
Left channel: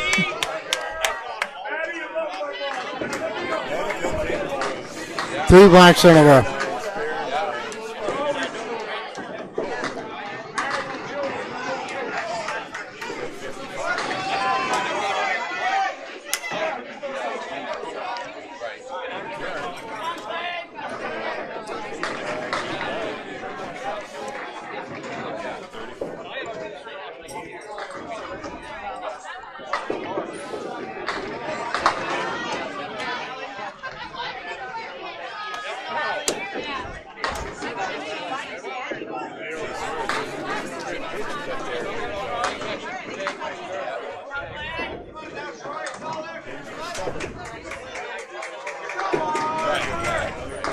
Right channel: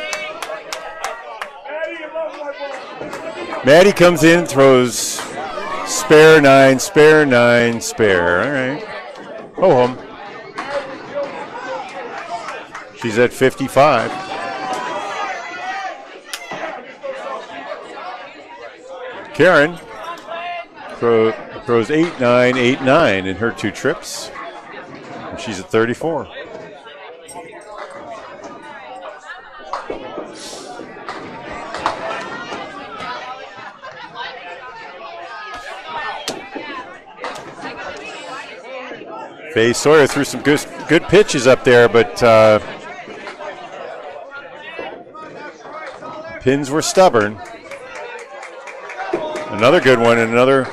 Maddie comes in, throws 3 blacks spare over. 9, spare 9, spare. All right. Go home. She's at 55. Karen throws 8, 9, 8, 9 in her 2 trips. And she's at 34. Faye Sawyer threw some good pitches up there, but pins were stubborn. Another good one and another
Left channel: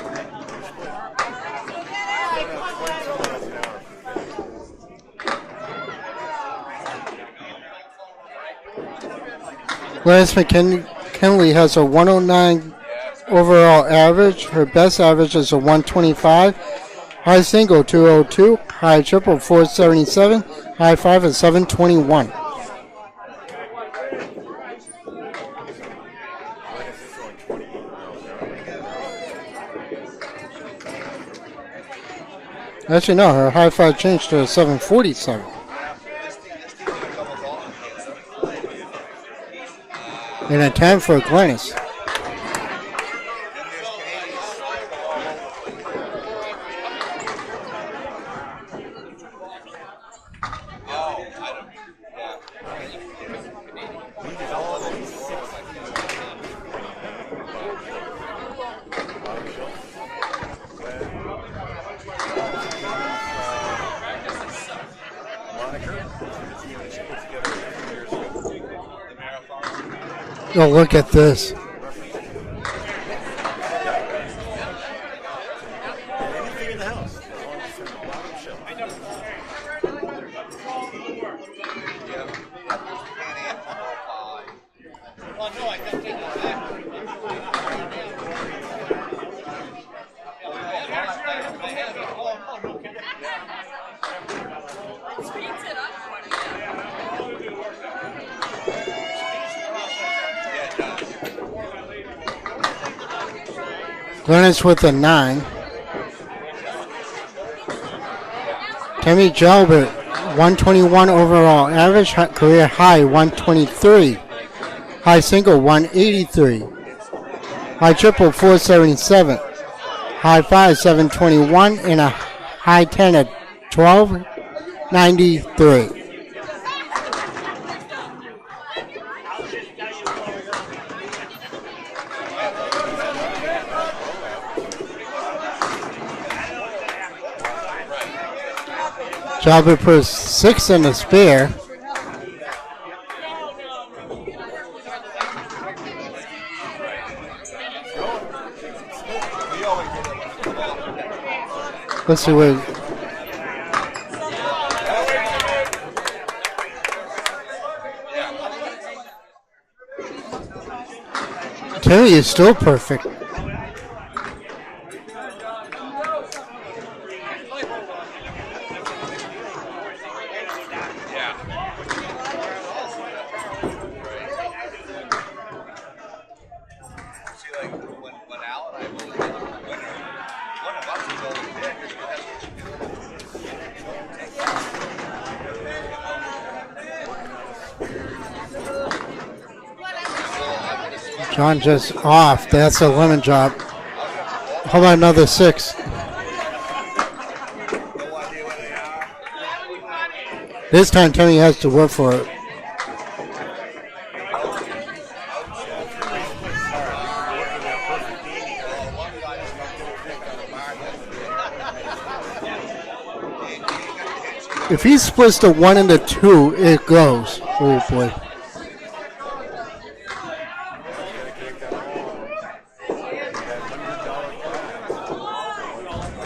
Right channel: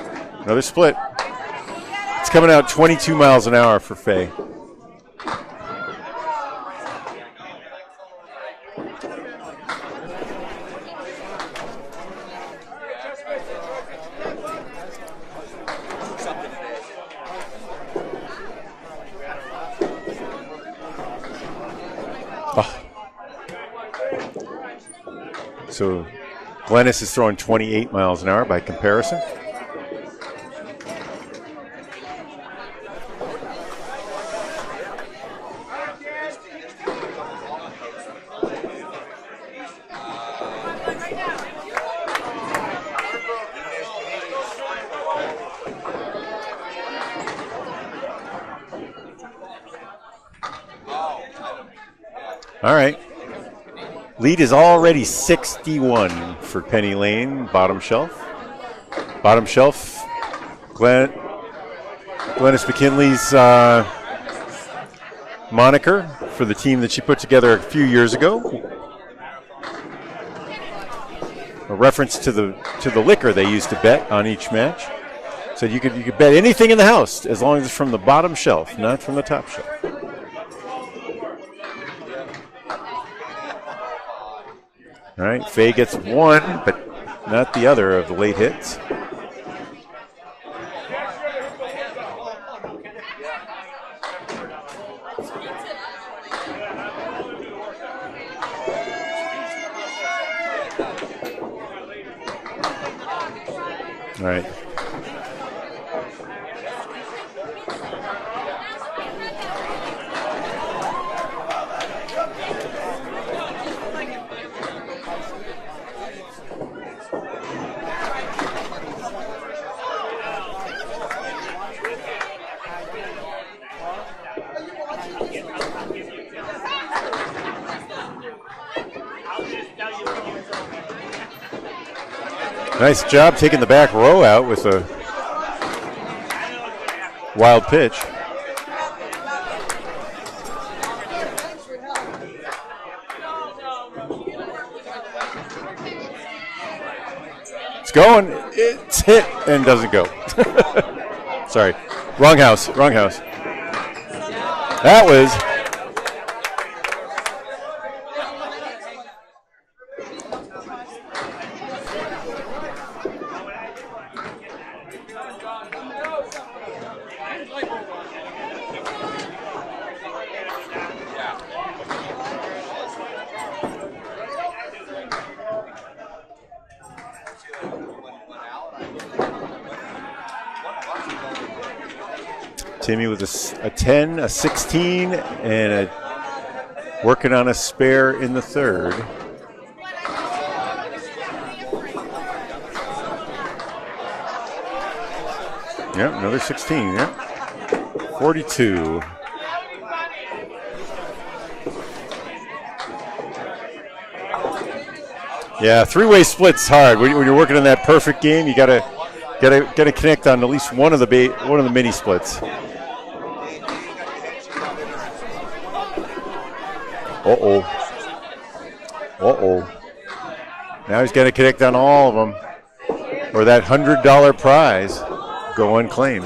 split. It's coming out 22 miles an hour for Faye. Gladys McKinley has a 109 overall average. Her best average is a 125. High single 202. High triple 477. High 5 is 721. Oh. So Glennis is throwing 28 miles an hour by comparison. Actually, no, her high 5 changed to a 747. And a 10 for Glennis. All right. Lead is already 61 for Penny Lane, bottom shelf. Bottom shelf, Glennis McKinley's moniker for the team that she put together a few years ago. Oh, look at this. A reference to the liquor they used to bet on each match. So you could bet anything in the house as long as it's from the bottom shelf, not from the top shelf. All right, Faye gets one, but not the other of the late hits. Glennis with a 9. Tammy Jalbert, 121 overall average, career high 123. High single 183. High triple 477. High five 721 and a high 10 at 1293. Nice job taking the back row out with a wild pitch. Jalbert puts 6 in the spare. It's going. It's hit and doesn't go. Sorry. Wrong house. Wrong house. That was. Terry is still perfect. Timmy with a 10, a 16, and working on a spare in the third. John just off. That's a lemon drop. How about another 6? Yep, another 16. Yep. 42. This time Timmy has to work for it. Yeah, three-way split's hard. When you're working on that perfect game, you gotta connect on at least one of the mini splits. If he splits the 1 and the 2, it goes. Uh-oh. Oh boy. Uh-oh. Now he's got to connect on all of them, or that $100 prize go unclaimed.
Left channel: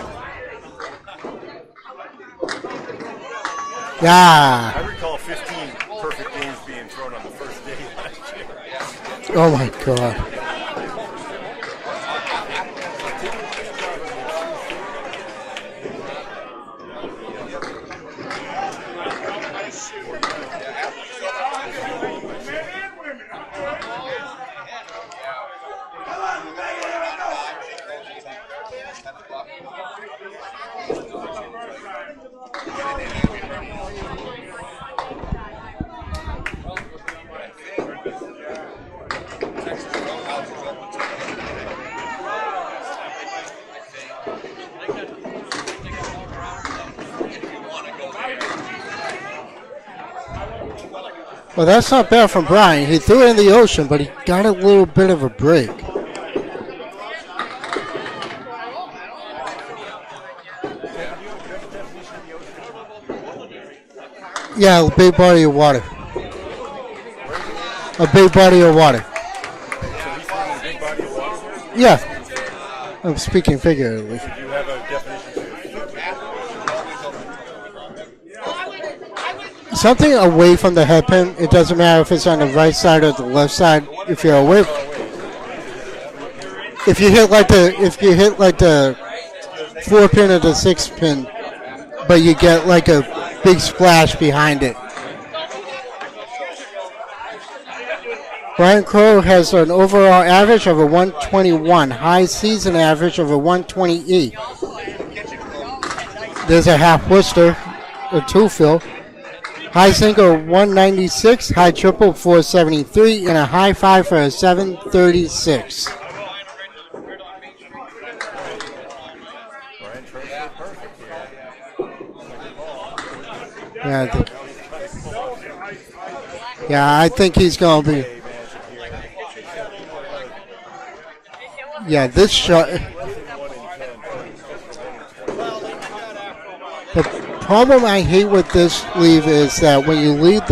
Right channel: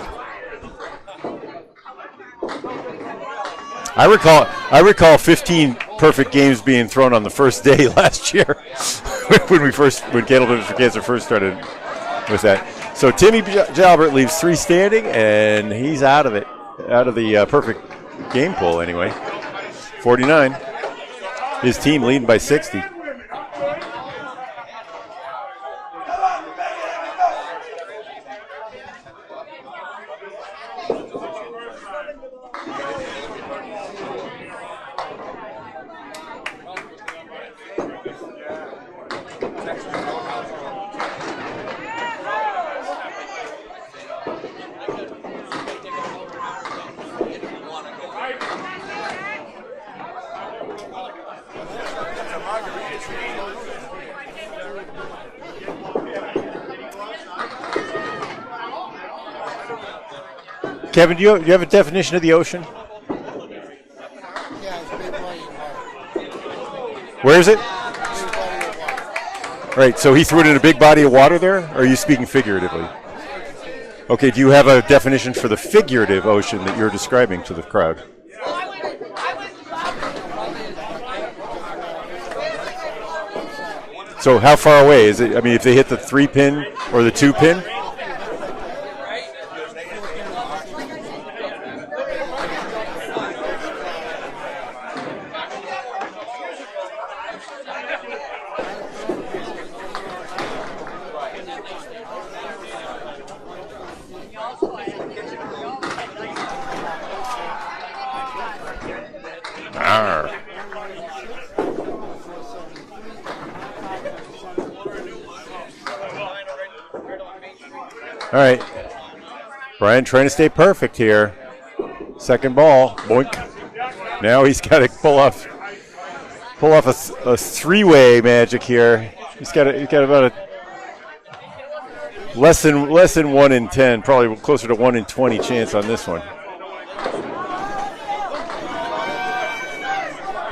I recall 15 perfect games being thrown on the first day last year when Candleton for Cancer first started with that. So Timmy Jalbert leaves 3 standing, and he's out of it, out of the perfect game pool anyway. 49. His team leading by 60. Well, that's not bad from Brian. He threw it in the ocean, but he got a little bit of a break. Kevin, do you have a definition of the ocean? Yeah, a big body of water. Where is it? A big body of water. Right, so he threw it in a big body of water there? Or Yeah. are you speaking figuratively? I'm speaking figuratively. Okay, do you have a definition for the figurative ocean that you're describing to the crowd? Something away from the head pin. It doesn't matter if it's on the right side or the left side. If So you're how away, far away is it? I mean, if they hit the 3 pin if or you the hit 2 like pin? if you hit like the 4 pin or the 6 pin, but you get like a big splash behind it. Brian Crow has an overall average of a 121, high season average of a 128. There's a half Worcester, a 2 fill. High single 196, high triple 473, and a high 5 for a 736. All right. Brian trying to stay perfect here. Second ball. Boink. Yeah, Now he's got to pull off I think he's going three-way magic here. He's got about this less shot, than 1 in 10, probably closer to 1 in 20 chance on this one. the problem I hate with this leave is that when you leave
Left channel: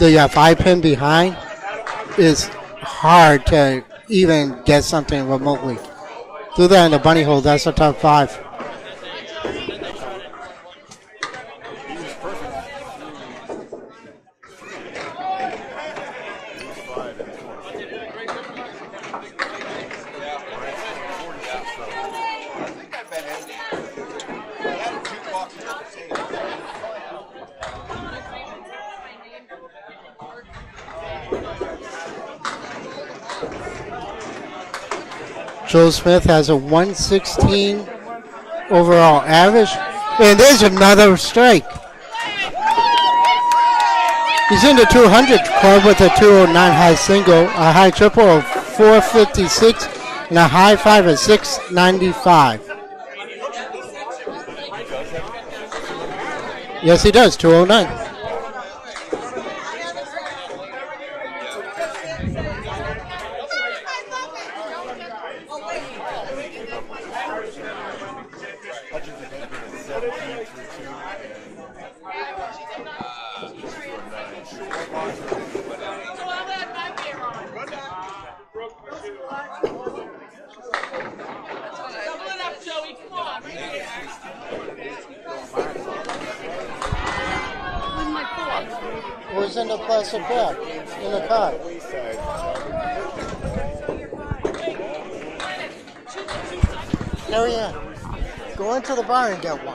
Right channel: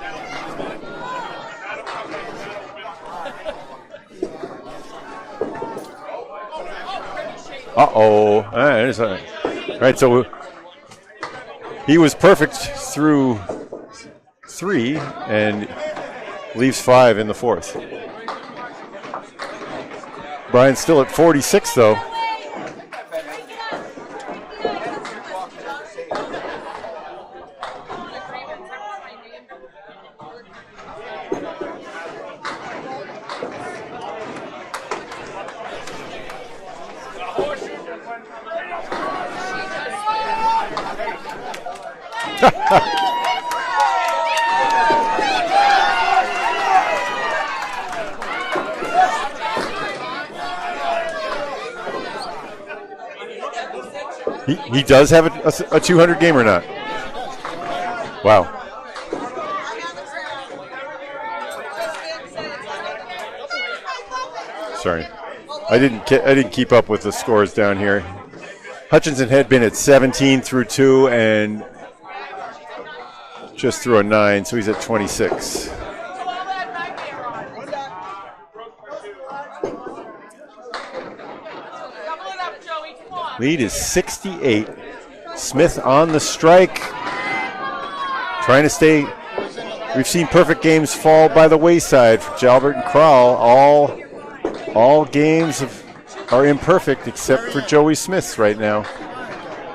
the 5 pin behind, it's hard to even get something remotely. Do that in the bunny hole. That's a top 5. All right, so he was perfect through 3 and leaves 5 in the fourth. Brian's still at 46, though. Joe Smith has a 116 overall average. And there's another strike. He's in the 200 club with a 209 high single, a high triple of 456, and a high 5 of 695. He does have a 200 game or not? Yes, he does, 209. Wow. Sorry. I didn't keep up with the scores down here. Hutchinson had been at 17 through 2 and just through a 9, so he's at 26. Lead is 68. Smith on the strike. Trying to stay. We've seen perfect games fall by the wayside. Jalbert and Crowell, all games are imperfect except for Joey Smith's right now. To the bar and get one.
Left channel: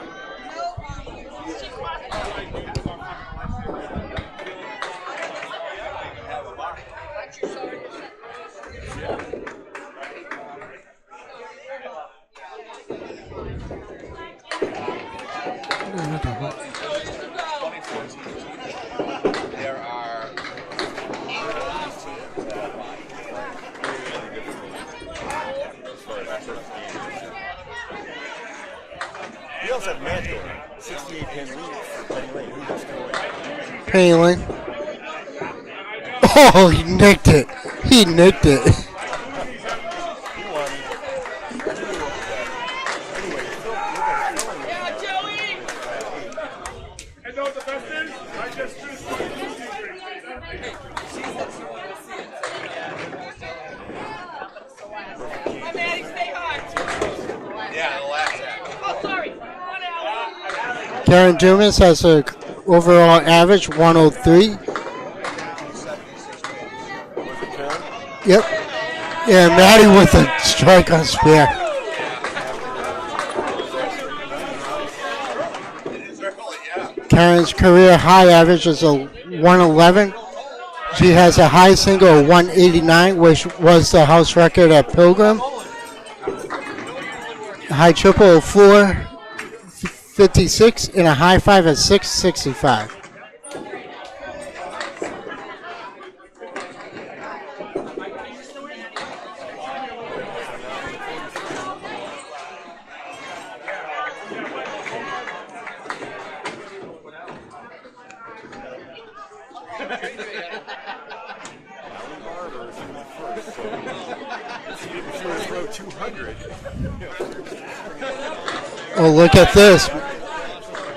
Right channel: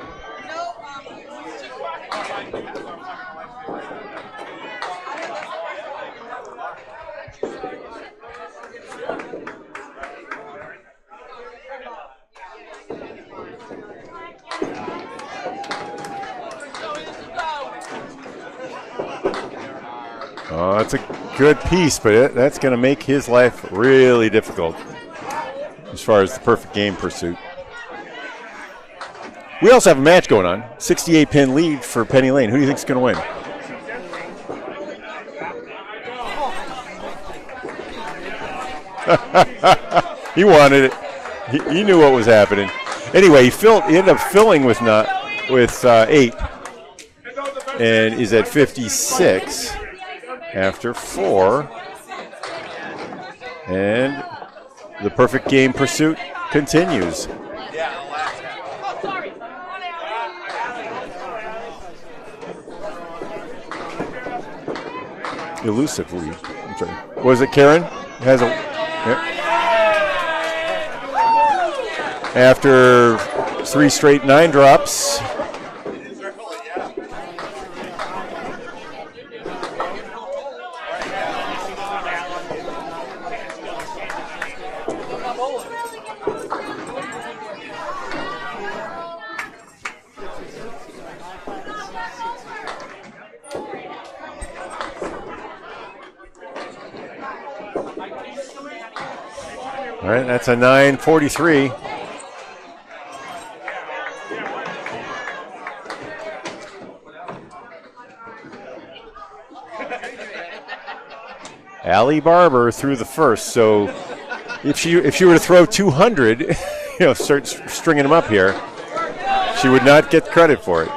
Oh, that's a good piece, but that's going to make his life really difficult as far as the perfect game pursuit. We also have a match going on. 68-pin lead for Penny Lane. Who do you think is going to win? Penny Lane. Oh, he nicked it. He nicked it. He wanted it. He knew what was happening. Anyway, he ended up filling with 8 and is at 56 after 4. And the perfect game pursuit continues. Karen Dumas has an overall average 103. Elusively. Was it Karen? Yep. Yeah, Maddie with a strike on spare. After 3 straight 9 drops. Karen's career high average is a 111. She has a high single of 189, which was the house record at Pilgrim. A high triple of 456 and a high 5 of 665. All right, that's a 943. Allie Barber threw the first, so if she were to throw 200, start stringing them up here. Oh, look at She this! would not get credit for it.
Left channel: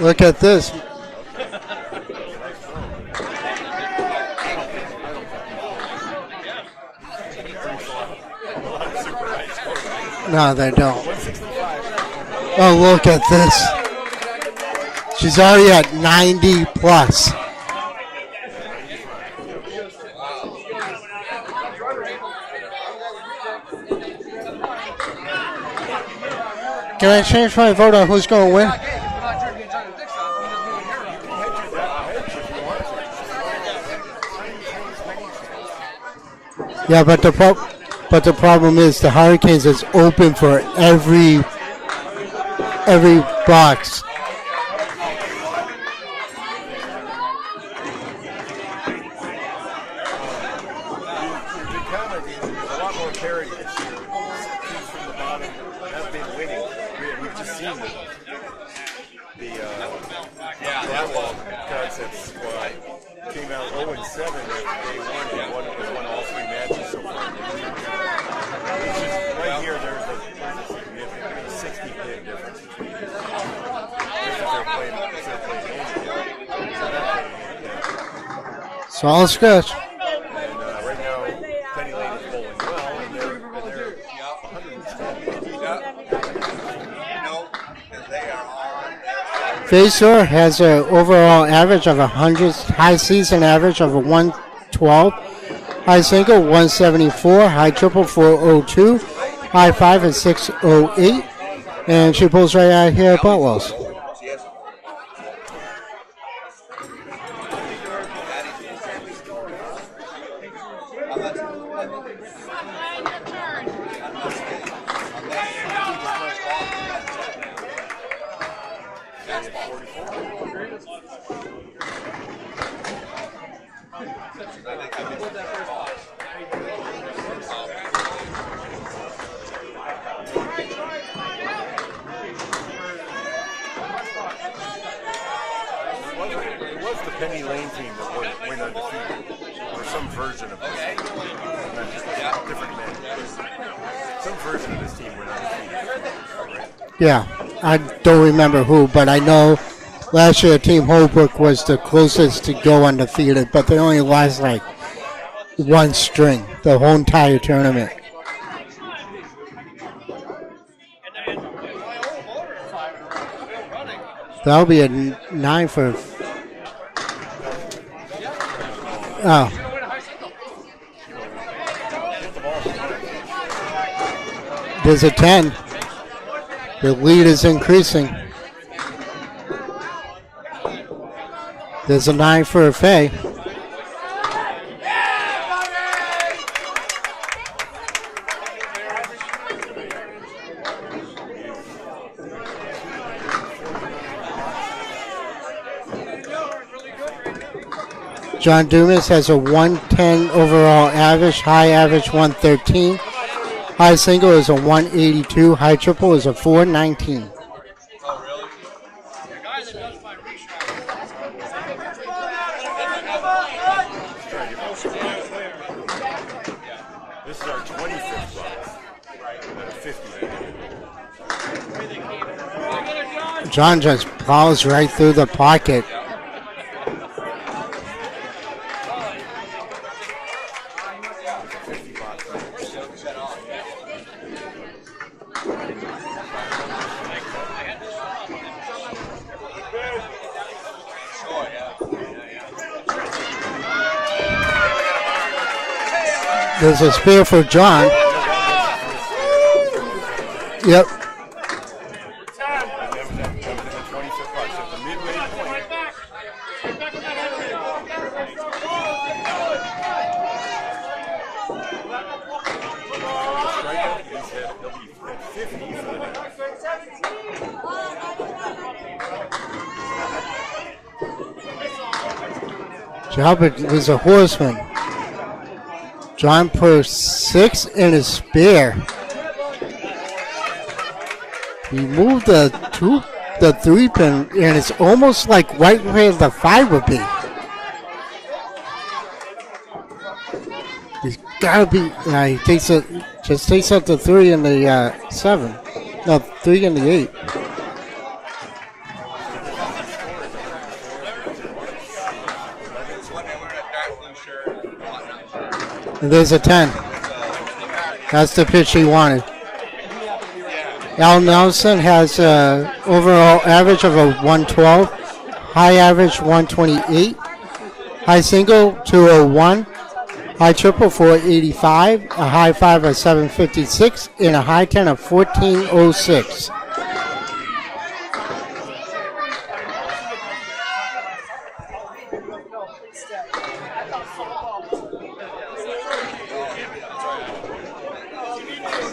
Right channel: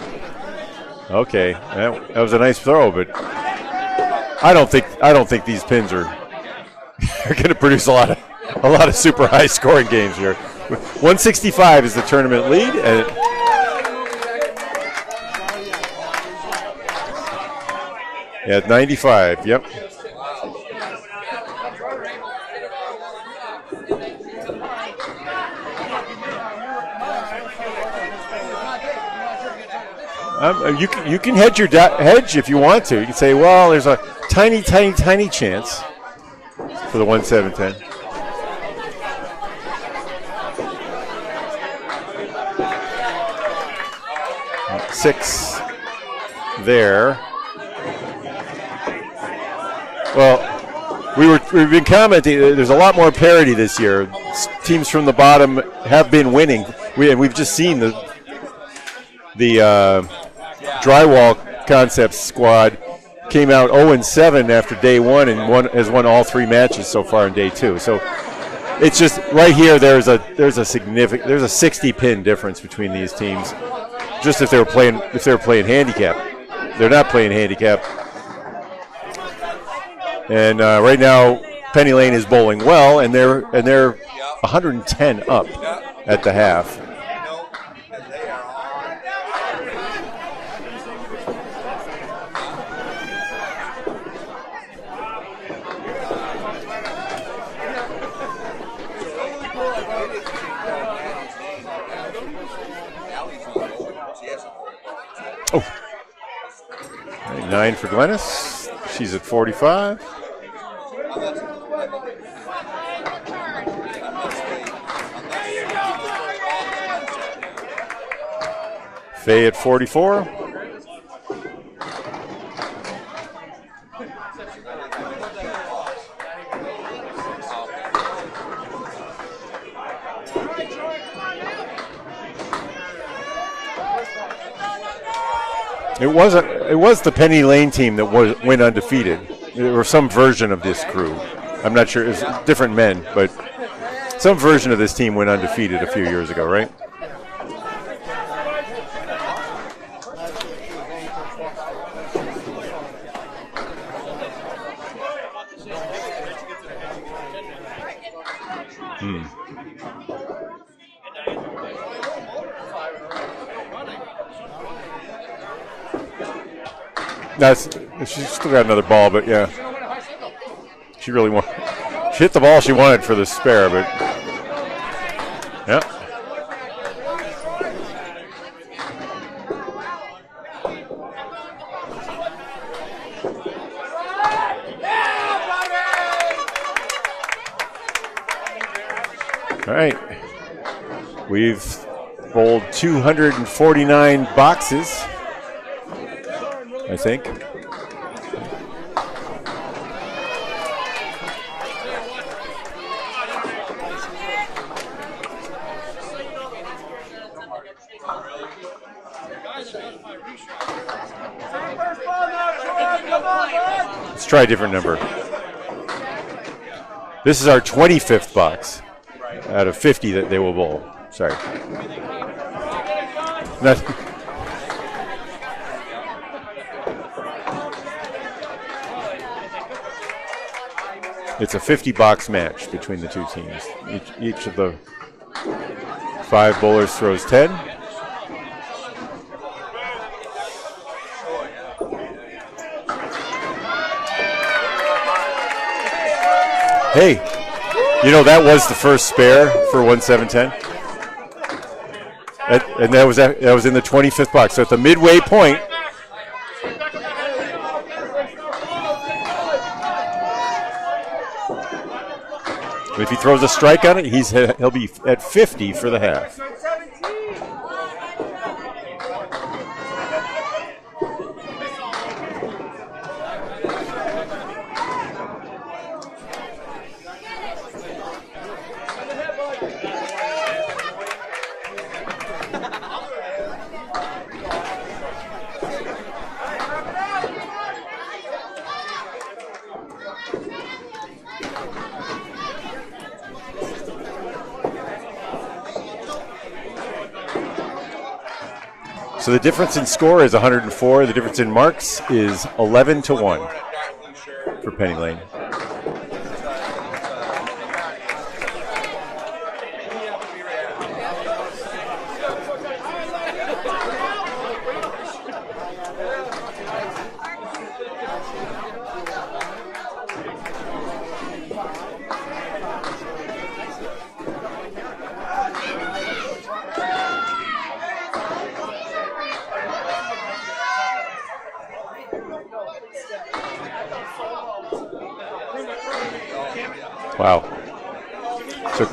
Look at this! Okay, that was a nice throw, but I don't think these pins are going to produce a lot of super high scoring games here. No, they don't. 165 is the tournament lead. Oh, look at this! She's already at 90 plus. Yeah, at 95. Yep. Can I change my vote on who's going to win? You can hedge hedge if you want to. You can say, well, there's a tiny chance. Yeah, but the problem is the Hurricanes is open for every box. 6 there. Well, we've been commenting. There's a lot more parity this year. Teams from the bottom have been winning. We've just seen the Drywall Concepts squad came out 0-7 after day 1 and has won all 3 matches so far in day 2. So it's just right here. There's a 60-pin difference between these teams. Just if they were playing handicap, they're not playing handicap. Solid scratch. And right now, Penny Lane is bowling well, and they're 110 up at the half. Facer has an overall average of 100, high season average of a 112, high single 174, high triple 402, high five is 608, and she pulls right out here at Boutwell's. Oh. 9 for Glennis. She's at 45. Faye at 44. It was the Penny Lane team that went undefeated, or some version of this crew. I'm not sure, it's different men, but some version of this team went undefeated a few years ago, right? Yeah, I don't remember who, but I know last year Team Holbrook was the closest to go undefeated, but they only lost like one string the whole entire tournament. That'll be a 9 for. She's still got another ball, but no. She really won. She hit the ball she wanted for the spare, but. There's a 10. Yep. The lead is increasing. There's a 9 for a Faye. All right. We've bowled 249 boxes, I think. John Dumas has a 110 overall average, high average 113. High single is a 182, high triple is a 419. Let's try a different number. This is our 25th box out of 50 that they will bowl. Sorry. John just plows right through the pocket. It's a 50-box match between the two teams. Each of the 5 bowlers throws 10. There's a spare for John. You know, that was the first spare for 1-7-10. Yep. And that was in the 25th box. So at the midway point, if he throws a strike on it, he'll be at 50 for the half. Jalbert is a horseman. John put 6 in his spare. He moved the 3 pin, and it's almost like right where the 5 would be. He's gotta be. He takes it. Just takes out the 3 and the 7. No, 3 and the 8. So the difference in score is 104. The difference in marks is 11-1 for Penny Lane. And there's a 10. That's the pitch he wanted. Al Nelson has an overall average of a 112, high average 128, high single 201, high triple 485, a high 5 of 756, and a high 10 of 1406. Wow. So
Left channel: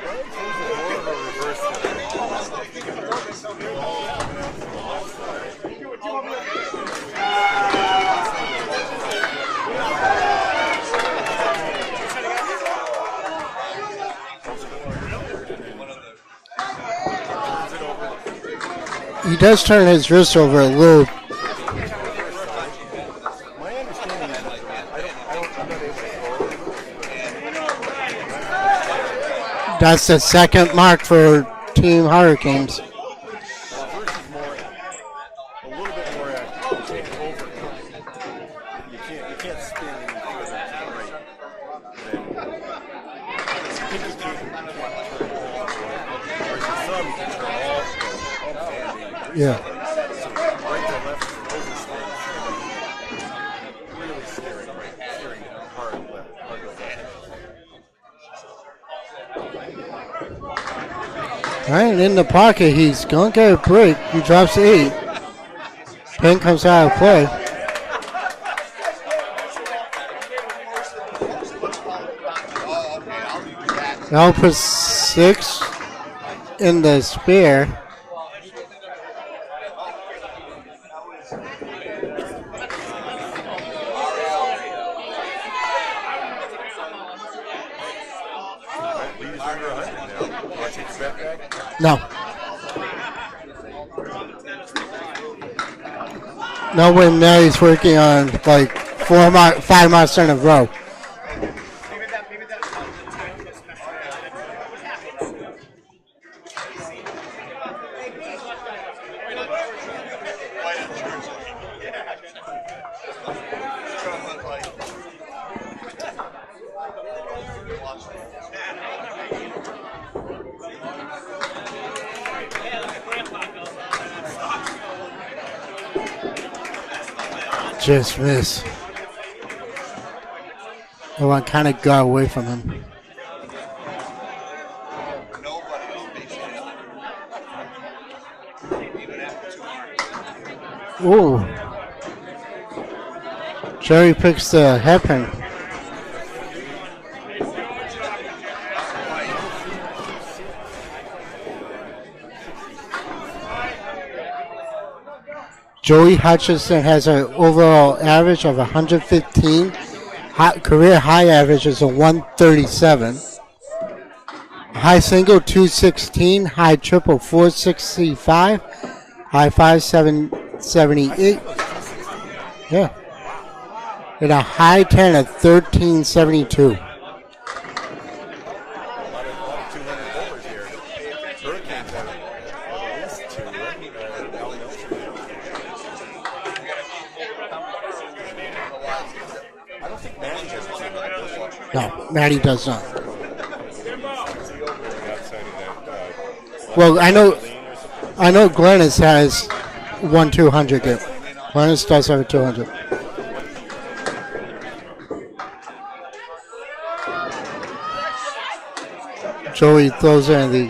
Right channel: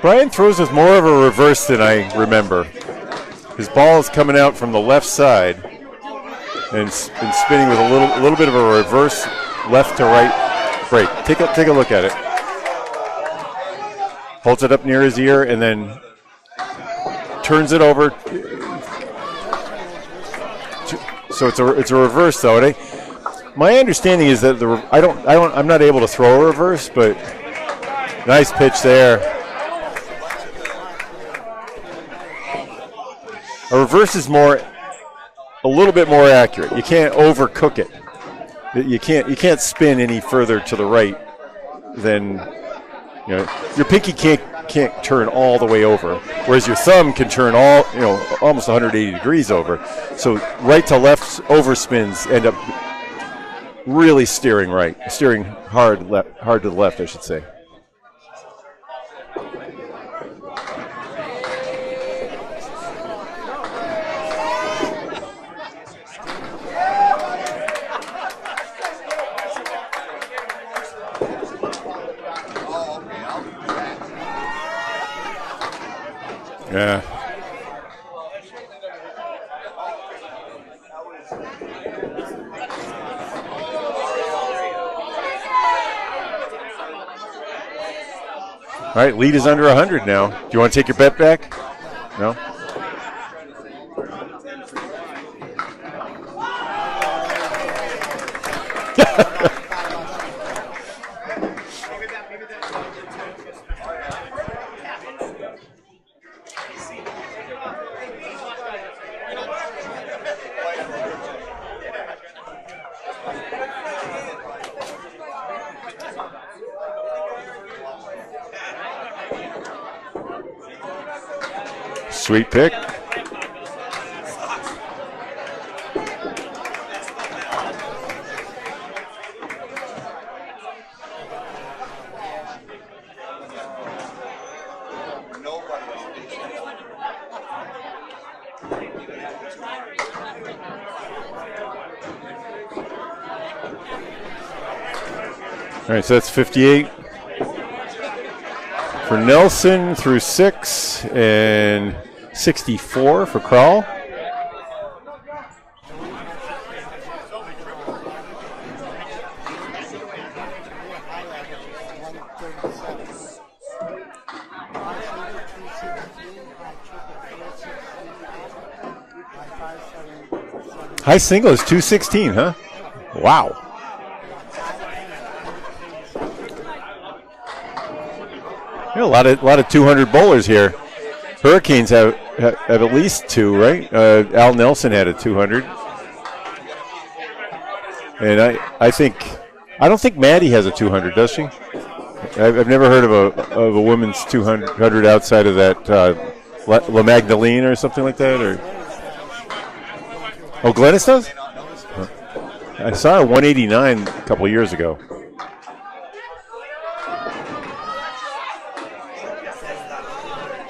Brian throws with more of a reverse than I remember. His ball is coming out from the left side and spinning with a little bit of a reverse left to right break. Take a look at it. Holds it up near his ear and then turns it over. He does turn his wrist over a little. So it's a reverse though. My understanding is that I'm not able to throw a reverse, but nice pitch there. That's the second mark for Team Hurricanes. A reverse is a little bit more accurate. You can't overcook it. You can't spin any further to the right than your pinky can't turn all the way over, whereas your thumb can turn almost 180 degrees over. So right to left overspins end up really steering hard to the left, I should say. All right, in the pocket, he's going to get a break. He drops 8. Pin comes out of play. Now puts 6 in the spare. All right, lead is under 100 now. Do you want to take your bet back? No. No? No, when Mary's working on like 5 miles in a row. Sweet pick. Just miss. I want to kind of go away from him. Ooh. Jerry picks the hairpin. All right, so that's 58 for Nelson through 6 and 64 for Crowell. Joey Hutchison has an overall average of 115. Career high average is a 137. High single 216. High triple 465. High 578. High single is 216, huh? Yeah. Wow. And a high 10 at 1372. A lot of 200 bowlers here. Hurricanes have at least 2, right? Al Nelson had a 200, and I don't think Maddie has a 200, does she? No, Maddie doesn't. I've never heard of a women's 200 outside of that Magdalene or something like that. I know Glennis has 200. Oh, Glennis does? Glennis does have a 200. I saw a 189 a couple of years ago. Joey throws in the.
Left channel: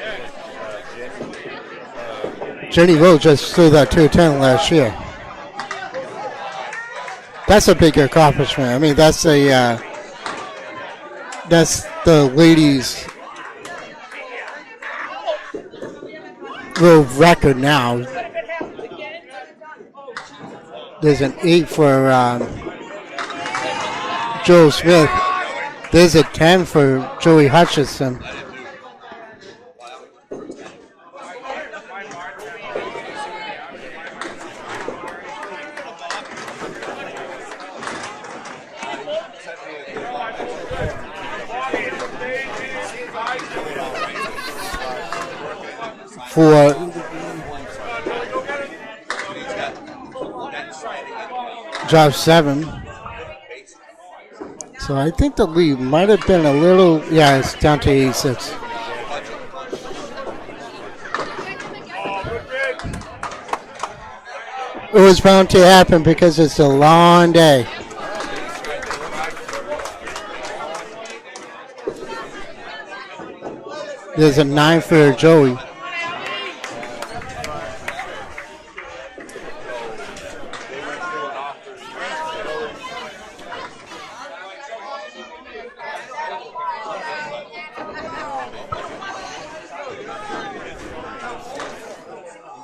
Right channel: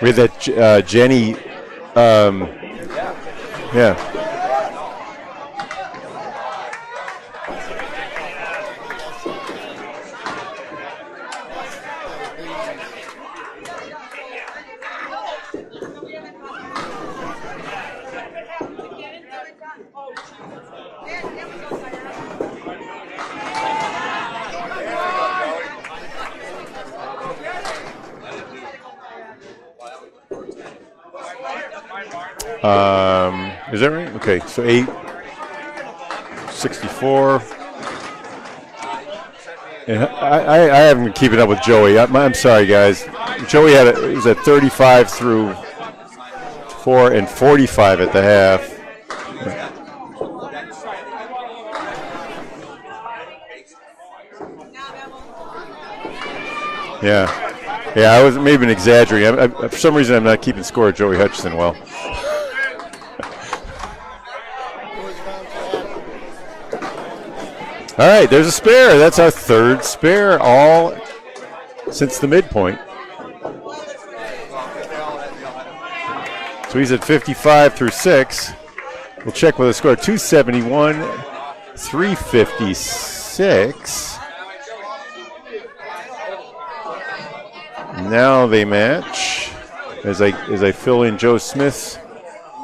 We had that Jenny. Jenny Rowe just threw that 210 last year. That's a big accomplishment. I mean, that's the ladies' world record now. There's an 8 for Joe Smith. There's a 10 for Joey Hutchison. Is that right? Okay, so 8, 64. And I haven't been keeping up with Joey. I'm sorry, guys. Joey was at 35 through 4 and 45 at the half. Drop 7. So I think the lead might have been a little. Yeah, it's down to 8. Yeah, I was maybe exaggerating. For some reason, I'm not keeping score of Joey Hutchison well. It was bound to happen because it's a long day. All right, there's a spare. That's our 3rd spare all since the midpoint. There's a 9 for Joey. So he's at 55 through 6. We'll check with a score 271, 356. Now they match as I fill in Joe Smith's.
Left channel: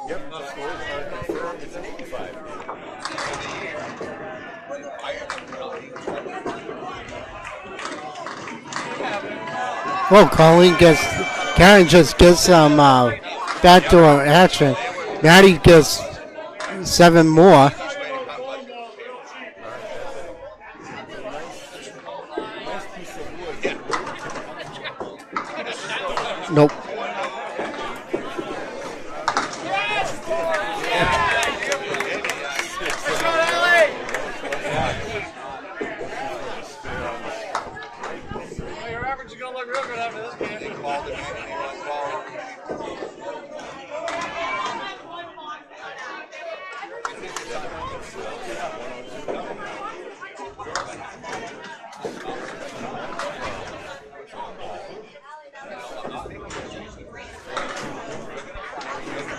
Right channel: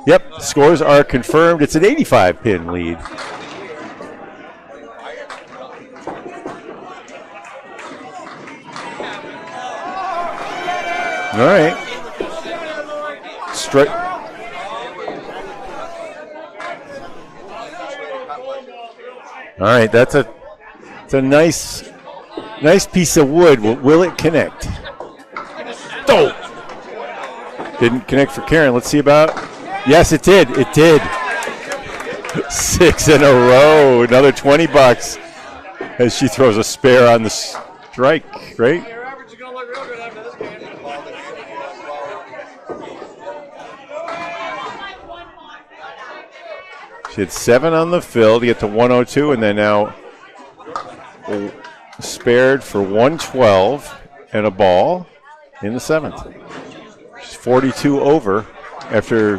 Yep, scores are confirmed. It's an 85-pin lead. Well, Colleen gets. Right. Karen just gets some backdoor action. Maddie gets 7 more. All right, that's a nice piece of wood. Will it connect? Oh, nope. Didn't connect for Karen. Let's see about. Yes, it did. It did. 6 in a row. Another $20 as she throws a spare on the strike, right? She had 7 on the fill to get to 102, and then now spared for 112 and a ball in the 7th. She's 42 over after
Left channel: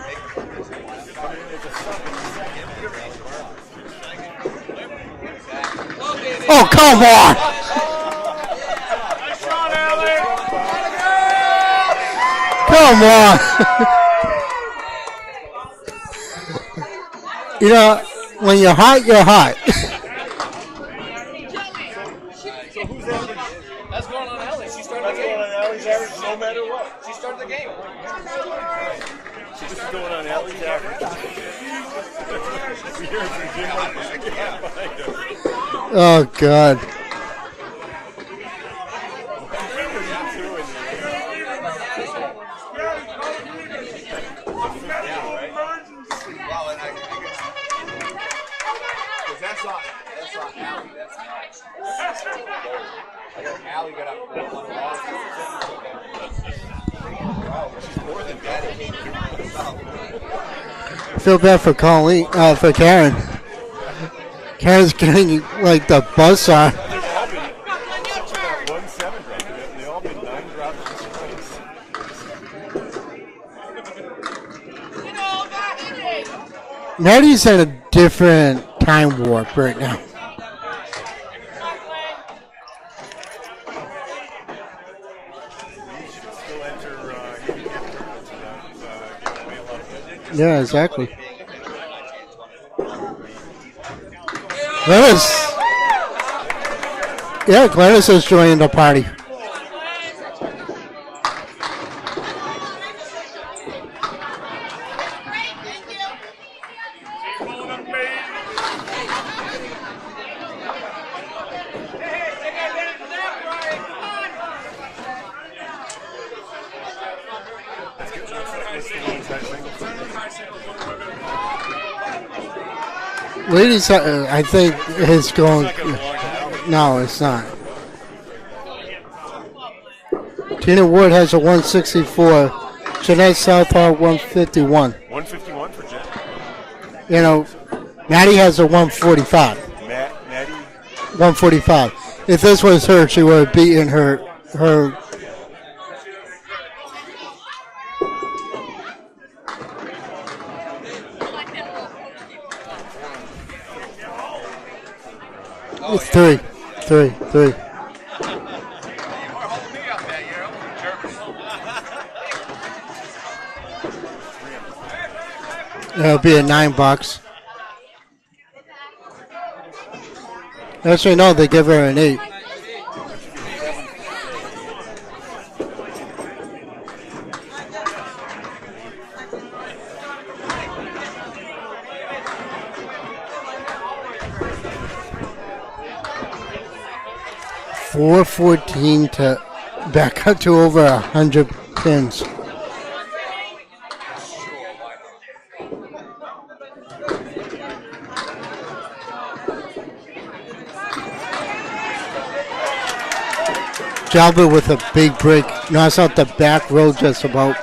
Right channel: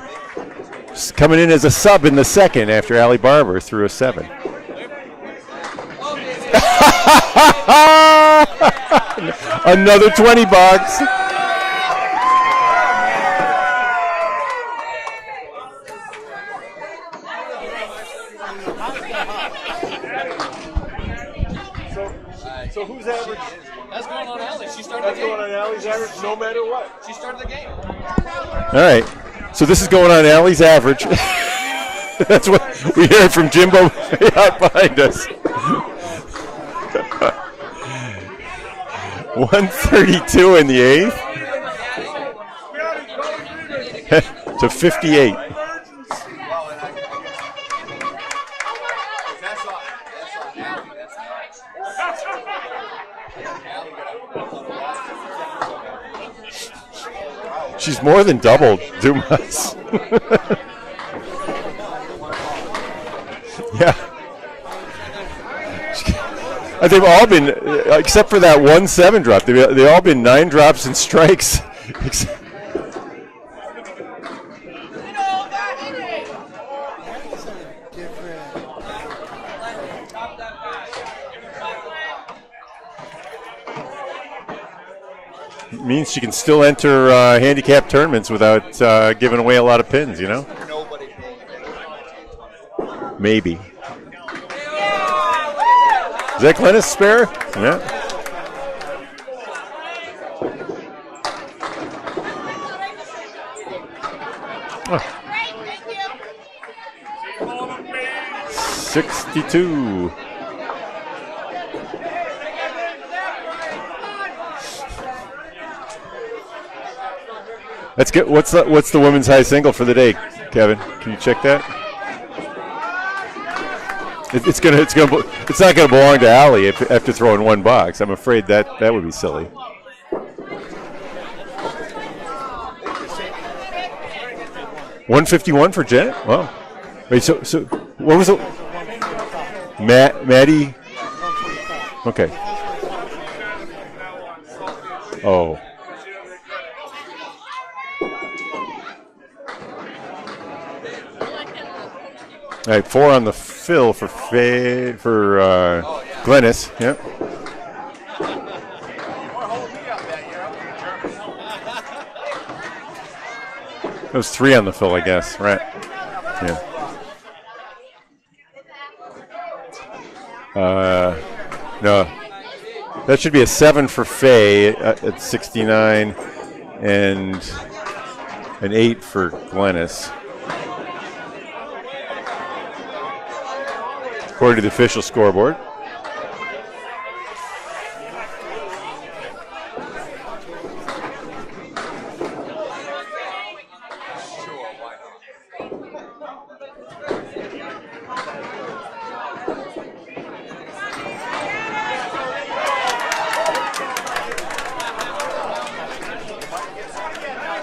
coming in as a sub in the 2nd after Allie Barber threw a 7. Oh, come on! Another 20 bucks. Come on! You know, when you're hot, you're hot. So who's average? That's going on Ellie. She started the That's going game. on Allie's average no matter what. She started the game. All right. So this is going on Allie's average. That's what we heard from Jimbo out behind us. Oh, God. 132 in the 8th. To 58. She's more than doubled Dumas. I feel bad for Colleen, for Karen. Yeah. Karen's getting like the buzzsaw. They've all been, except for that 1-7 drop, they've all been 9 drops and strikes. Maddie's in a different time warp right now. Means she can still enter handicap tournaments without giving away a lot of pins, you know? Yeah, exactly. Maybe. Glennis. Is that Glennis spare? Yeah, Glennis is joining the party. Oh. 62. That's good. What's the women's high single for the day, Kevin? Can you check that? Ladies, I think it's not going to belong to Allie after throwing not. one box. I'm afraid that would be silly. Tina Wood has a 164. Jeanette Southall 151. 151 for Janet? Wow. You know, Maddie has a 145. Maddie? 145. Okay. If this was her, she would have beaten her. Oh. All right, 4 on the fill for Glennis. Yeah. Three. It was 3 on the fill, I guess. Right. It'll be a $9. Actually, no, they give her an 8. That should be a 7 for Faye at 69, and an 8 for Glennis. According to the official scoreboard. 414 to back up to over 100 pins. Jalbert with a big break. Knocks out the back row just about.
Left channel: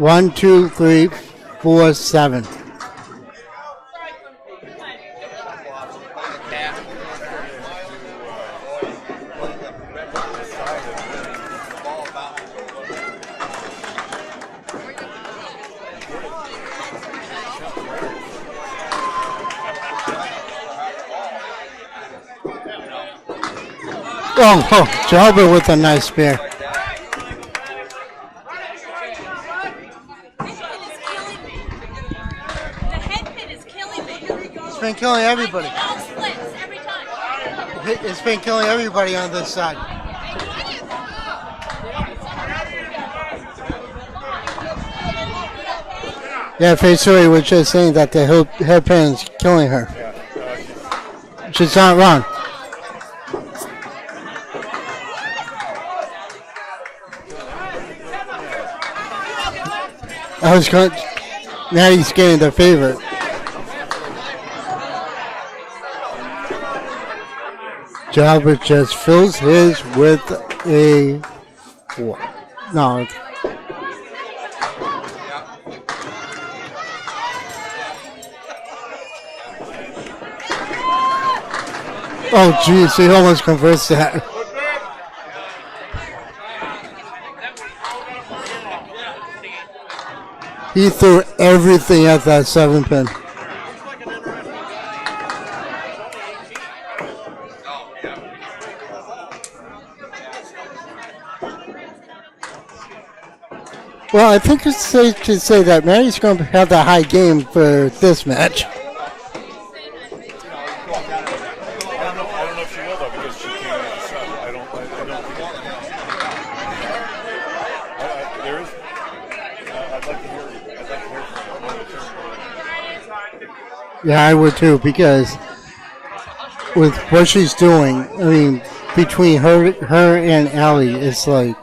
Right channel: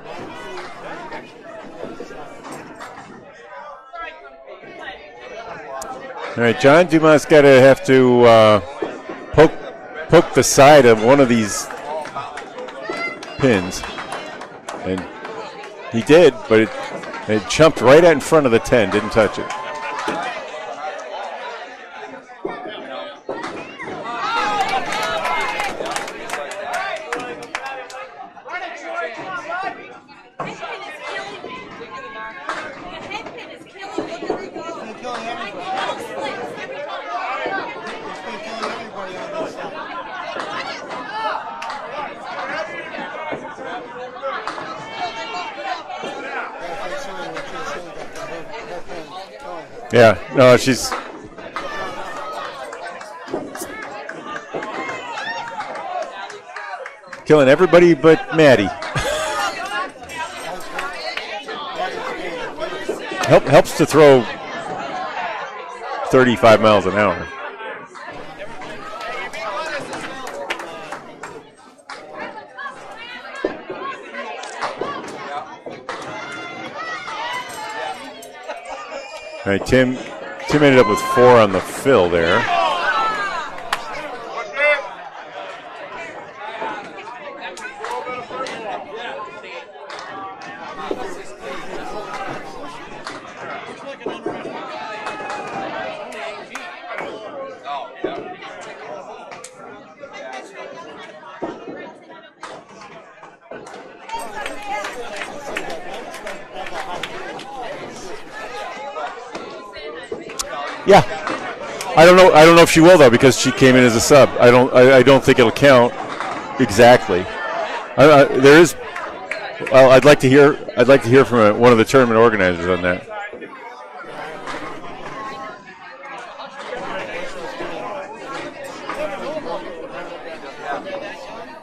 1, 2, 3, 4, 7. All right, John Dumas have to poke the side of one of these pins, and he did, but it jumped right out in front of the 10, didn't touch it. Oh, Jalbert with a nice spare. It's been killing everybody. It's been killing everybody on this side. Yeah, Faisuri was just saying that the hairpin's killing her. Yeah, no, she's not wrong. killing everybody but Maddie. Maddie's getting the favorite. Helps to throw 35 miles an hour. Jalbert just fills his with a 4. No. All right, Tim ended up with 4 on the fill there. Oh, geez, he almost converts that. He threw everything at that 7-pin. Well, I think it's safe to say that Maddie's going to have the high game for this match. Yeah, I don't know if she will though, because she came in as a sub. I don't think it'll count exactly. There is. I'd like to hear from one of the tournament organizers on that. Yeah, I would too, because with what she's doing, I mean, between her and Allie, it's like.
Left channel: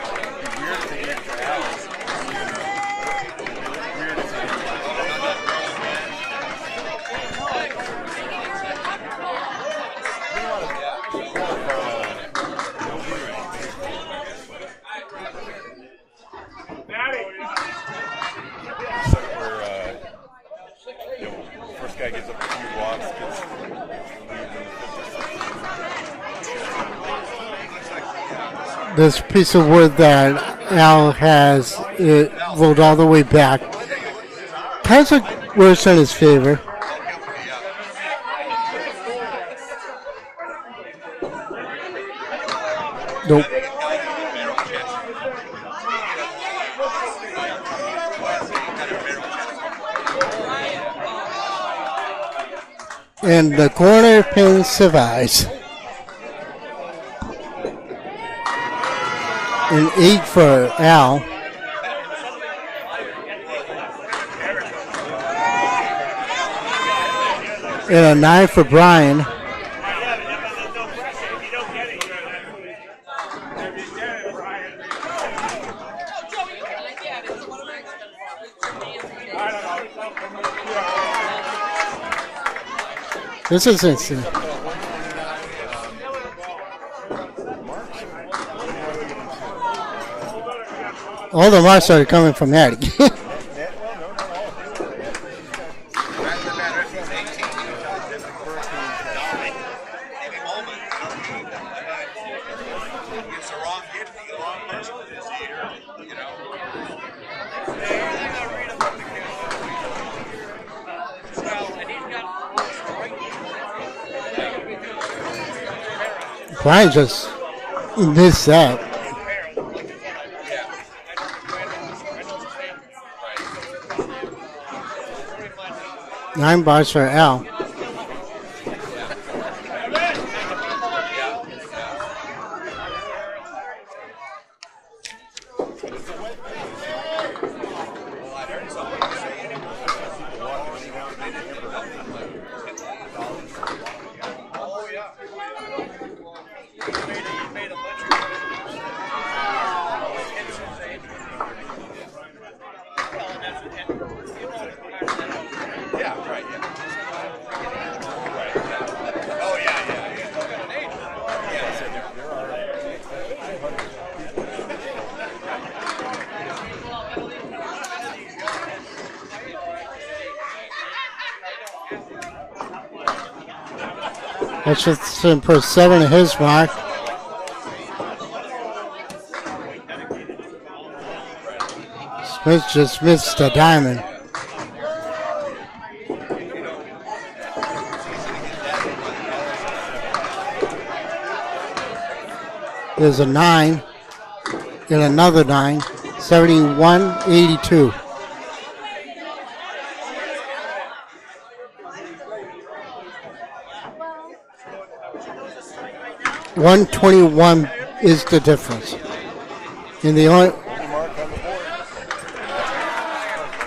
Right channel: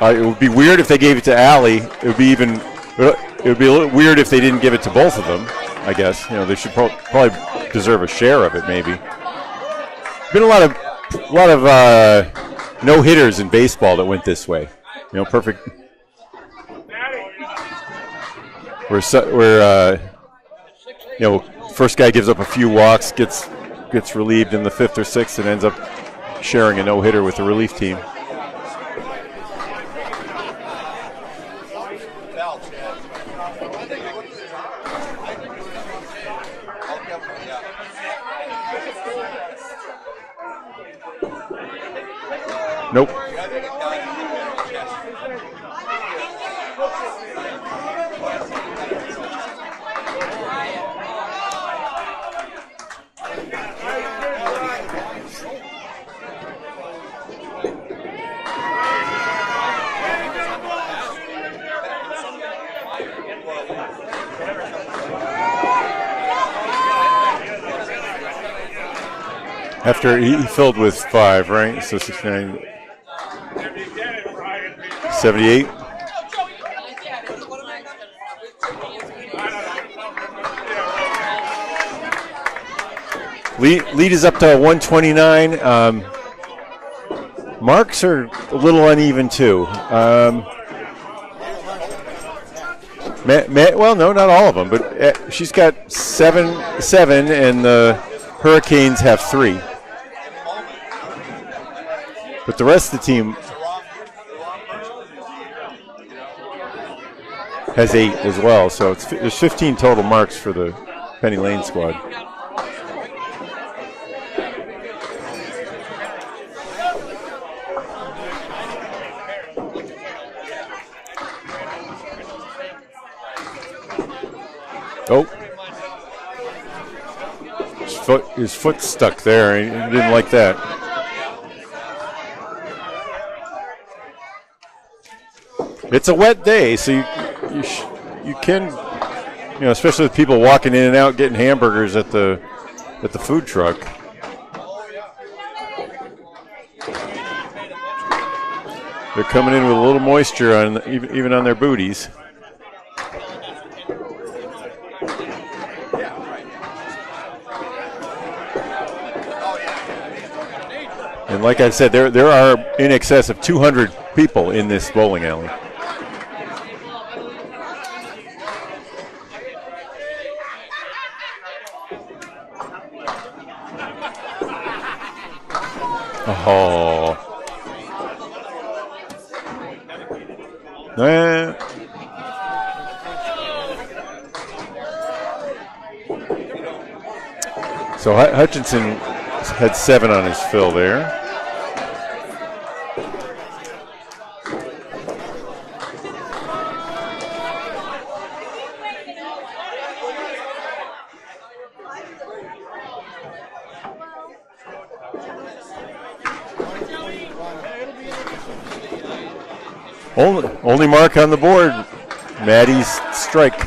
It would be weird if they gave it to Allie. It would be a little weird if they didn't give it to both of them. I guess they should probably deserve a share of it. Maybe. Been a lot of no hitters in baseball that went this way. Perfect. Where first guy gives up a few walks, gets relieved in the 5th or 6th, and ends up sharing a no hitter with the relief team. This piece of wood that Al has rolled all the way back kind of works in his favor. Nope. And the corner pin survives. An 8 for Al. And a 9 for Brian. After he filled with 5, right? So 69, 78. Lead is up to 129. Marks are a little uneven too. All the marks are coming from Maddie. Well, no, not all of them, but she's got 7, and the Hurricanes have 3. But the rest of the team has 8 as well, so there's 15 total marks for the Penny Lane squad. Brian just missed that. Oh. 9 bars for Al. His foot stuck there. He didn't like that. It's a wet day, so you can, especially with people walking in and out getting hamburgers at the food truck. They're coming in with a little moisture on even on their booties. And like I said, there are in excess of 200 people in this bowling alley. That's just put 7 in his mark. Smith just missed the diamond. So Hutchinson had 7 on his fill there. There's a 9 and another 9. 71-82. $121 is the difference. And the only mark on the board, Maddie's strike.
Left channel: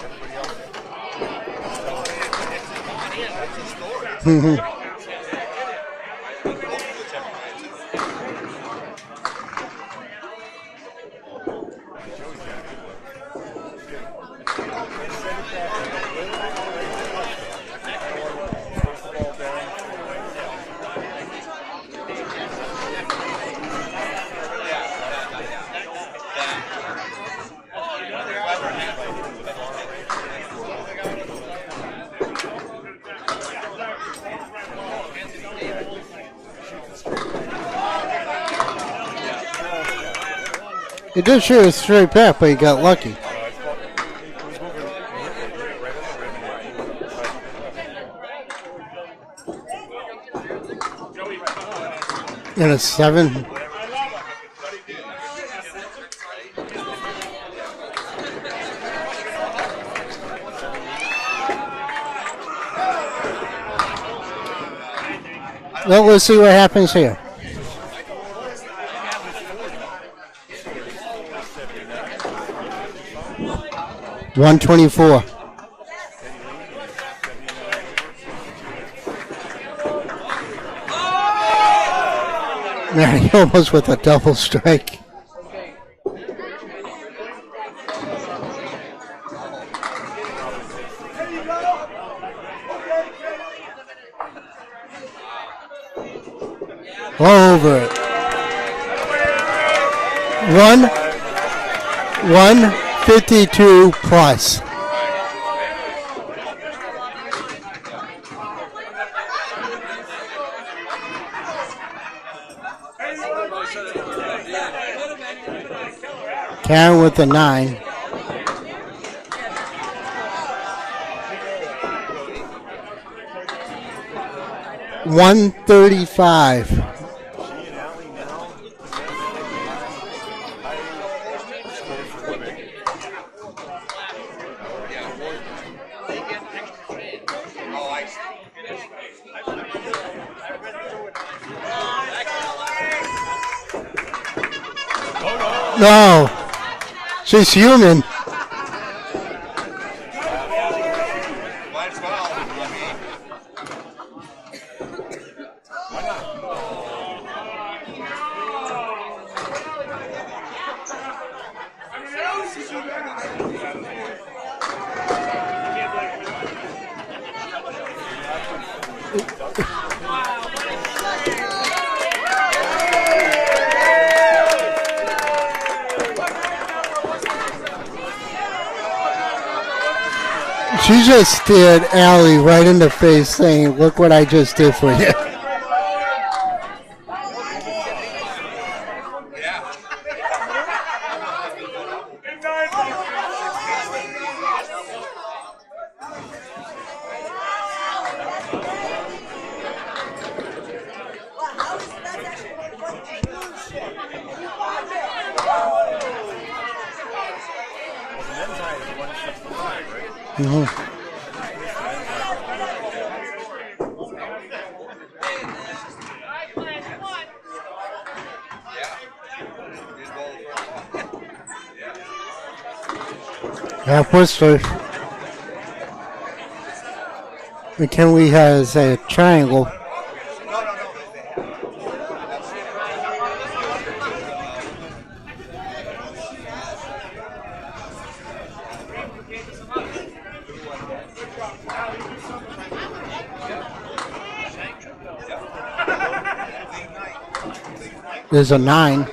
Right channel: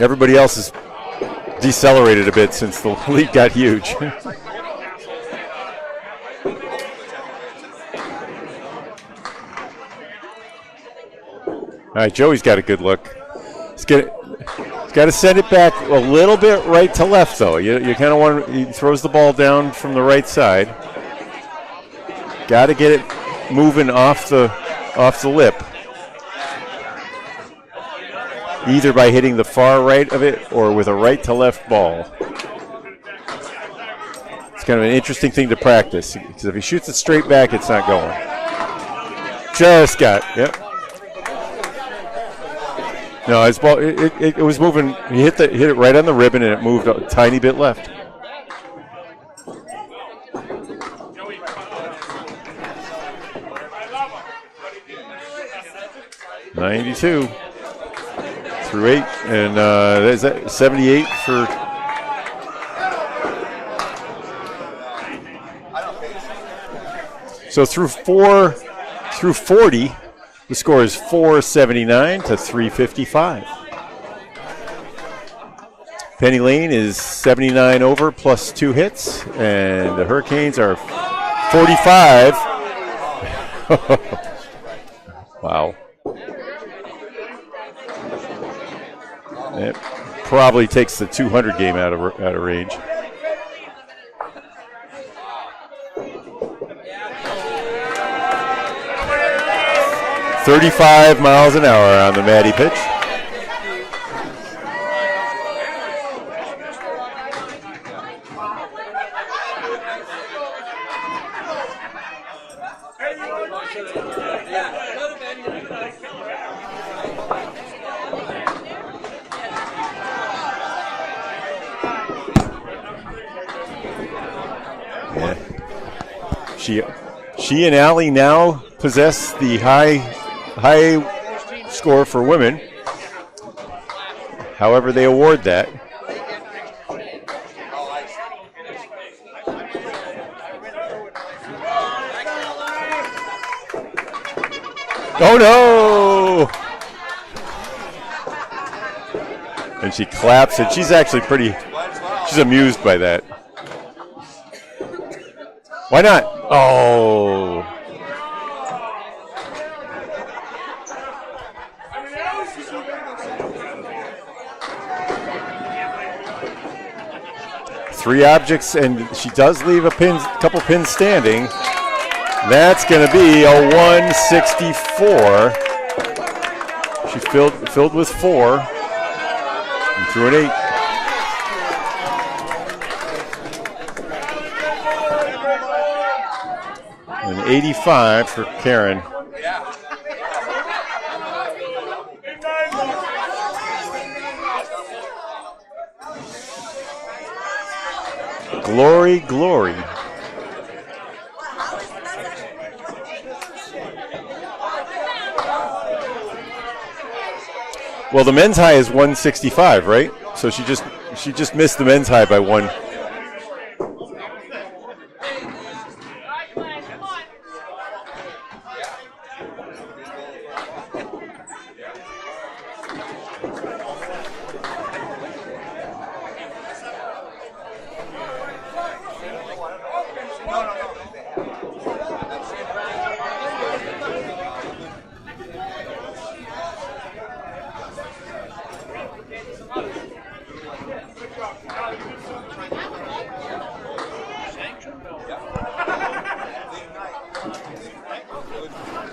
Everybody else has decelerated a bit since the lead got huge. All right, Joey's got a good look. He's got to send it back a little bit right to left, though. You kind of want. He throws the ball down from the right side. Got to get it moving off the lip, either by hitting the far right of it or with a right to left ball. It's kind of an interesting thing to practice, because if he shoots it straight back, it's not going. Just got, yep. He did shoot it straight back, but he got lucky. No, his ball, it was moving. He hit it right on the ribbon, and it moved a tiny bit left. And a 7. 92 through 8, and is that 78 for? Well, let's see what happens here. So through 40, the score is 479 to 355. 124. Penny Lane is 79 over plus 2 hits, and the Hurricanes are 45. Yeah, he almost with a double strike. Wow. It probably takes the 200 game out of range. Over. 35 miles an hour on the Matty pitch. 152 plus. Karen with the 9. $135. She and Allie now possess the high score for women. However, they award that. Oh no! No, she's human. And she claps, and she's actually she's amused by that. Why not? Oh. Three objects, and she does leave a couple pins standing. That's going to be a 164. She filled with 4. And threw an 8. She just stared Allie right in the face saying, look what I just did for you. An 85 for Karen. Glory, glory. Well, the men's high is 165, right? So she just missed the men's high by 1. Half Worcester. McKinley has a triangle. There's a 9.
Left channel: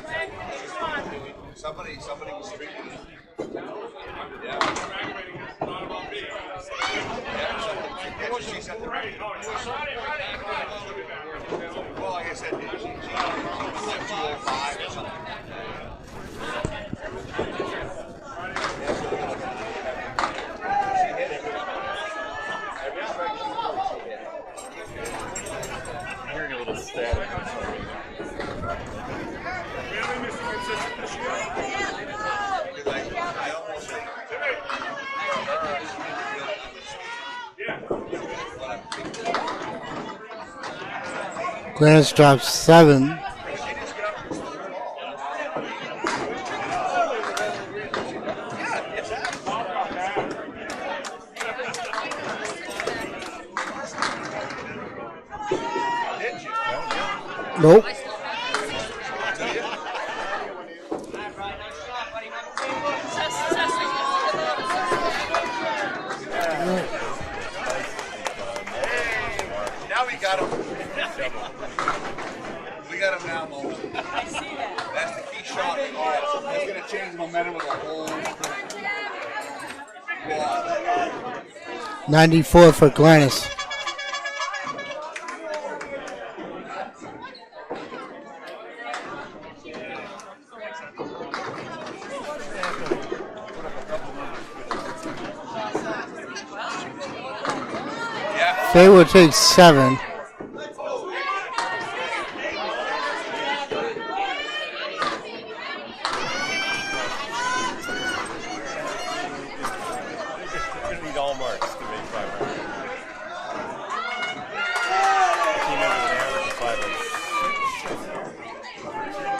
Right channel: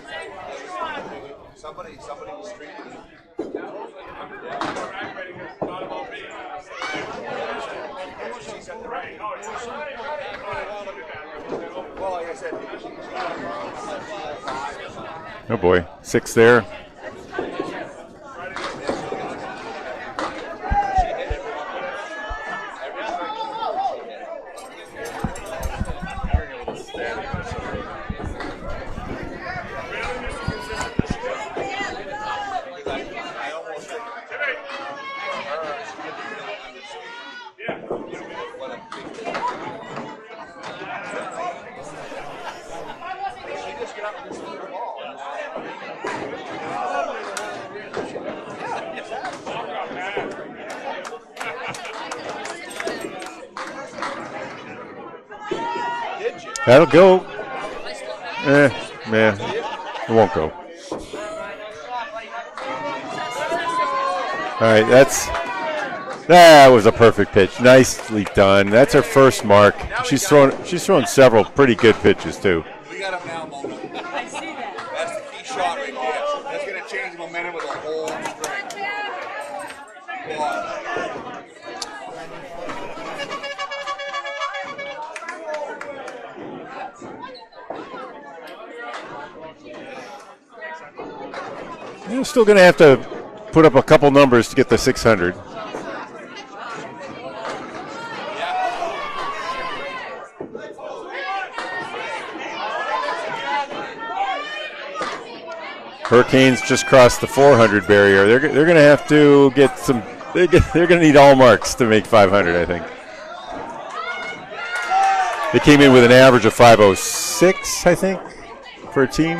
Oh boy, 6 there. Hearing a little static or something. Clarence drops 7. That'll go. Nope. It won't go. All right, that was a perfect pitch. Nicely done. That's her first mark. She's thrown several pretty good pitches too. We got him now, Mo. I see that. That's the key shot right there. That's going to change the momentum of the whole string. 94 for Glennis. You're still going to have to put up a couple numbers to get the 600. They will take 7. Hurricanes just crossed the 400 barrier. They're going to have to get some. They're going to need all marks to make 500, I think. They came in with an average of 506, I think, for a team.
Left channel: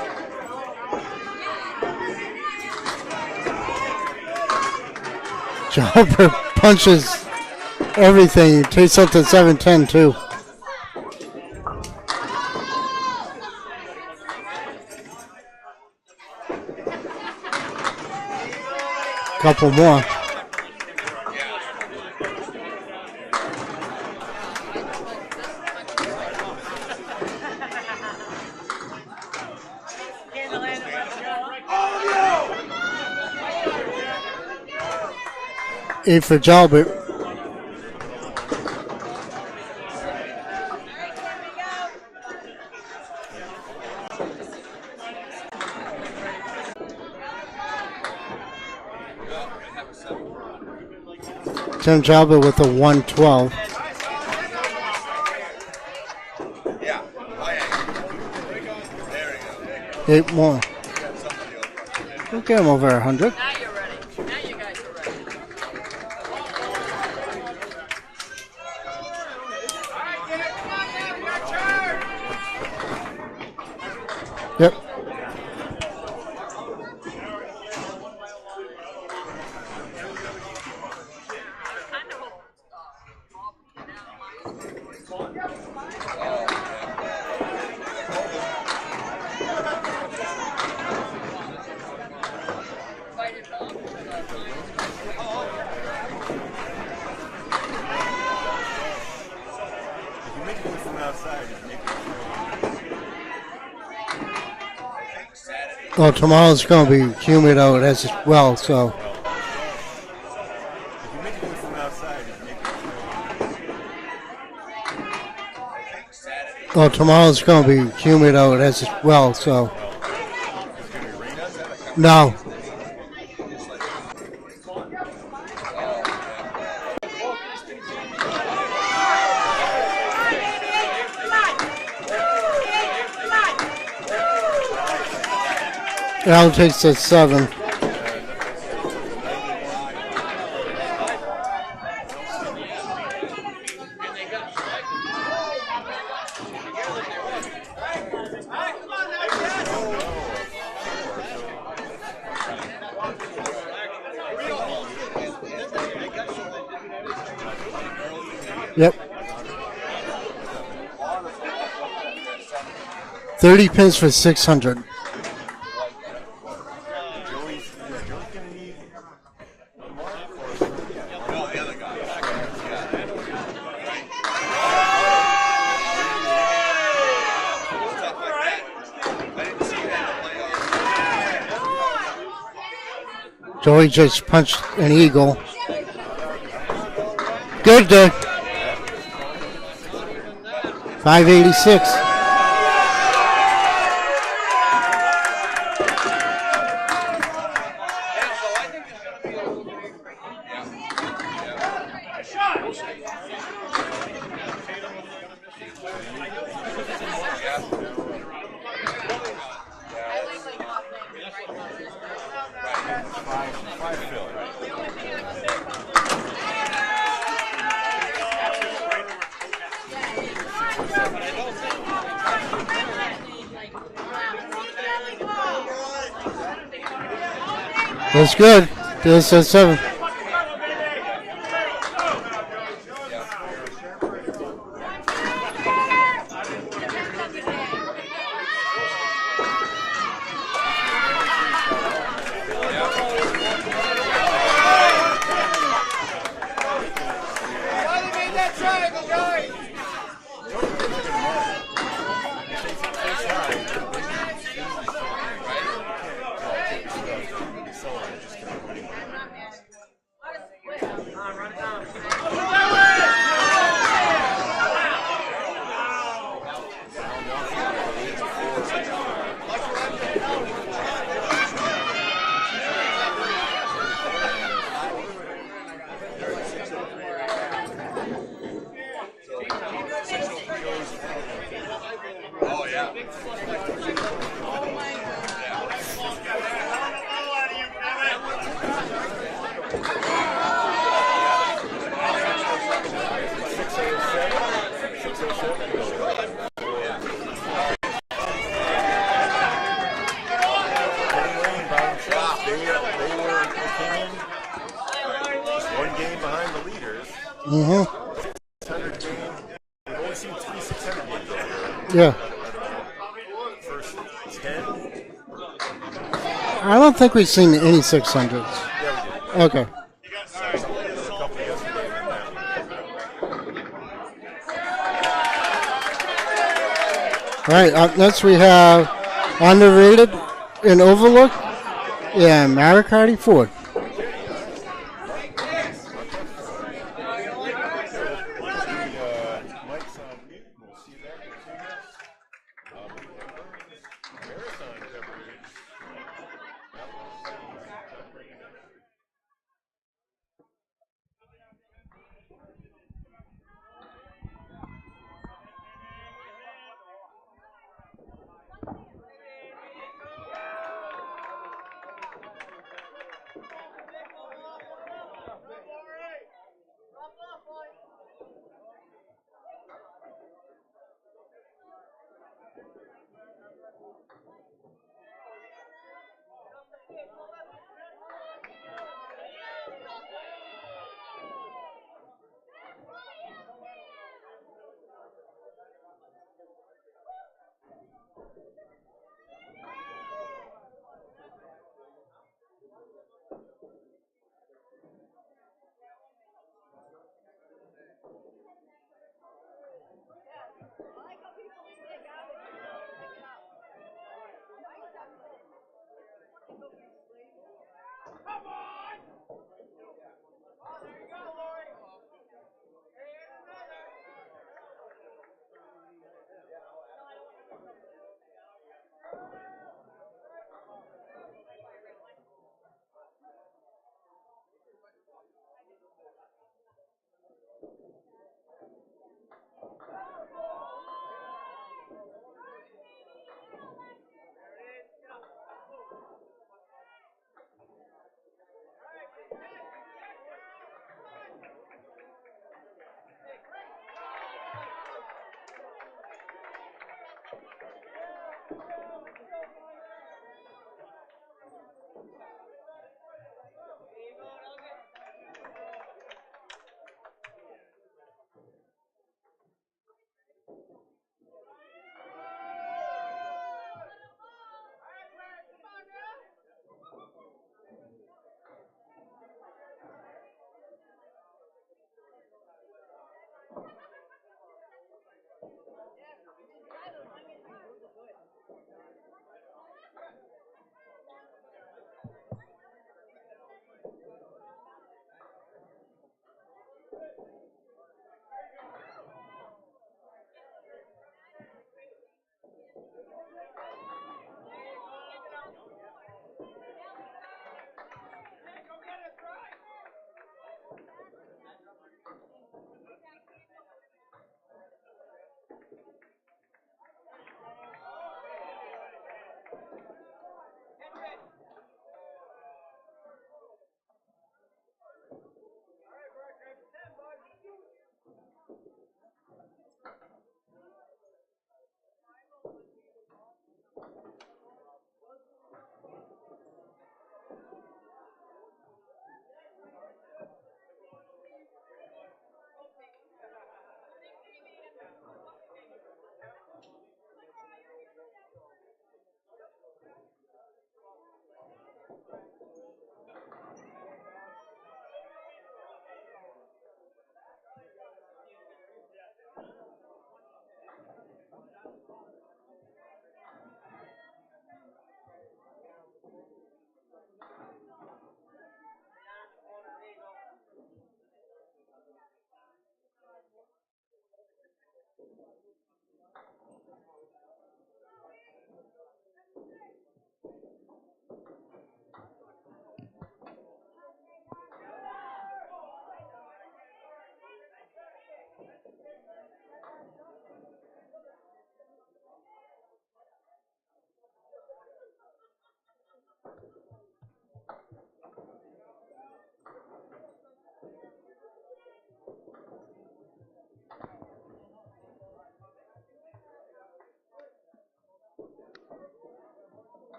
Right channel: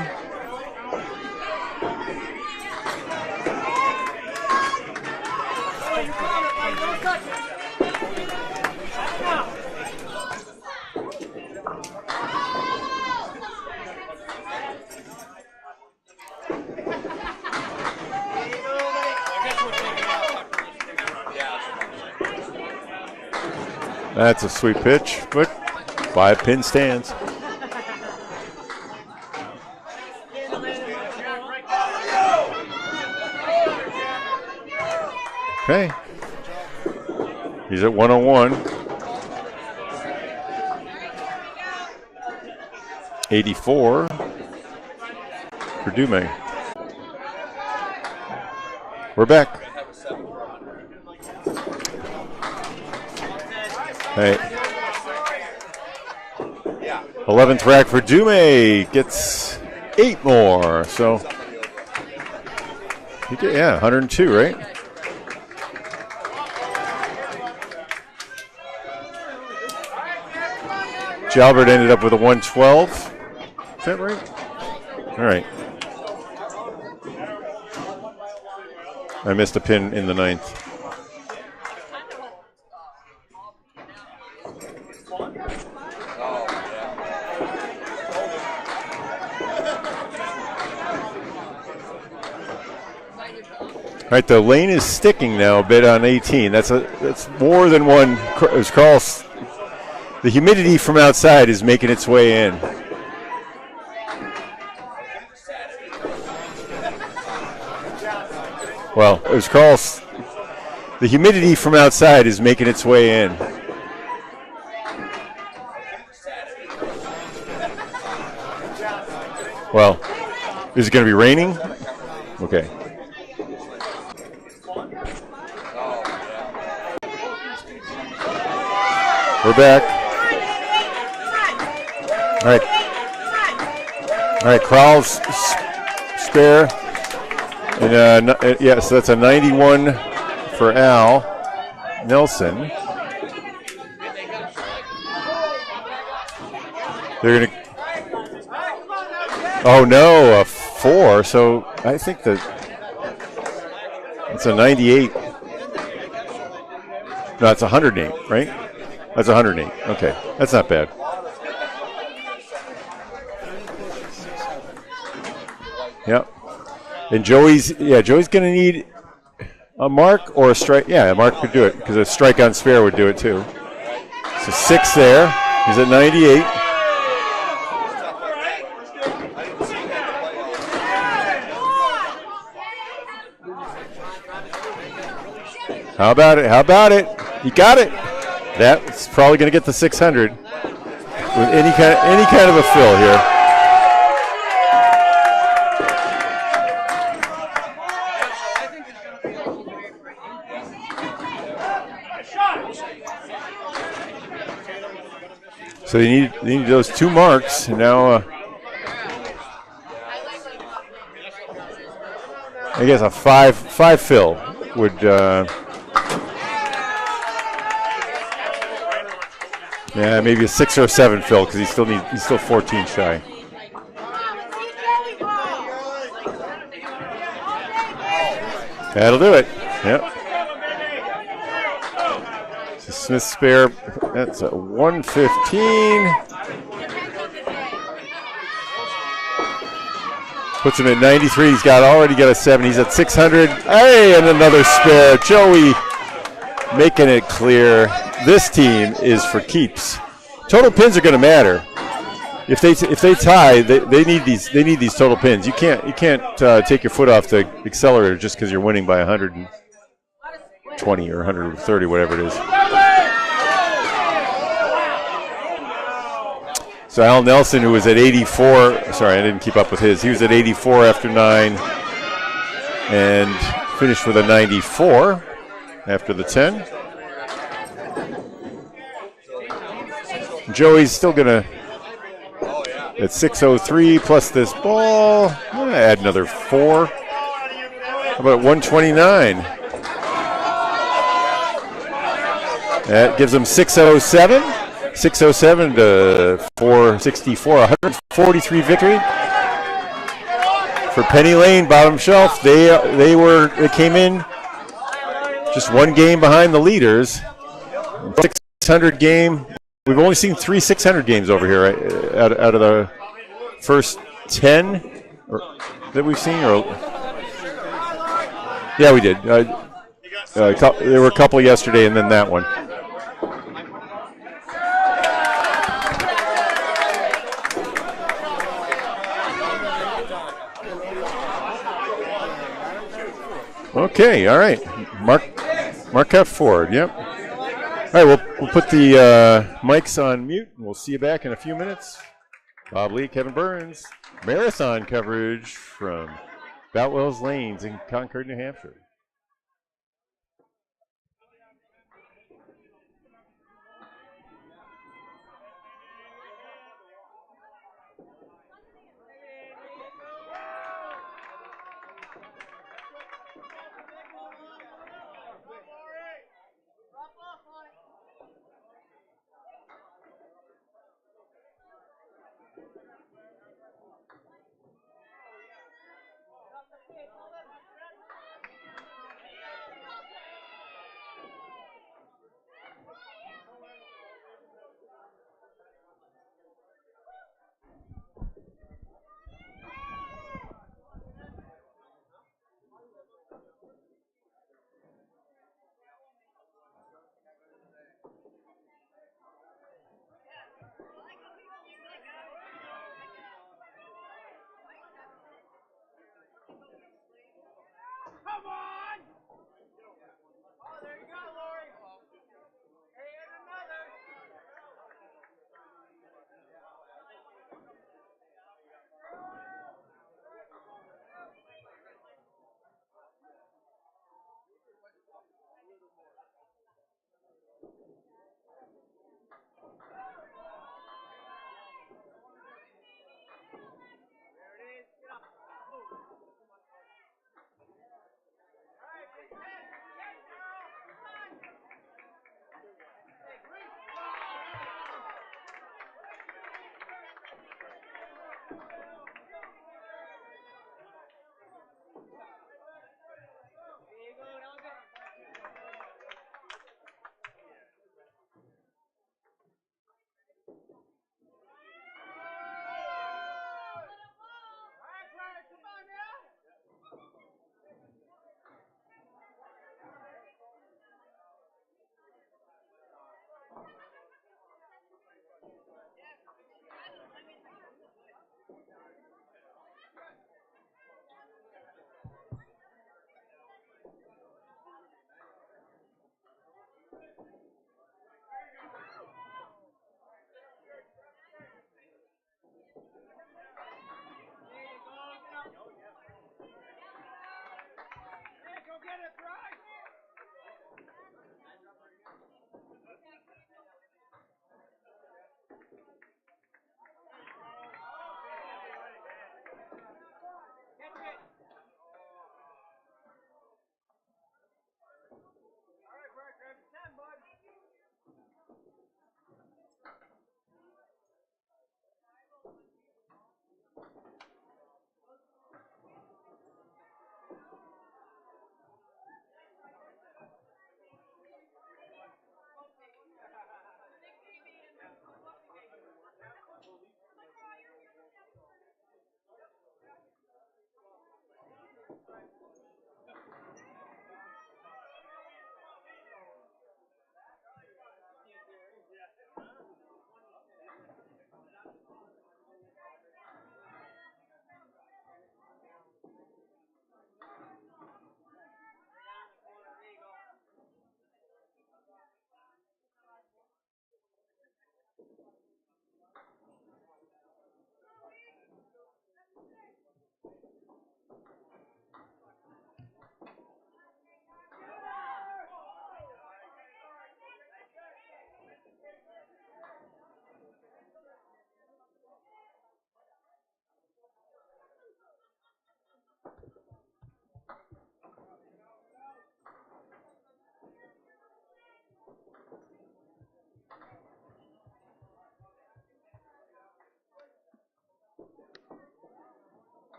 Jobber punches everything. He takes up to 710 too. Couple more. That's a sweet pitch, but 5-pin stands. Okay. 8 for Jalbert. He's at 101. 84 for Dume. We're back. Tim Jalbert with a 112. Hey. 11th rack for Dume. Gets 8 more. So we'll get him over 100. Yeah, 102, right? Jalbert ended up with a 112. Is that right? Yep. All right. I missed a pin in the 9th. All right, the lane is sticking now a bit on 18. That's more than one. As Carl, the humidity from outside is making its way in. Well, tomorrow's going to be humid out as well, so. Well, as Carl, the humidity from outside is making its way in. Well, tomorrow's going to be humid out as well, so. Well, is it going to be raining? No. Okay. We're back. All right. All right, Crowell's Al spare. takes a 7. And yes, that's a 91 for Al Nelson. They're gonna. Oh no, a 4. So I think that it's a 98. No, it's 108, right? Yep. That's 108. Okay, that's not bad. 30 pins for 600. Yep. And Joey's going to need a mark or a strike. Yeah, a mark could do it because a strike on spare would do it too. So 6 there. He's at 98. Joey just punched an eagle. How about it? How about it? You got it. Good. That's probably going to get the 600. 586. Any kind of a fill here. So they need those 2 marks, and now I guess a 5 fill would. Yeah, maybe a 6 or a 7 fill because he's still 14 shy. That's good. That'll do it. 7. Yep. Smith spare. That's a 115. Puts him at 93. He's already got a 7. He's at 600. Hey, and another spare. Joey making it clear this team is for keeps. Total pins are going to matter. if they tie, they need these total pins. You can't take your foot off the accelerator just because you're winning by 120 or 130, whatever it is. So Al Nelson, who was at 84, sorry, I didn't keep up with his. He was at 84 after 9 and finished with a 94 after the 10. Joey's still going to, at 6:03 plus this ball, I'm gonna add another 4. How about 129? That gives him 6:07. 6:07 to 464. 143 victory for Penny Lane, bottom shelf. They came in just one game behind the leaders. 600 game. We've only seen 3 600 games over here, right? Yeah. Out of the first 10 that we've seen? Or? I don't think we've seen any 600s. Yeah, we did. Okay. There were a couple yesterday and then that one. All right, up next we have underrated and overlooked. Yeah, Maricardi Ford. Okay, all right. Marquette Ford, yep. All right, we'll put the mics on mute. We'll see you back in a few minutes. Bob Lee, Kevin Burns, marathon coverage from Boutwell's Lanes in Concord, New Hampshire.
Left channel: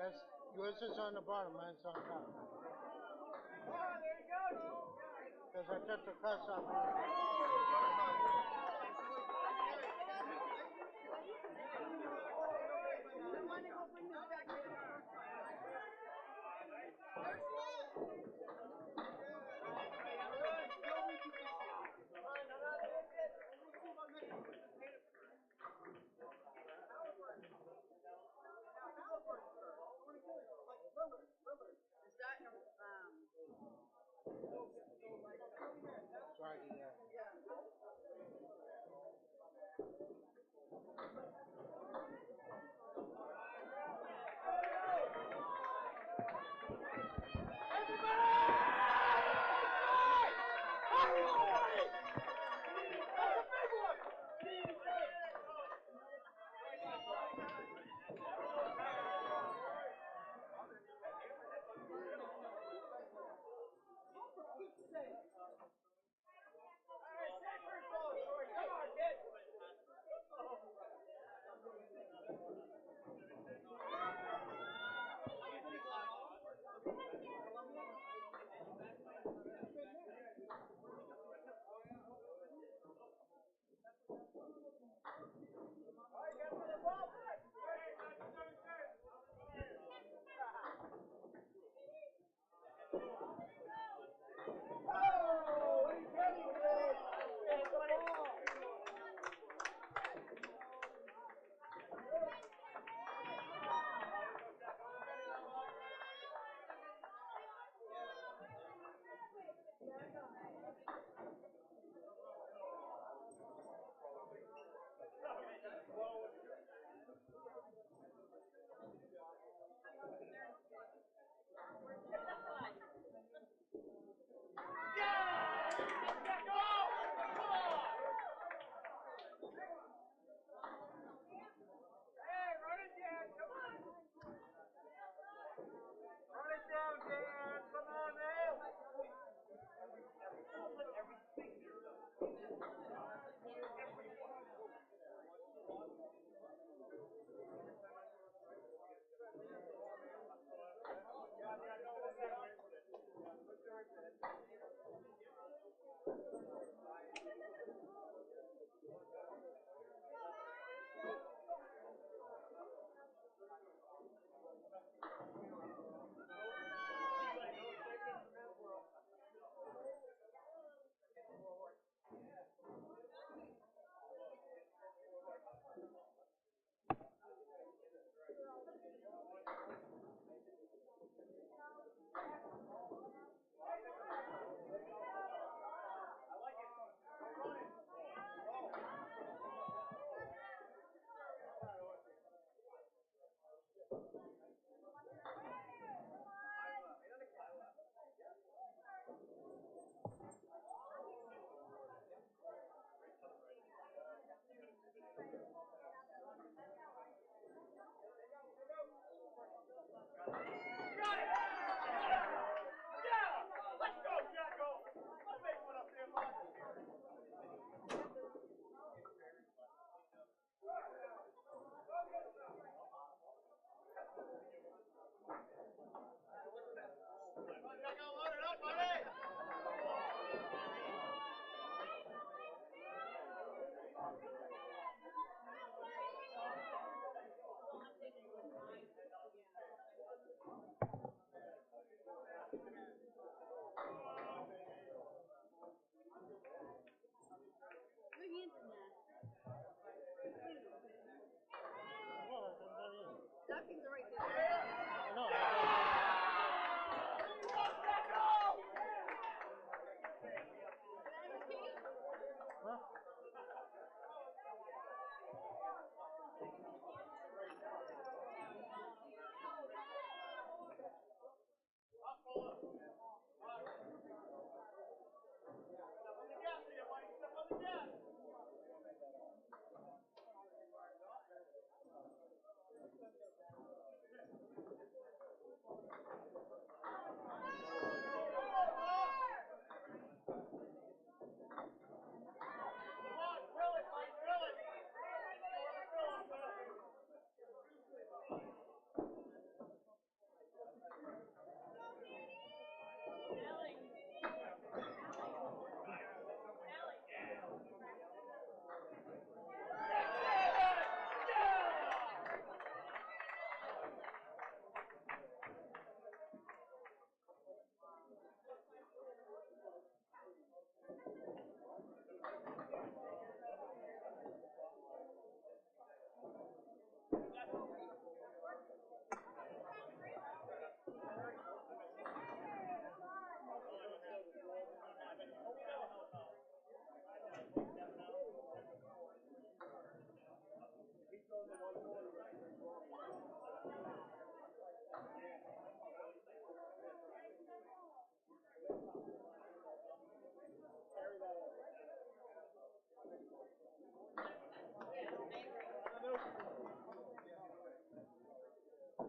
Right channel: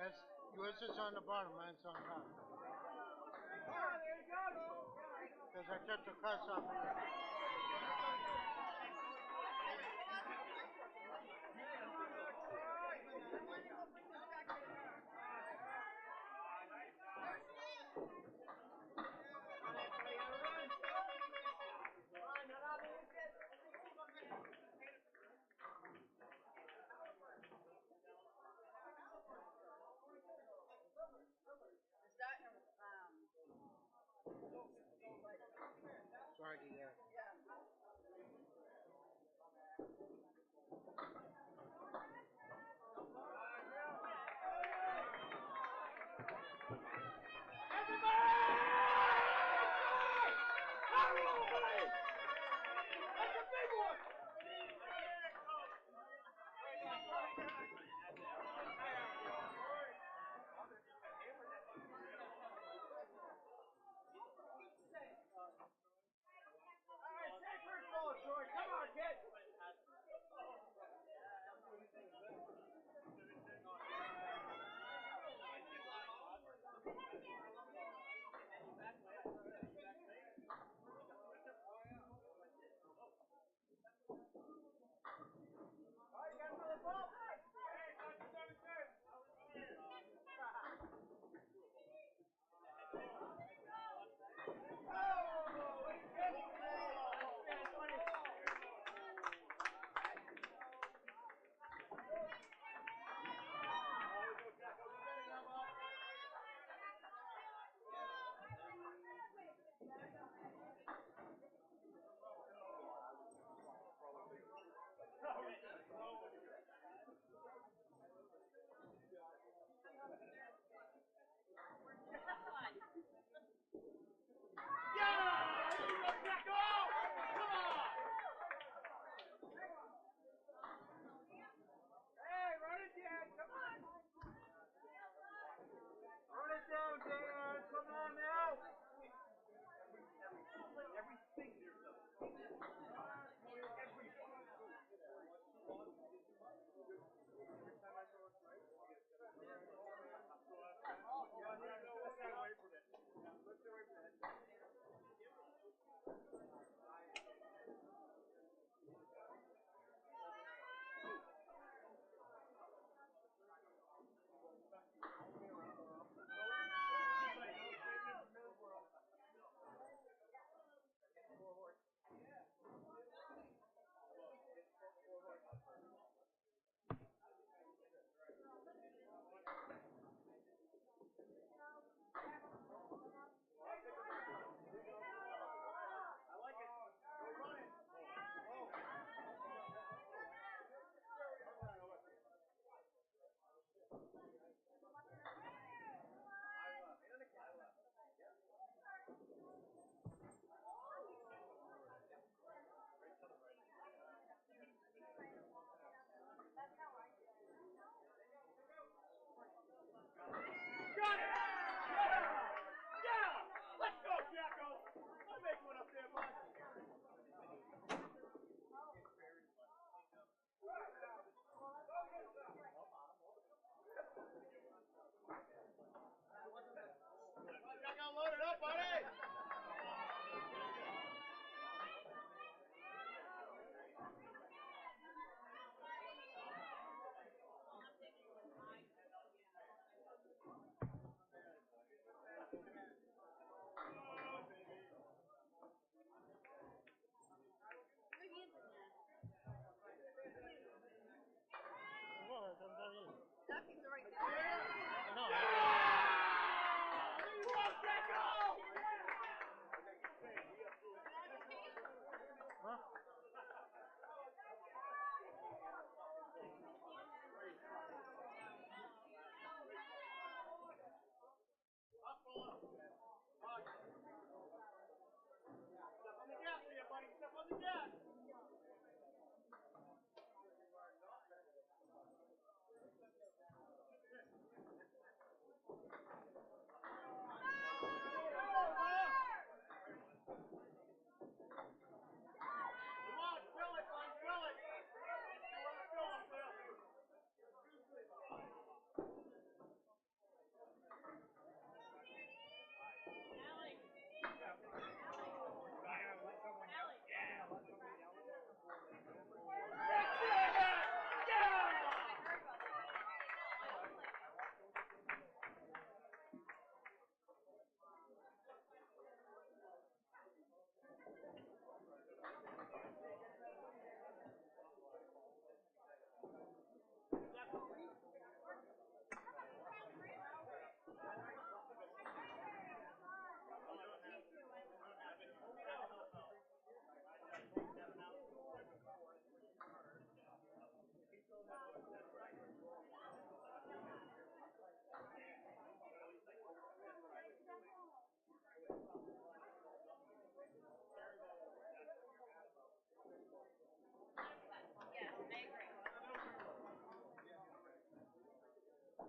That's, yours is on the bottom, mine's on top. Because I took the cuts off of Is that Friday, yeah.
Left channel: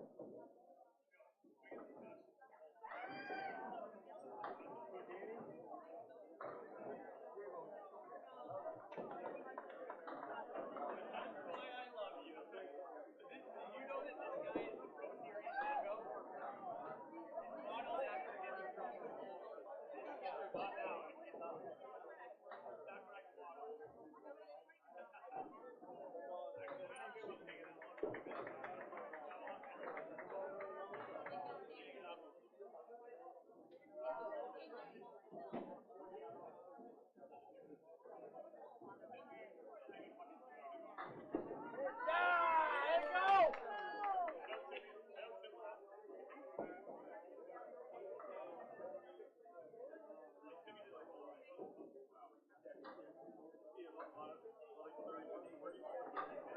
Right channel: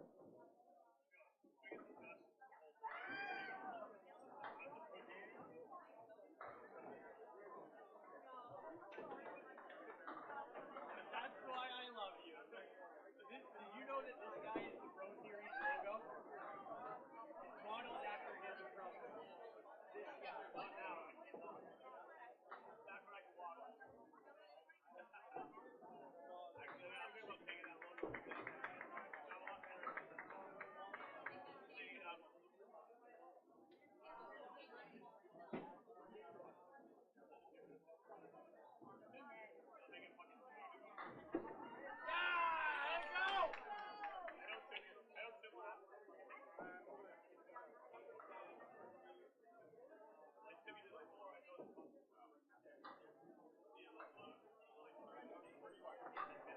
That's why I love you. You know that this guy is the Pro Series lingo? Ronald after him in front of him. This guy. Not now. That's right.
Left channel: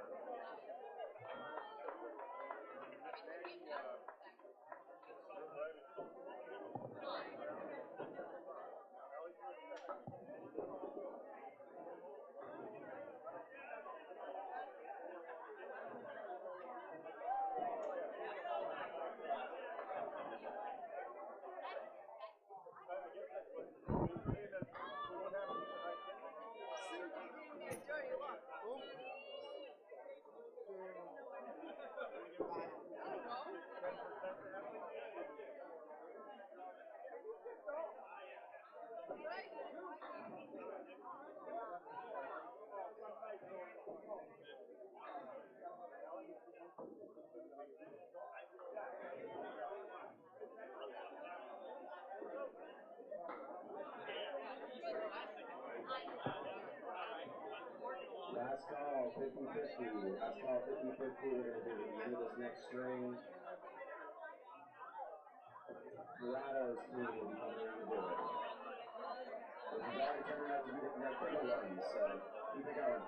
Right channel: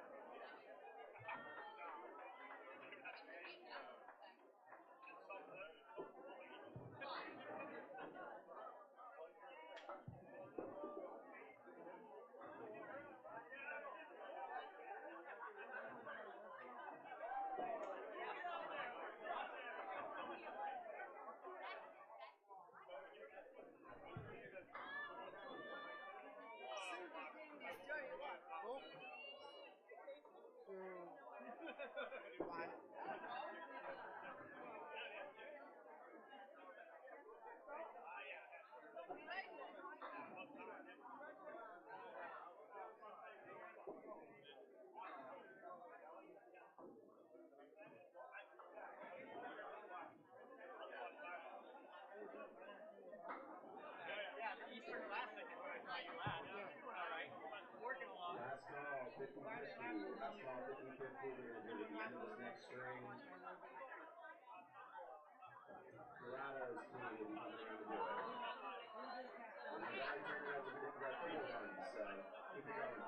Let's go! Last call, 50-50. Last call, 50-50. We're going to do the end of this next string. Dorado's team will be coming around to do it. Which is already turning out to be the triple one, so keep it going.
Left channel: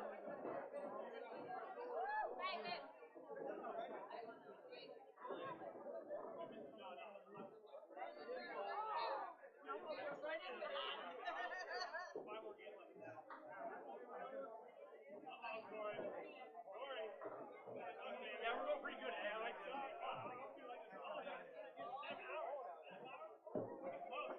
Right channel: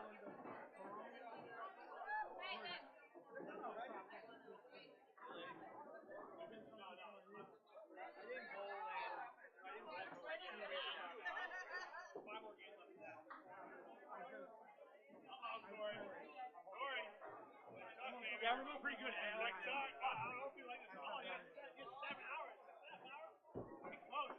Yeah, we're going pretty good. I like that. I don't know if you like this. Oh, yeah. It's 7 hours. Pretty close.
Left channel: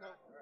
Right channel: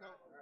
No.